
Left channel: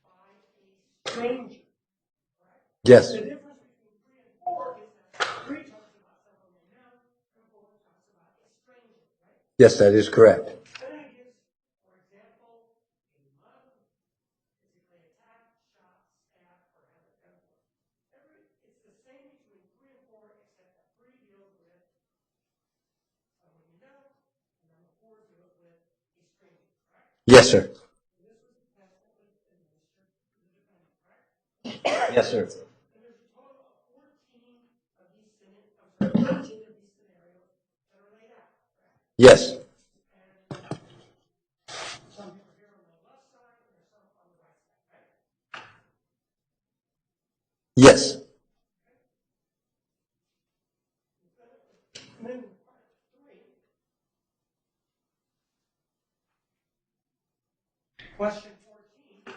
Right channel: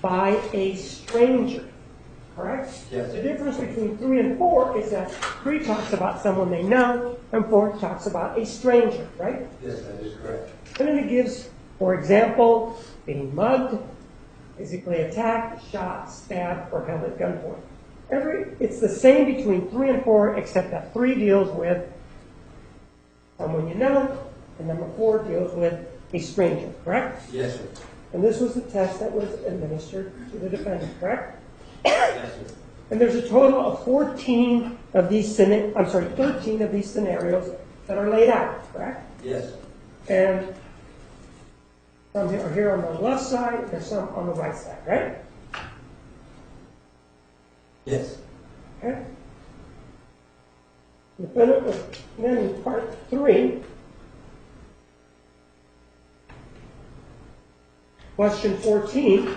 by a stranger, correct? Yes. The difference between 3 and 4 is that 3 talks about someone they know, and 4 talks about a stranger, right? Yes, that is correct. And then it gives, for example, being mugged, physically attacked, shot, stabbed, or held at gunpoint. It's the same between 3 and 4, except that 3 deals with someone you know, and number 4 deals with a stranger, correct? Yes, sir. And this was the test that was administered to the defendant, correct? Yes, sir. And there's a total of 14 of these, 13 of these scenarios that are laid out, correct? Yes. And some are here on the left side, and there's some on the right side, right? Yes. Okay. The defendant was then in part 3. Question 14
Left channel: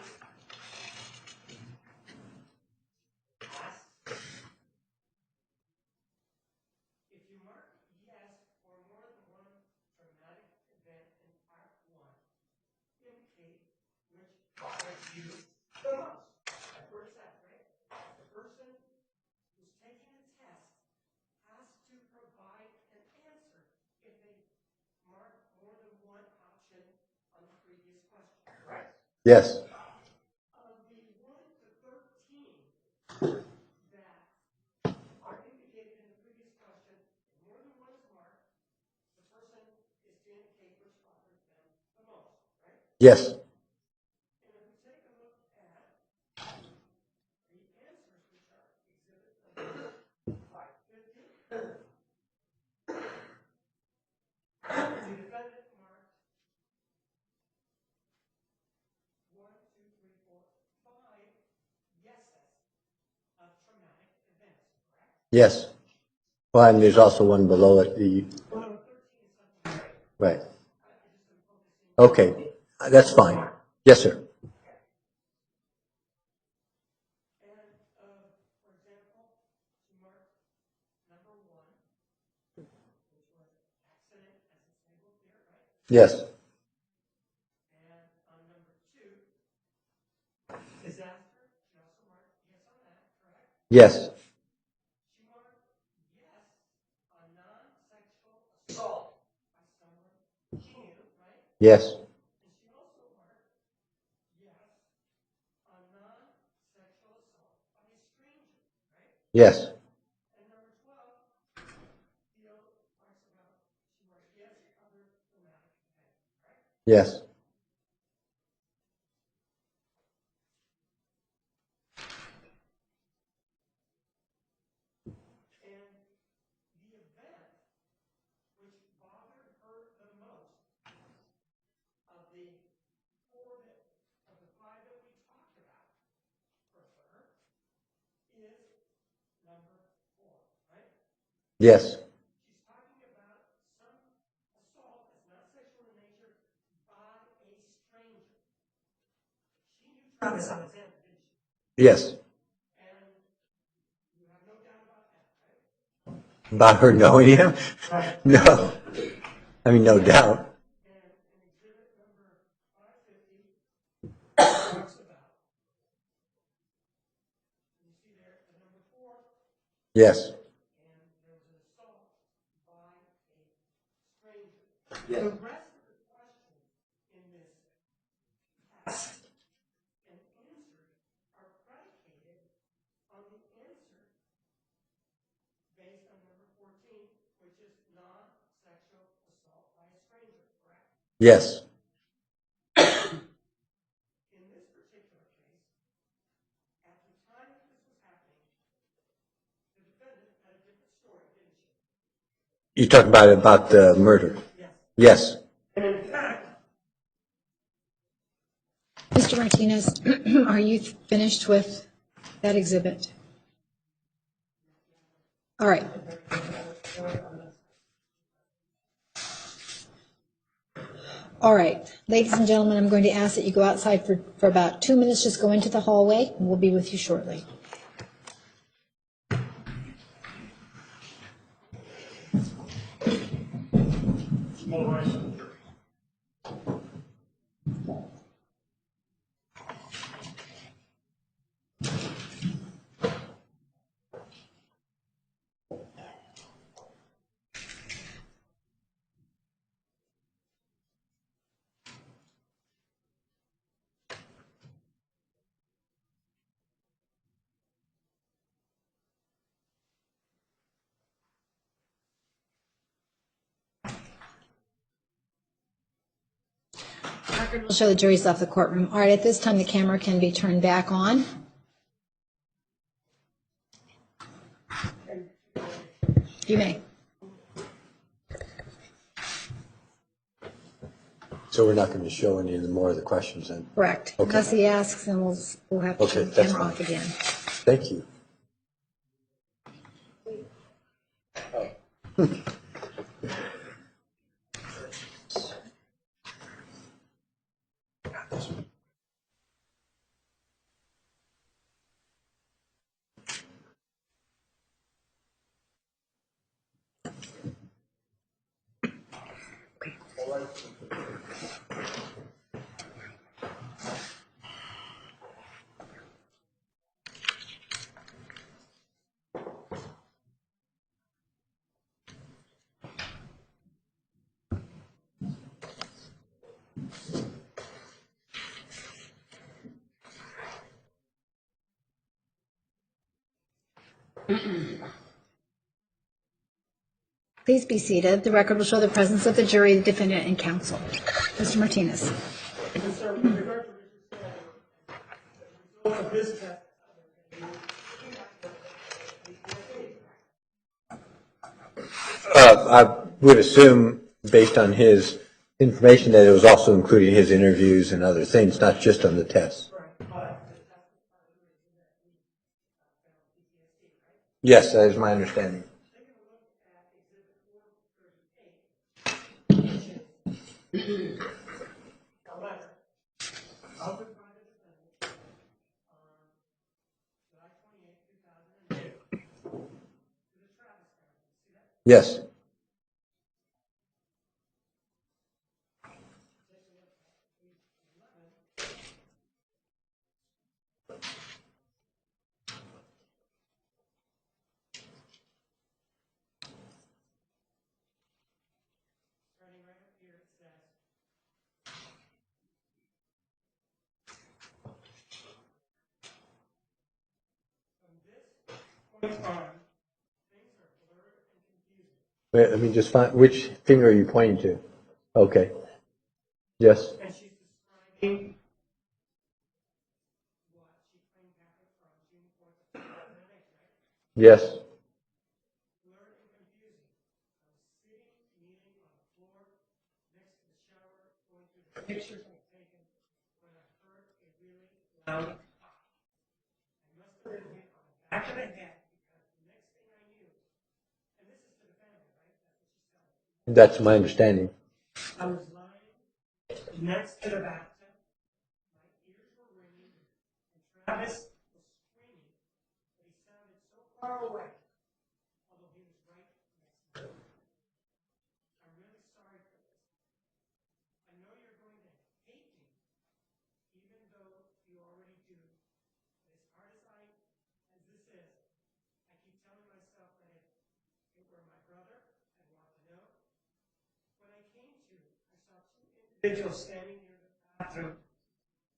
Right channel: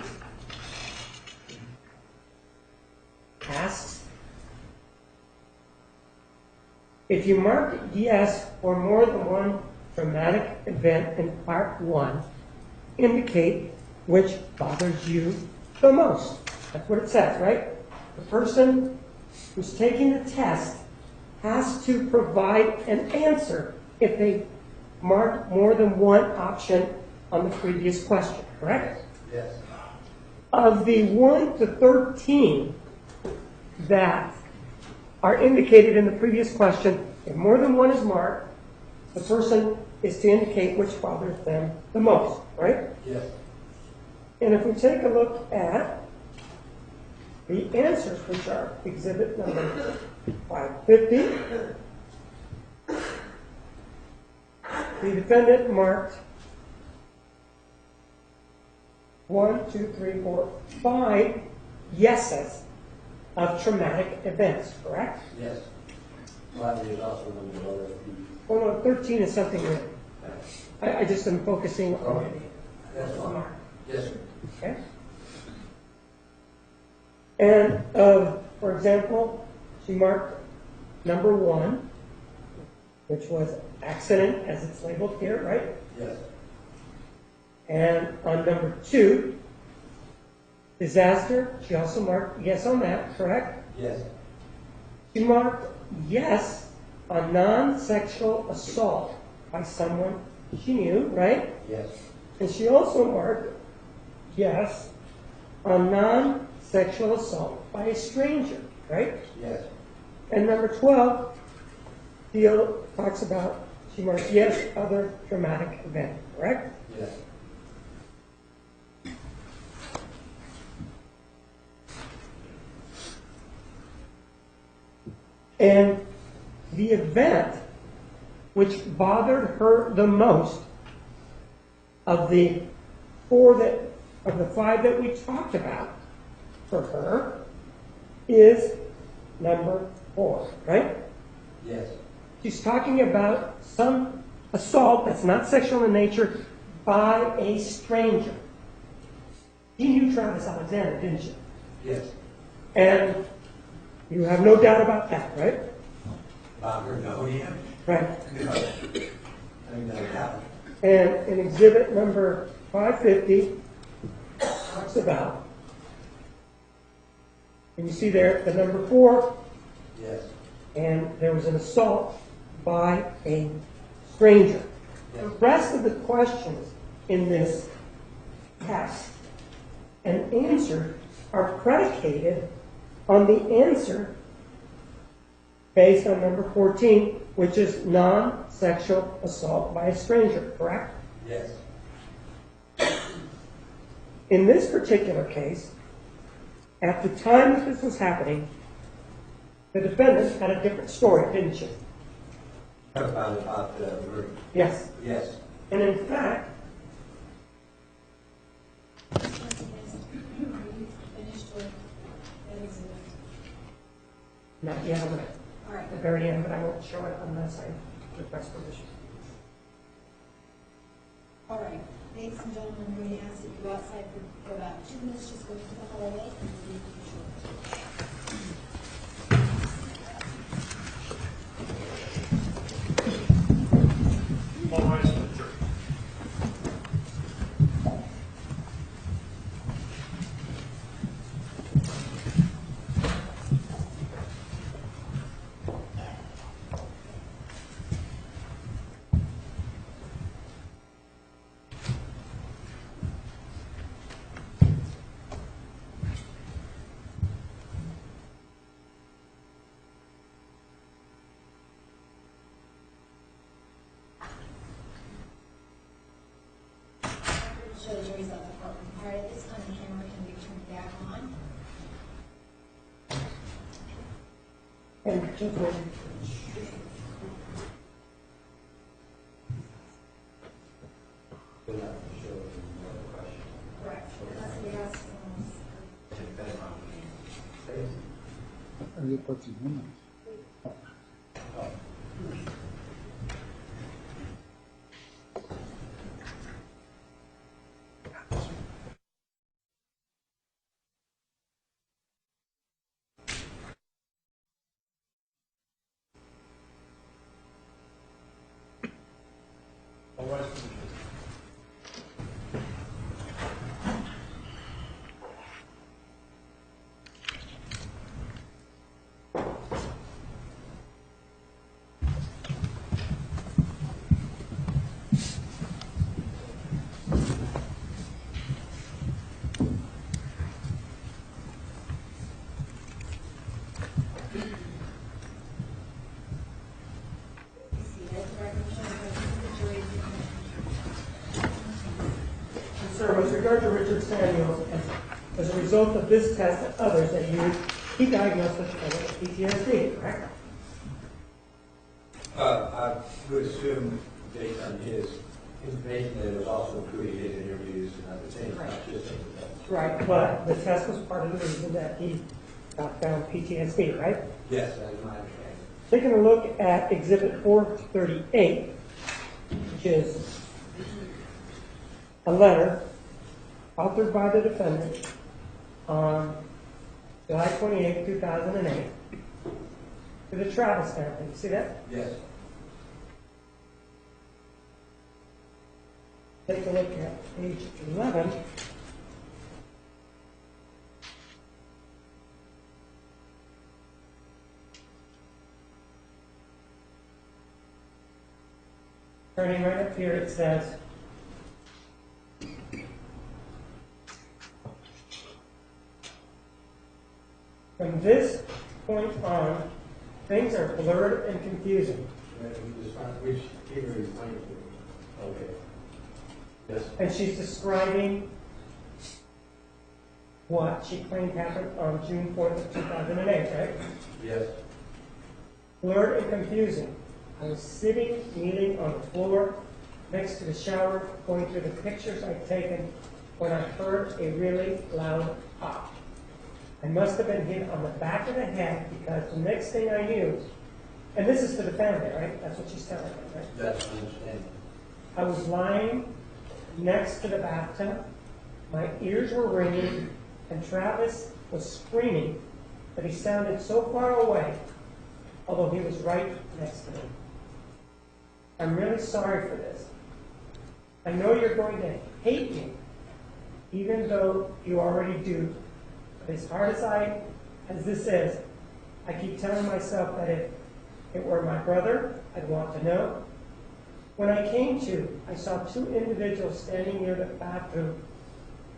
asks, if you mark yes for more than one traumatic event in part 1, indicate which bothers you the most. That's what it says, right? The person who's taking the test has to provide an answer if they mark more than one option on the previous question, correct? Yes. Of the 1 to 13 that are indicated in the previous question, if more than one is marked, the person is to indicate which bothers them the most, right? Yes. And if we take a look at the answers, which are exhibit number 550, the defendant marked 1, 2, 3, 4, 5 yeses of traumatic events, correct? Yes. Well, and there's also one below it. Oh no, 13 is something new. Right. I just am focusing on Okay. That's fine. Yes, sir. Okay. And for example, she marked number 1, which was accident, as it's labeled here, right? Yes. And on number 2, disaster, she also marked yes on that, correct? Yes. She marked yes on non-sexual assault by someone she knew, right? Yes. And she also marked yes on non-sexual assault by a stranger, right? Yes. And number 12, Theo talks about, she marked yes, other traumatic event, correct? Yes. And the event which bothered her the most of the 5 that we talked about for her is number 4, right? Yes. She's talking about some assault that's not sexual in nature by a stranger. You knew Travis Alexander, didn't you? Yes. And you have no doubt about that, right? About her knowing him? Right. No. I mean, no doubt. And in exhibit number 550, talks about, and you see there the number 4, Yes. and there was an assault by a stranger. Yes. The rest of the questions in this test and answer are predicated on the answer based on number 14, which is non-sexual assault by a stranger, correct? Yes. In this particular case, at the time that this was happening, the defendant had a different story, didn't she? You talk about the murder. Yes. Yes. And in fact, Mr. Martinez, are you finished with that exhibit? not yet, I'm All right. at the very end, I will show it unless I request permission. All right, ladies and gentlemen, I'm going to ask that you go outside for about 2 minutes, just go into the hallway, and we'll be with you shortly. All rise for the jury. We'll show the jury's left the courtroom. All right, at this time, the camera can be turned back on. You may. So we're not going to show any more of the questions then? Correct. Okay. Unless he asks, then we'll have to Okay, turn the that's camera fine. off again. Thank you. All rise for the jury. Please be seated. The record will show the presence of the jury, the defendant, and counsel. Mr. Martinez. Yes, sir, with regard to Richard Samuels, as a result of this test and others that you, he diagnosed with PTSD, correct? I would assume, based on his information, that it was also including his interviews and other things, not just on the test. Right, but the test was part of the reason that he found PTSD, right? Yes, that is my understanding. Taking a look at Exhibit 438, which is a letter authored by the defendant on July 28, 2008, to the Travis family. You see that? Yes. Take a look at page 11. Turning right up here, it says, from this point on, things are blurred and confusing. Wait, let me just find, which finger are you pointing to? Okay. Yes. And she's describing what she claimed happened on June 4th of 2008, right? Yes. Blurred and confusing. I was sitting, kneeling on the floor next to the shower, going through the pictures I'd taken when I heard a really loud pop. I must have been hit on the back of the head because the next thing I knew, and this is to the family, right? That's what she's telling me, right? That's my understanding. I was lying next to the bathtub. My ears were ringing, and Travis was screaming, but he sounded so far away, although he was right next to me. I'm really sorry for this. I know you're going to hate me, even though you already do. But as hard as this is, I keep telling myself that if it were my brother, I'd want to know. When I came to, I saw two individuals standing near the bathroom,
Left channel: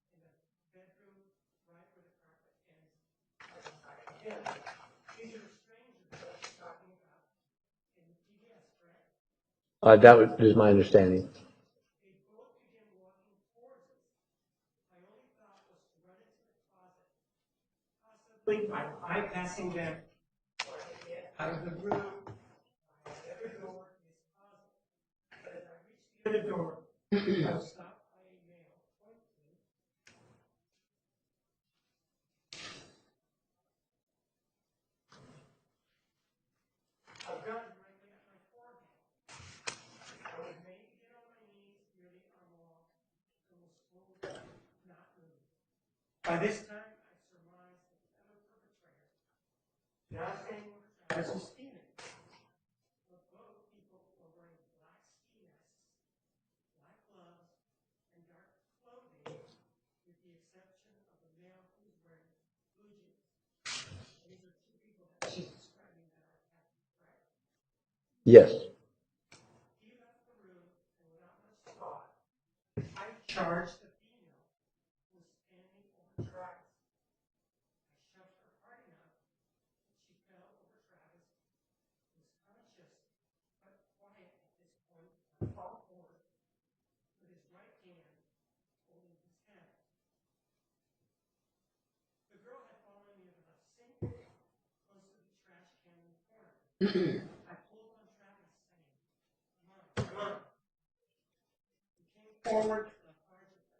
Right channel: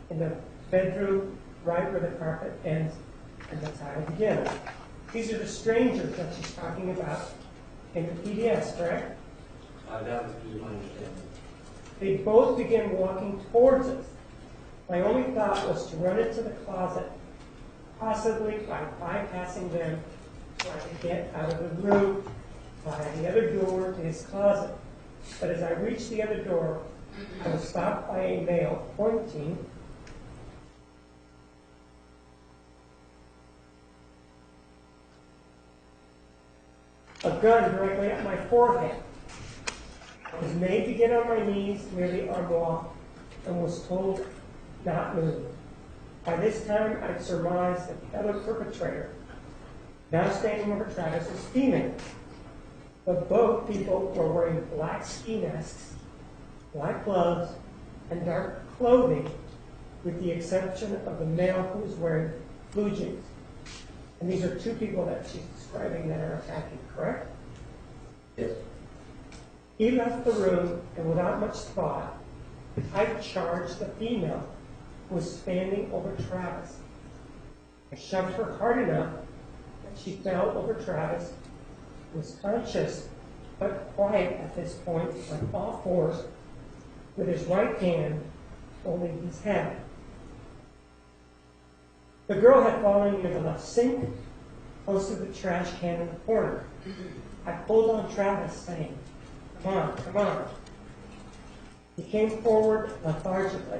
in the bedroom, right where the carpet ends, and that's how I begin. These are the strangers that she's talking about in the PDS, correct? That is my understanding. They both began walking towards us. My only thought was to run into the closet, possibly by bypassing them so I could get out of the room by the other door to his closet. But as I reached the other door, I was stopped by a male pointing a gun directly at my forehead. I was made to get on my knees near the armoire and was told not move. By this time, I'd surmised that the other perpetrator, now standing over Travis, was female. But both people were wearing black ski masks, black gloves, and dark clothing, with the exception of the male who was wearing blue jeans. And these are two people that she's describing that are attacking, correct? Yes. He left the room, and without much thought, I charged the female who was standing over Travis. I shoved her hard enough that she fell over Travis, was conscious but quiet at this point, on all fours, with his right hand holding his head. The girl had fallen near the left sink, close to the trash can in the corner. I pulled on Travis, saying, "Come on, come on." He came forward lethargically,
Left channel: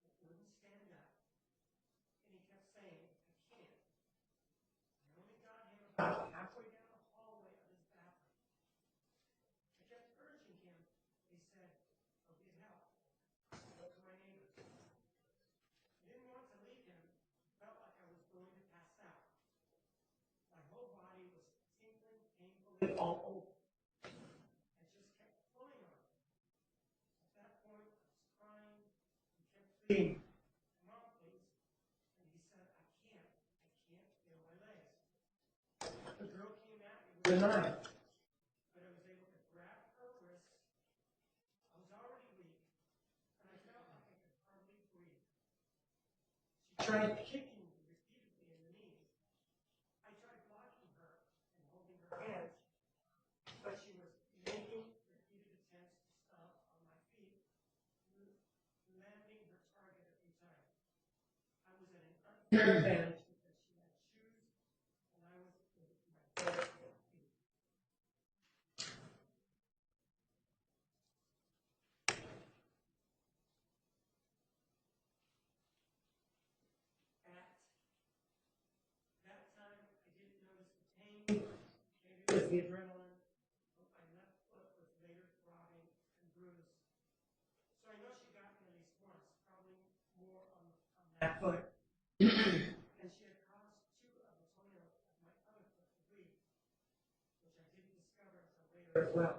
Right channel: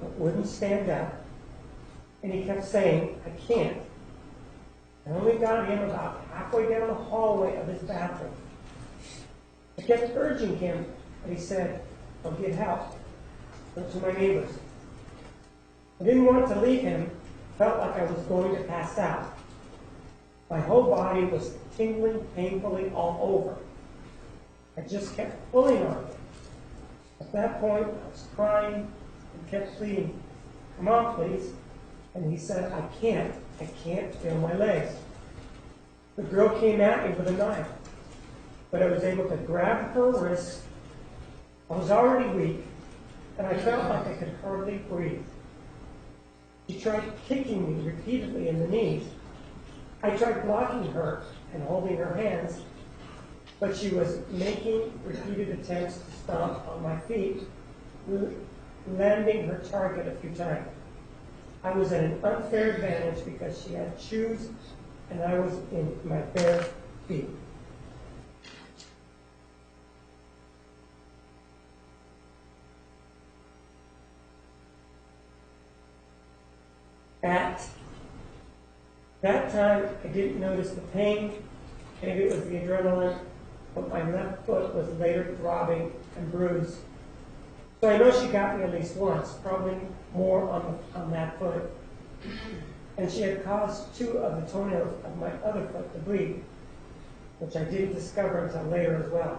but wouldn't stand up, and he kept saying, "I can't." I only got him about halfway down the hallway of his bathroom. I kept urging him, but he said, "I'll get help. Go to my neighbors." I didn't want to leave him, felt like I was going to pass out. My whole body was tingling painfully all over. I just kept pulling on him. At that point, I was crying and kept pleading, "Come on, please." And he said, I can't feel my legs." The girl came at me with a knife, but I was able to grab her wrist. I was already weak, and I felt like I could hardly breathe. She tried kicking me repeatedly in the knees. I tried blocking her and holding her hands, but she was making repeated attempts to stomp on my feet, landing her target a few times. I was at an unfair advantage because she had shoes and I was in my bare feet. At that time, I didn't notice the pain. Maybe it was the adrenaline, but my left foot was later throbbing and bruised. So I know she got me at least once, probably more on that foot. And she had caused 2 of the toenails of my other foot to bleed, which I didn't discover until later as well.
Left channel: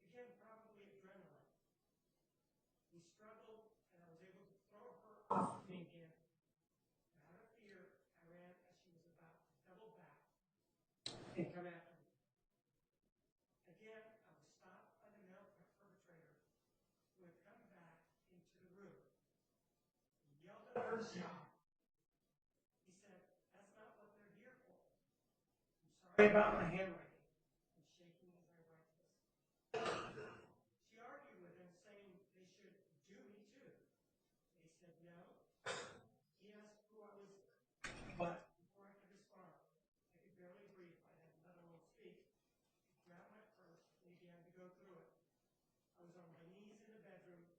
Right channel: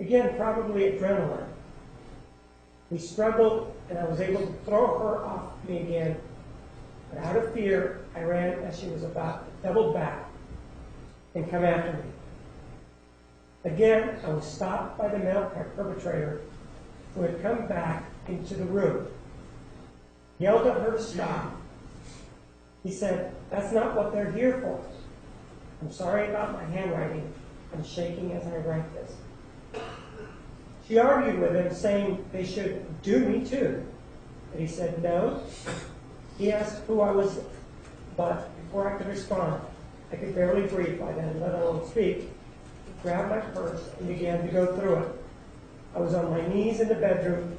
Again, probably adrenaline. We struggled, and I was able to throw her off me again. But out of fear, I ran as she was about to double back and come after me. Again, I was stopped by the male perpetrator who had come back into the room. Yelled at her to stop. He said, "That's not what they're here for." I'm sorry about my handwriting. I'm shaking as I write this. She argued with him, saying they should do me too. But he said no. He asked who I was, but before I could respond, I could barely breathe by then, let alone speak. He grabbed my purse and began to go through it. I was on my knees in the bedroom,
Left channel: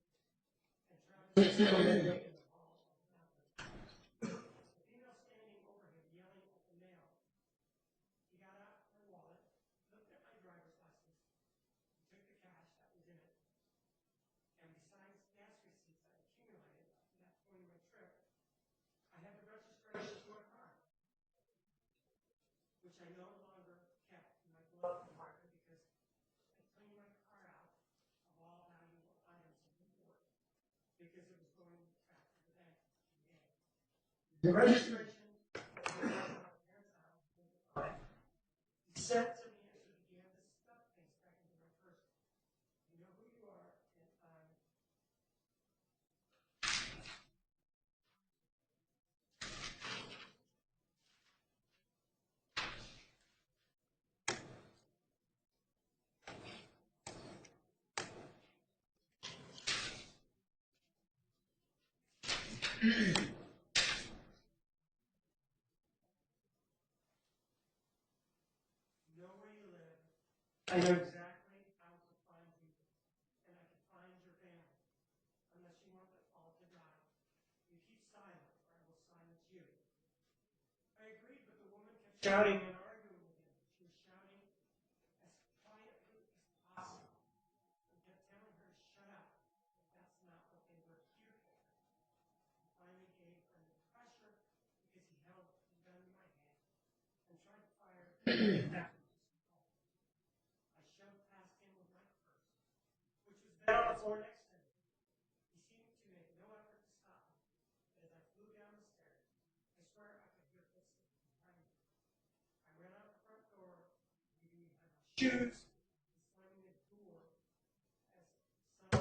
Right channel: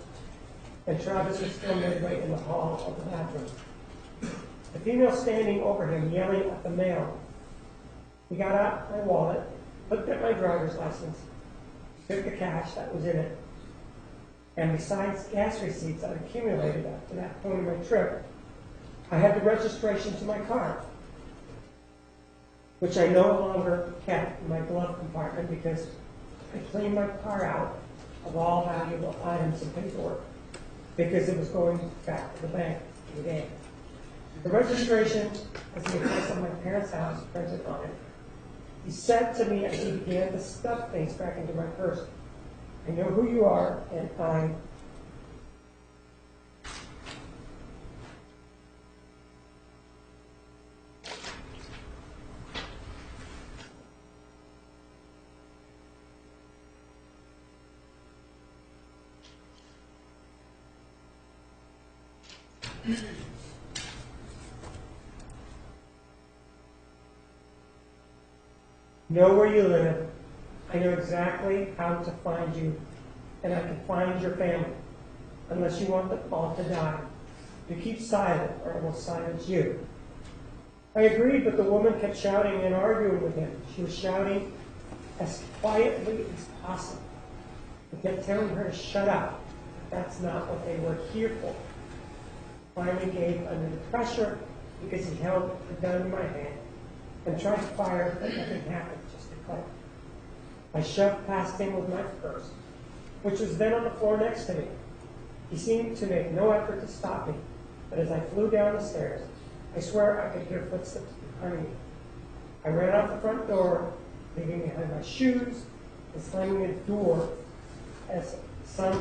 and Travis was still midway in the hall of the bathroom. The female standing over him, yelling at the male. He got out my wallet, looked at my driver's license, took the cash that was in it, and besides gas receipts I'd accumulated up to that point of my trip, I had the registration to my car, which I no longer kept in my glove compartment because I cleaned my car out of all valuable items and paperwork because it was going back to the bank today. The registration has the address of my parents' house printed on it. He said to me as he began to stuff things back into my purse, "I know who you are, and I..." Know where you live. I know exactly how to find you, and I can find your family, unless you want them all to die. You keep silent, or I will silence you. I agreed, but the woman kept shouting and arguing with him. She was shouting as quietly as possible. He kept telling her to shut up. That's not what they were here for. Finally gave under the pressure because he held the gun in my hand and tried to fire, but nothing happened, just a click. I shoved past him with my purse, which was then on the floor next to me. He seemed to make no effort to stop me, but as I flew down the stairs, I swear I could hear footsteps behind me. I ran out the front door, leaving behind my shoes and slamming the door as some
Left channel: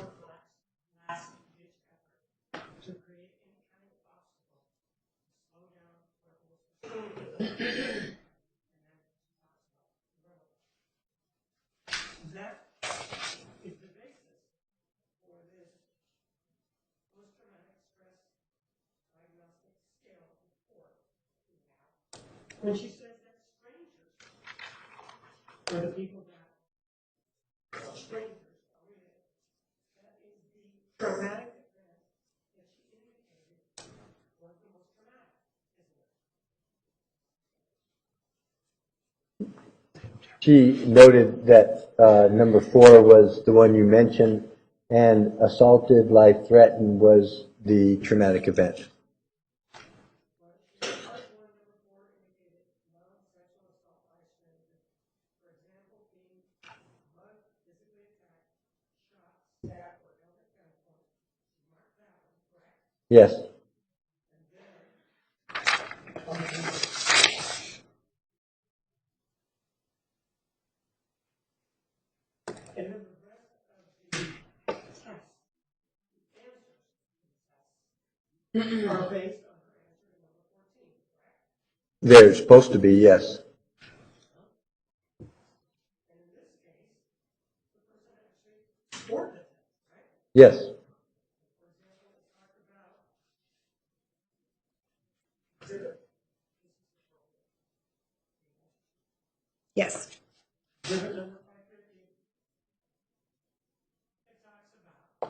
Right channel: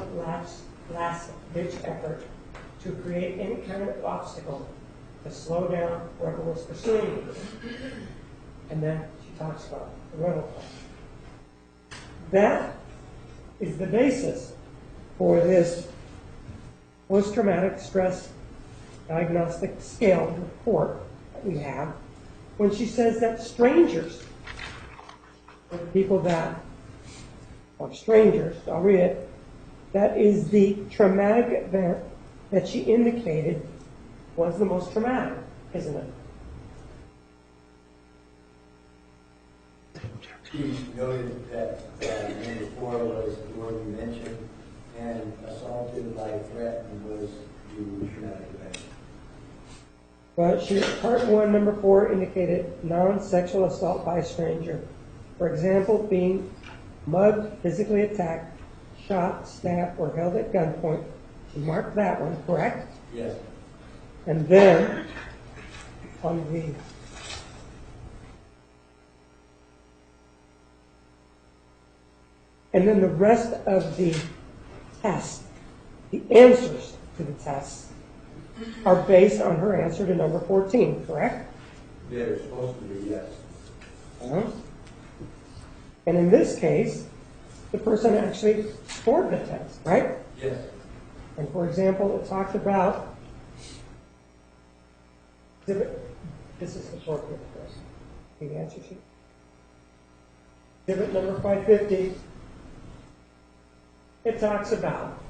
last-ditch effort to create any kind of obstacle to slow down whoever was pursuing me. And then she talks about the rental car. That is the basis for this post-traumatic stress diagnostic scale report that we have when she says that strangers, or the people that are strangers, I'll read it, that is the traumatic event that she indicated was the most traumatic, isn't it? She noted that number 4 was the one you mentioned, and assaulted, life threatened was the traumatic event. Well, part 1, number 4 indicated non-sexual assault by a stranger. For example, being mugged, physically attacked, shot, stabbed, or held at gunpoint. She marked that one, correct? Yes. And then, the rest of the test, the answers to the tests, are based on her answer to number 14, correct? They're supposed to be, yes. And in this case, the person actually scored the test, right? Yes. And for example, it talks about exhibit. This is the short bit for us. The answer sheet. Yes. Exhibit number 550. It talks about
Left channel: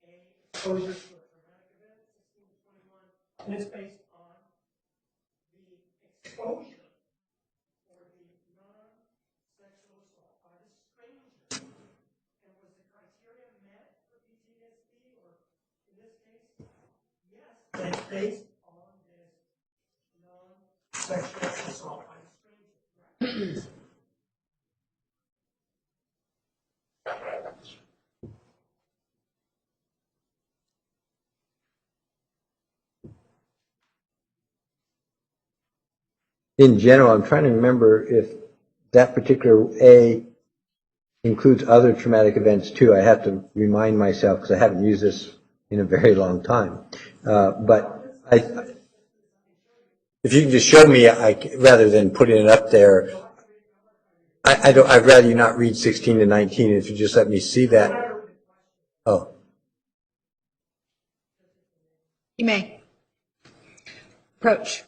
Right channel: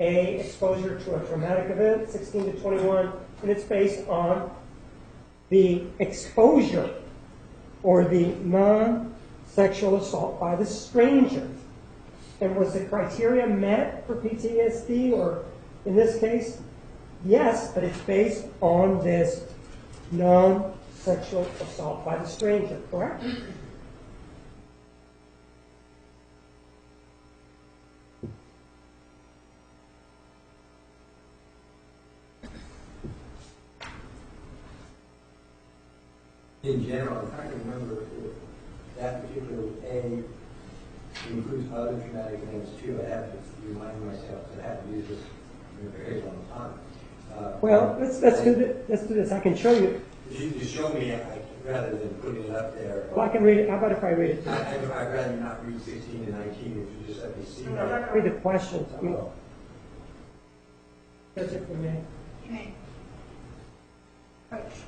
A, exposure to a traumatic event, 16 to 21, and it's based on the exposure or the non-sexual assault by the stranger. And was the criteria met for PTSD, or in this case, yes, but it's based on this non-sexual assault by the stranger, correct? In general, I'm trying to remember if that particular A includes other traumatic events too. I have to remind myself because I haven't used this in a very long time. Well, let's do this. I can show you. If you can just show me, rather than putting it up there. Well, I can read it. How about if I read it? I'd rather you not read 16 to 19. If you just let me see I'm that. not going to read the questions. Oh. That's it for me. You may. Approach.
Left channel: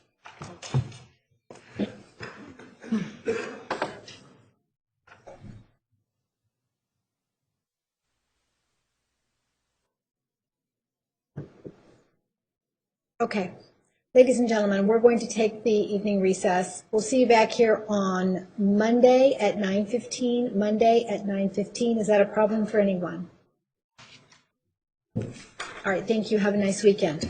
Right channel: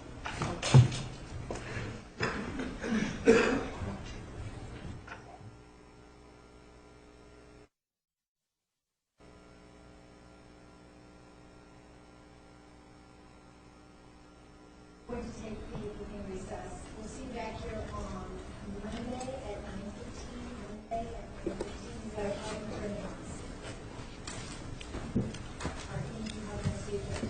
Okay. Ladies and gentlemen, we're going to take the evening recess. We'll see you back here on Monday at 9:15. Monday at 9:15. Is that a problem for anyone? All right. Thank you. Have a nice weekend.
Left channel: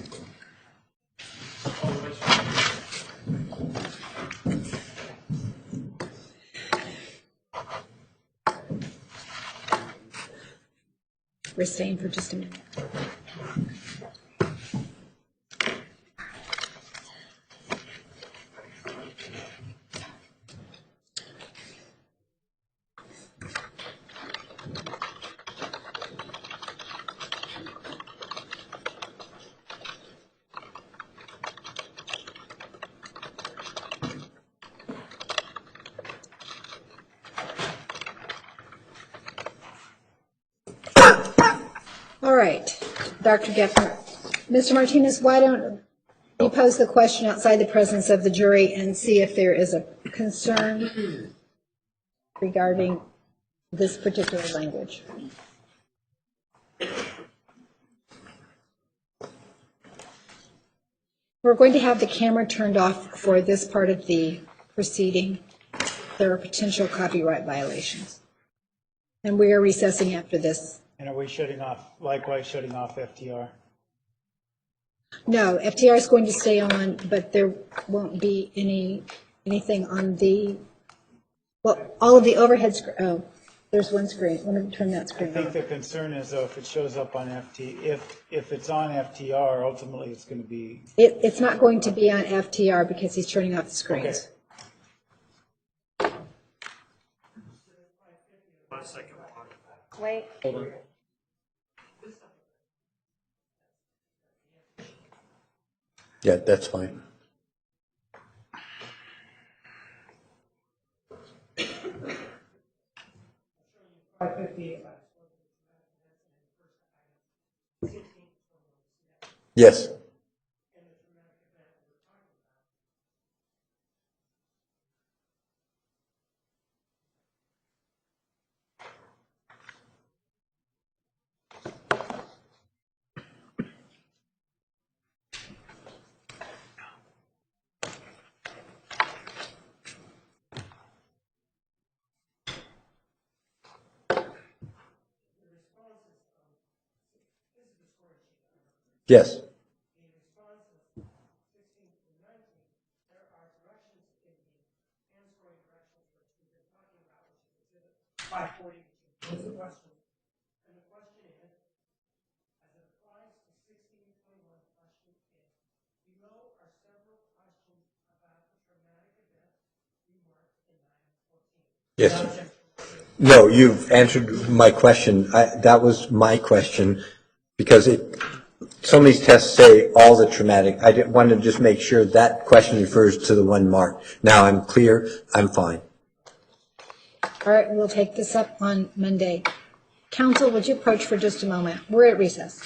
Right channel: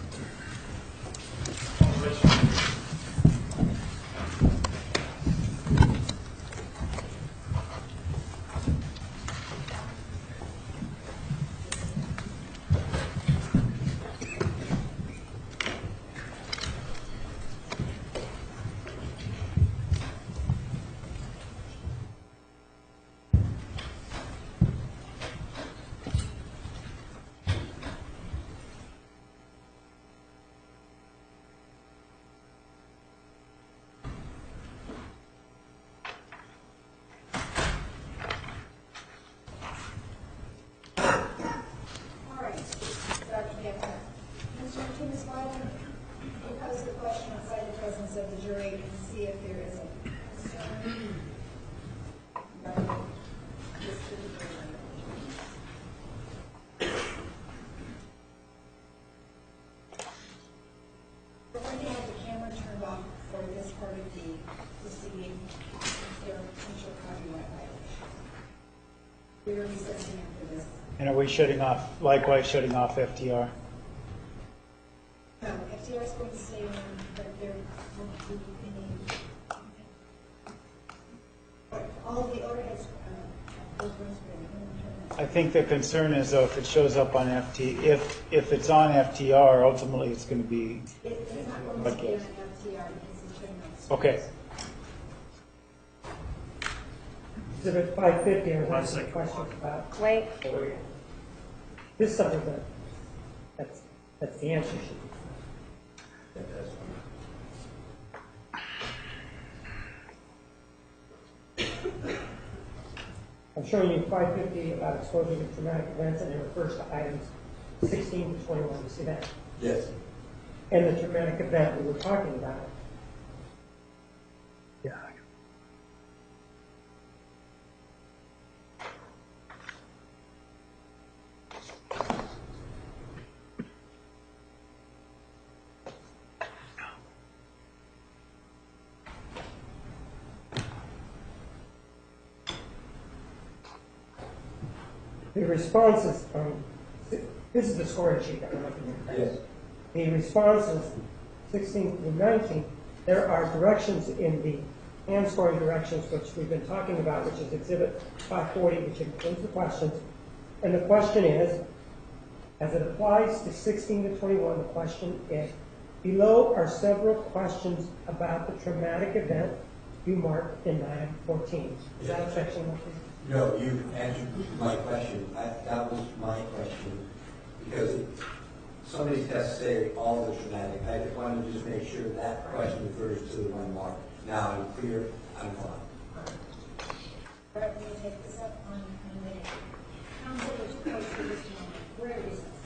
We're staying for just a minute. All right, Dr. Geffner. Mr. Martinez, why don't you pose the question outside the presence of the jury and see if there is a concern regarding this particular language. We're going to have the camera turned off for this part of the proceeding. There are potential copyright violations. And we are recessing after this. And are we likewise shutting off FTR? No, FTR is going to stay on, but there won't be anything on the, well, all of the overhead, there's one screen. Let me turn that I screen think off. the concern is though, if it shows up on if it's on FTR, ultimately it's going to be, It's not going to be on FTR because he's turning off the screens. okay. Exhibit 550, I One was asking a second. question about. Wait, This doesn't, that's the answer sheet. Yeah, that's fine. I'm showing you 550 about exposure to traumatic events, and it refers to items 16 to 21. You see that? Yes. And the traumatic event we were talking about. The responses, this is the scoring sheet that we're looking at. Yes. The responses, 16 through 19, there are directions in the hand scoring directions, which we've been talking about, which is Exhibit 540, which includes the questions. And the question is, as it applies to 16 to 21, the question is, below are several questions about the traumatic event you marked in item 14. Yes, Not sir. section 1. No, you've answered my question. That was my question, because some of these tests say all the traumatic. I wanted to just make sure that question refers to the one marked. Now I'm clear, I'm fine. All right, we'll take this up on Monday. Counsel, would you approach for just a moment? We're at recess.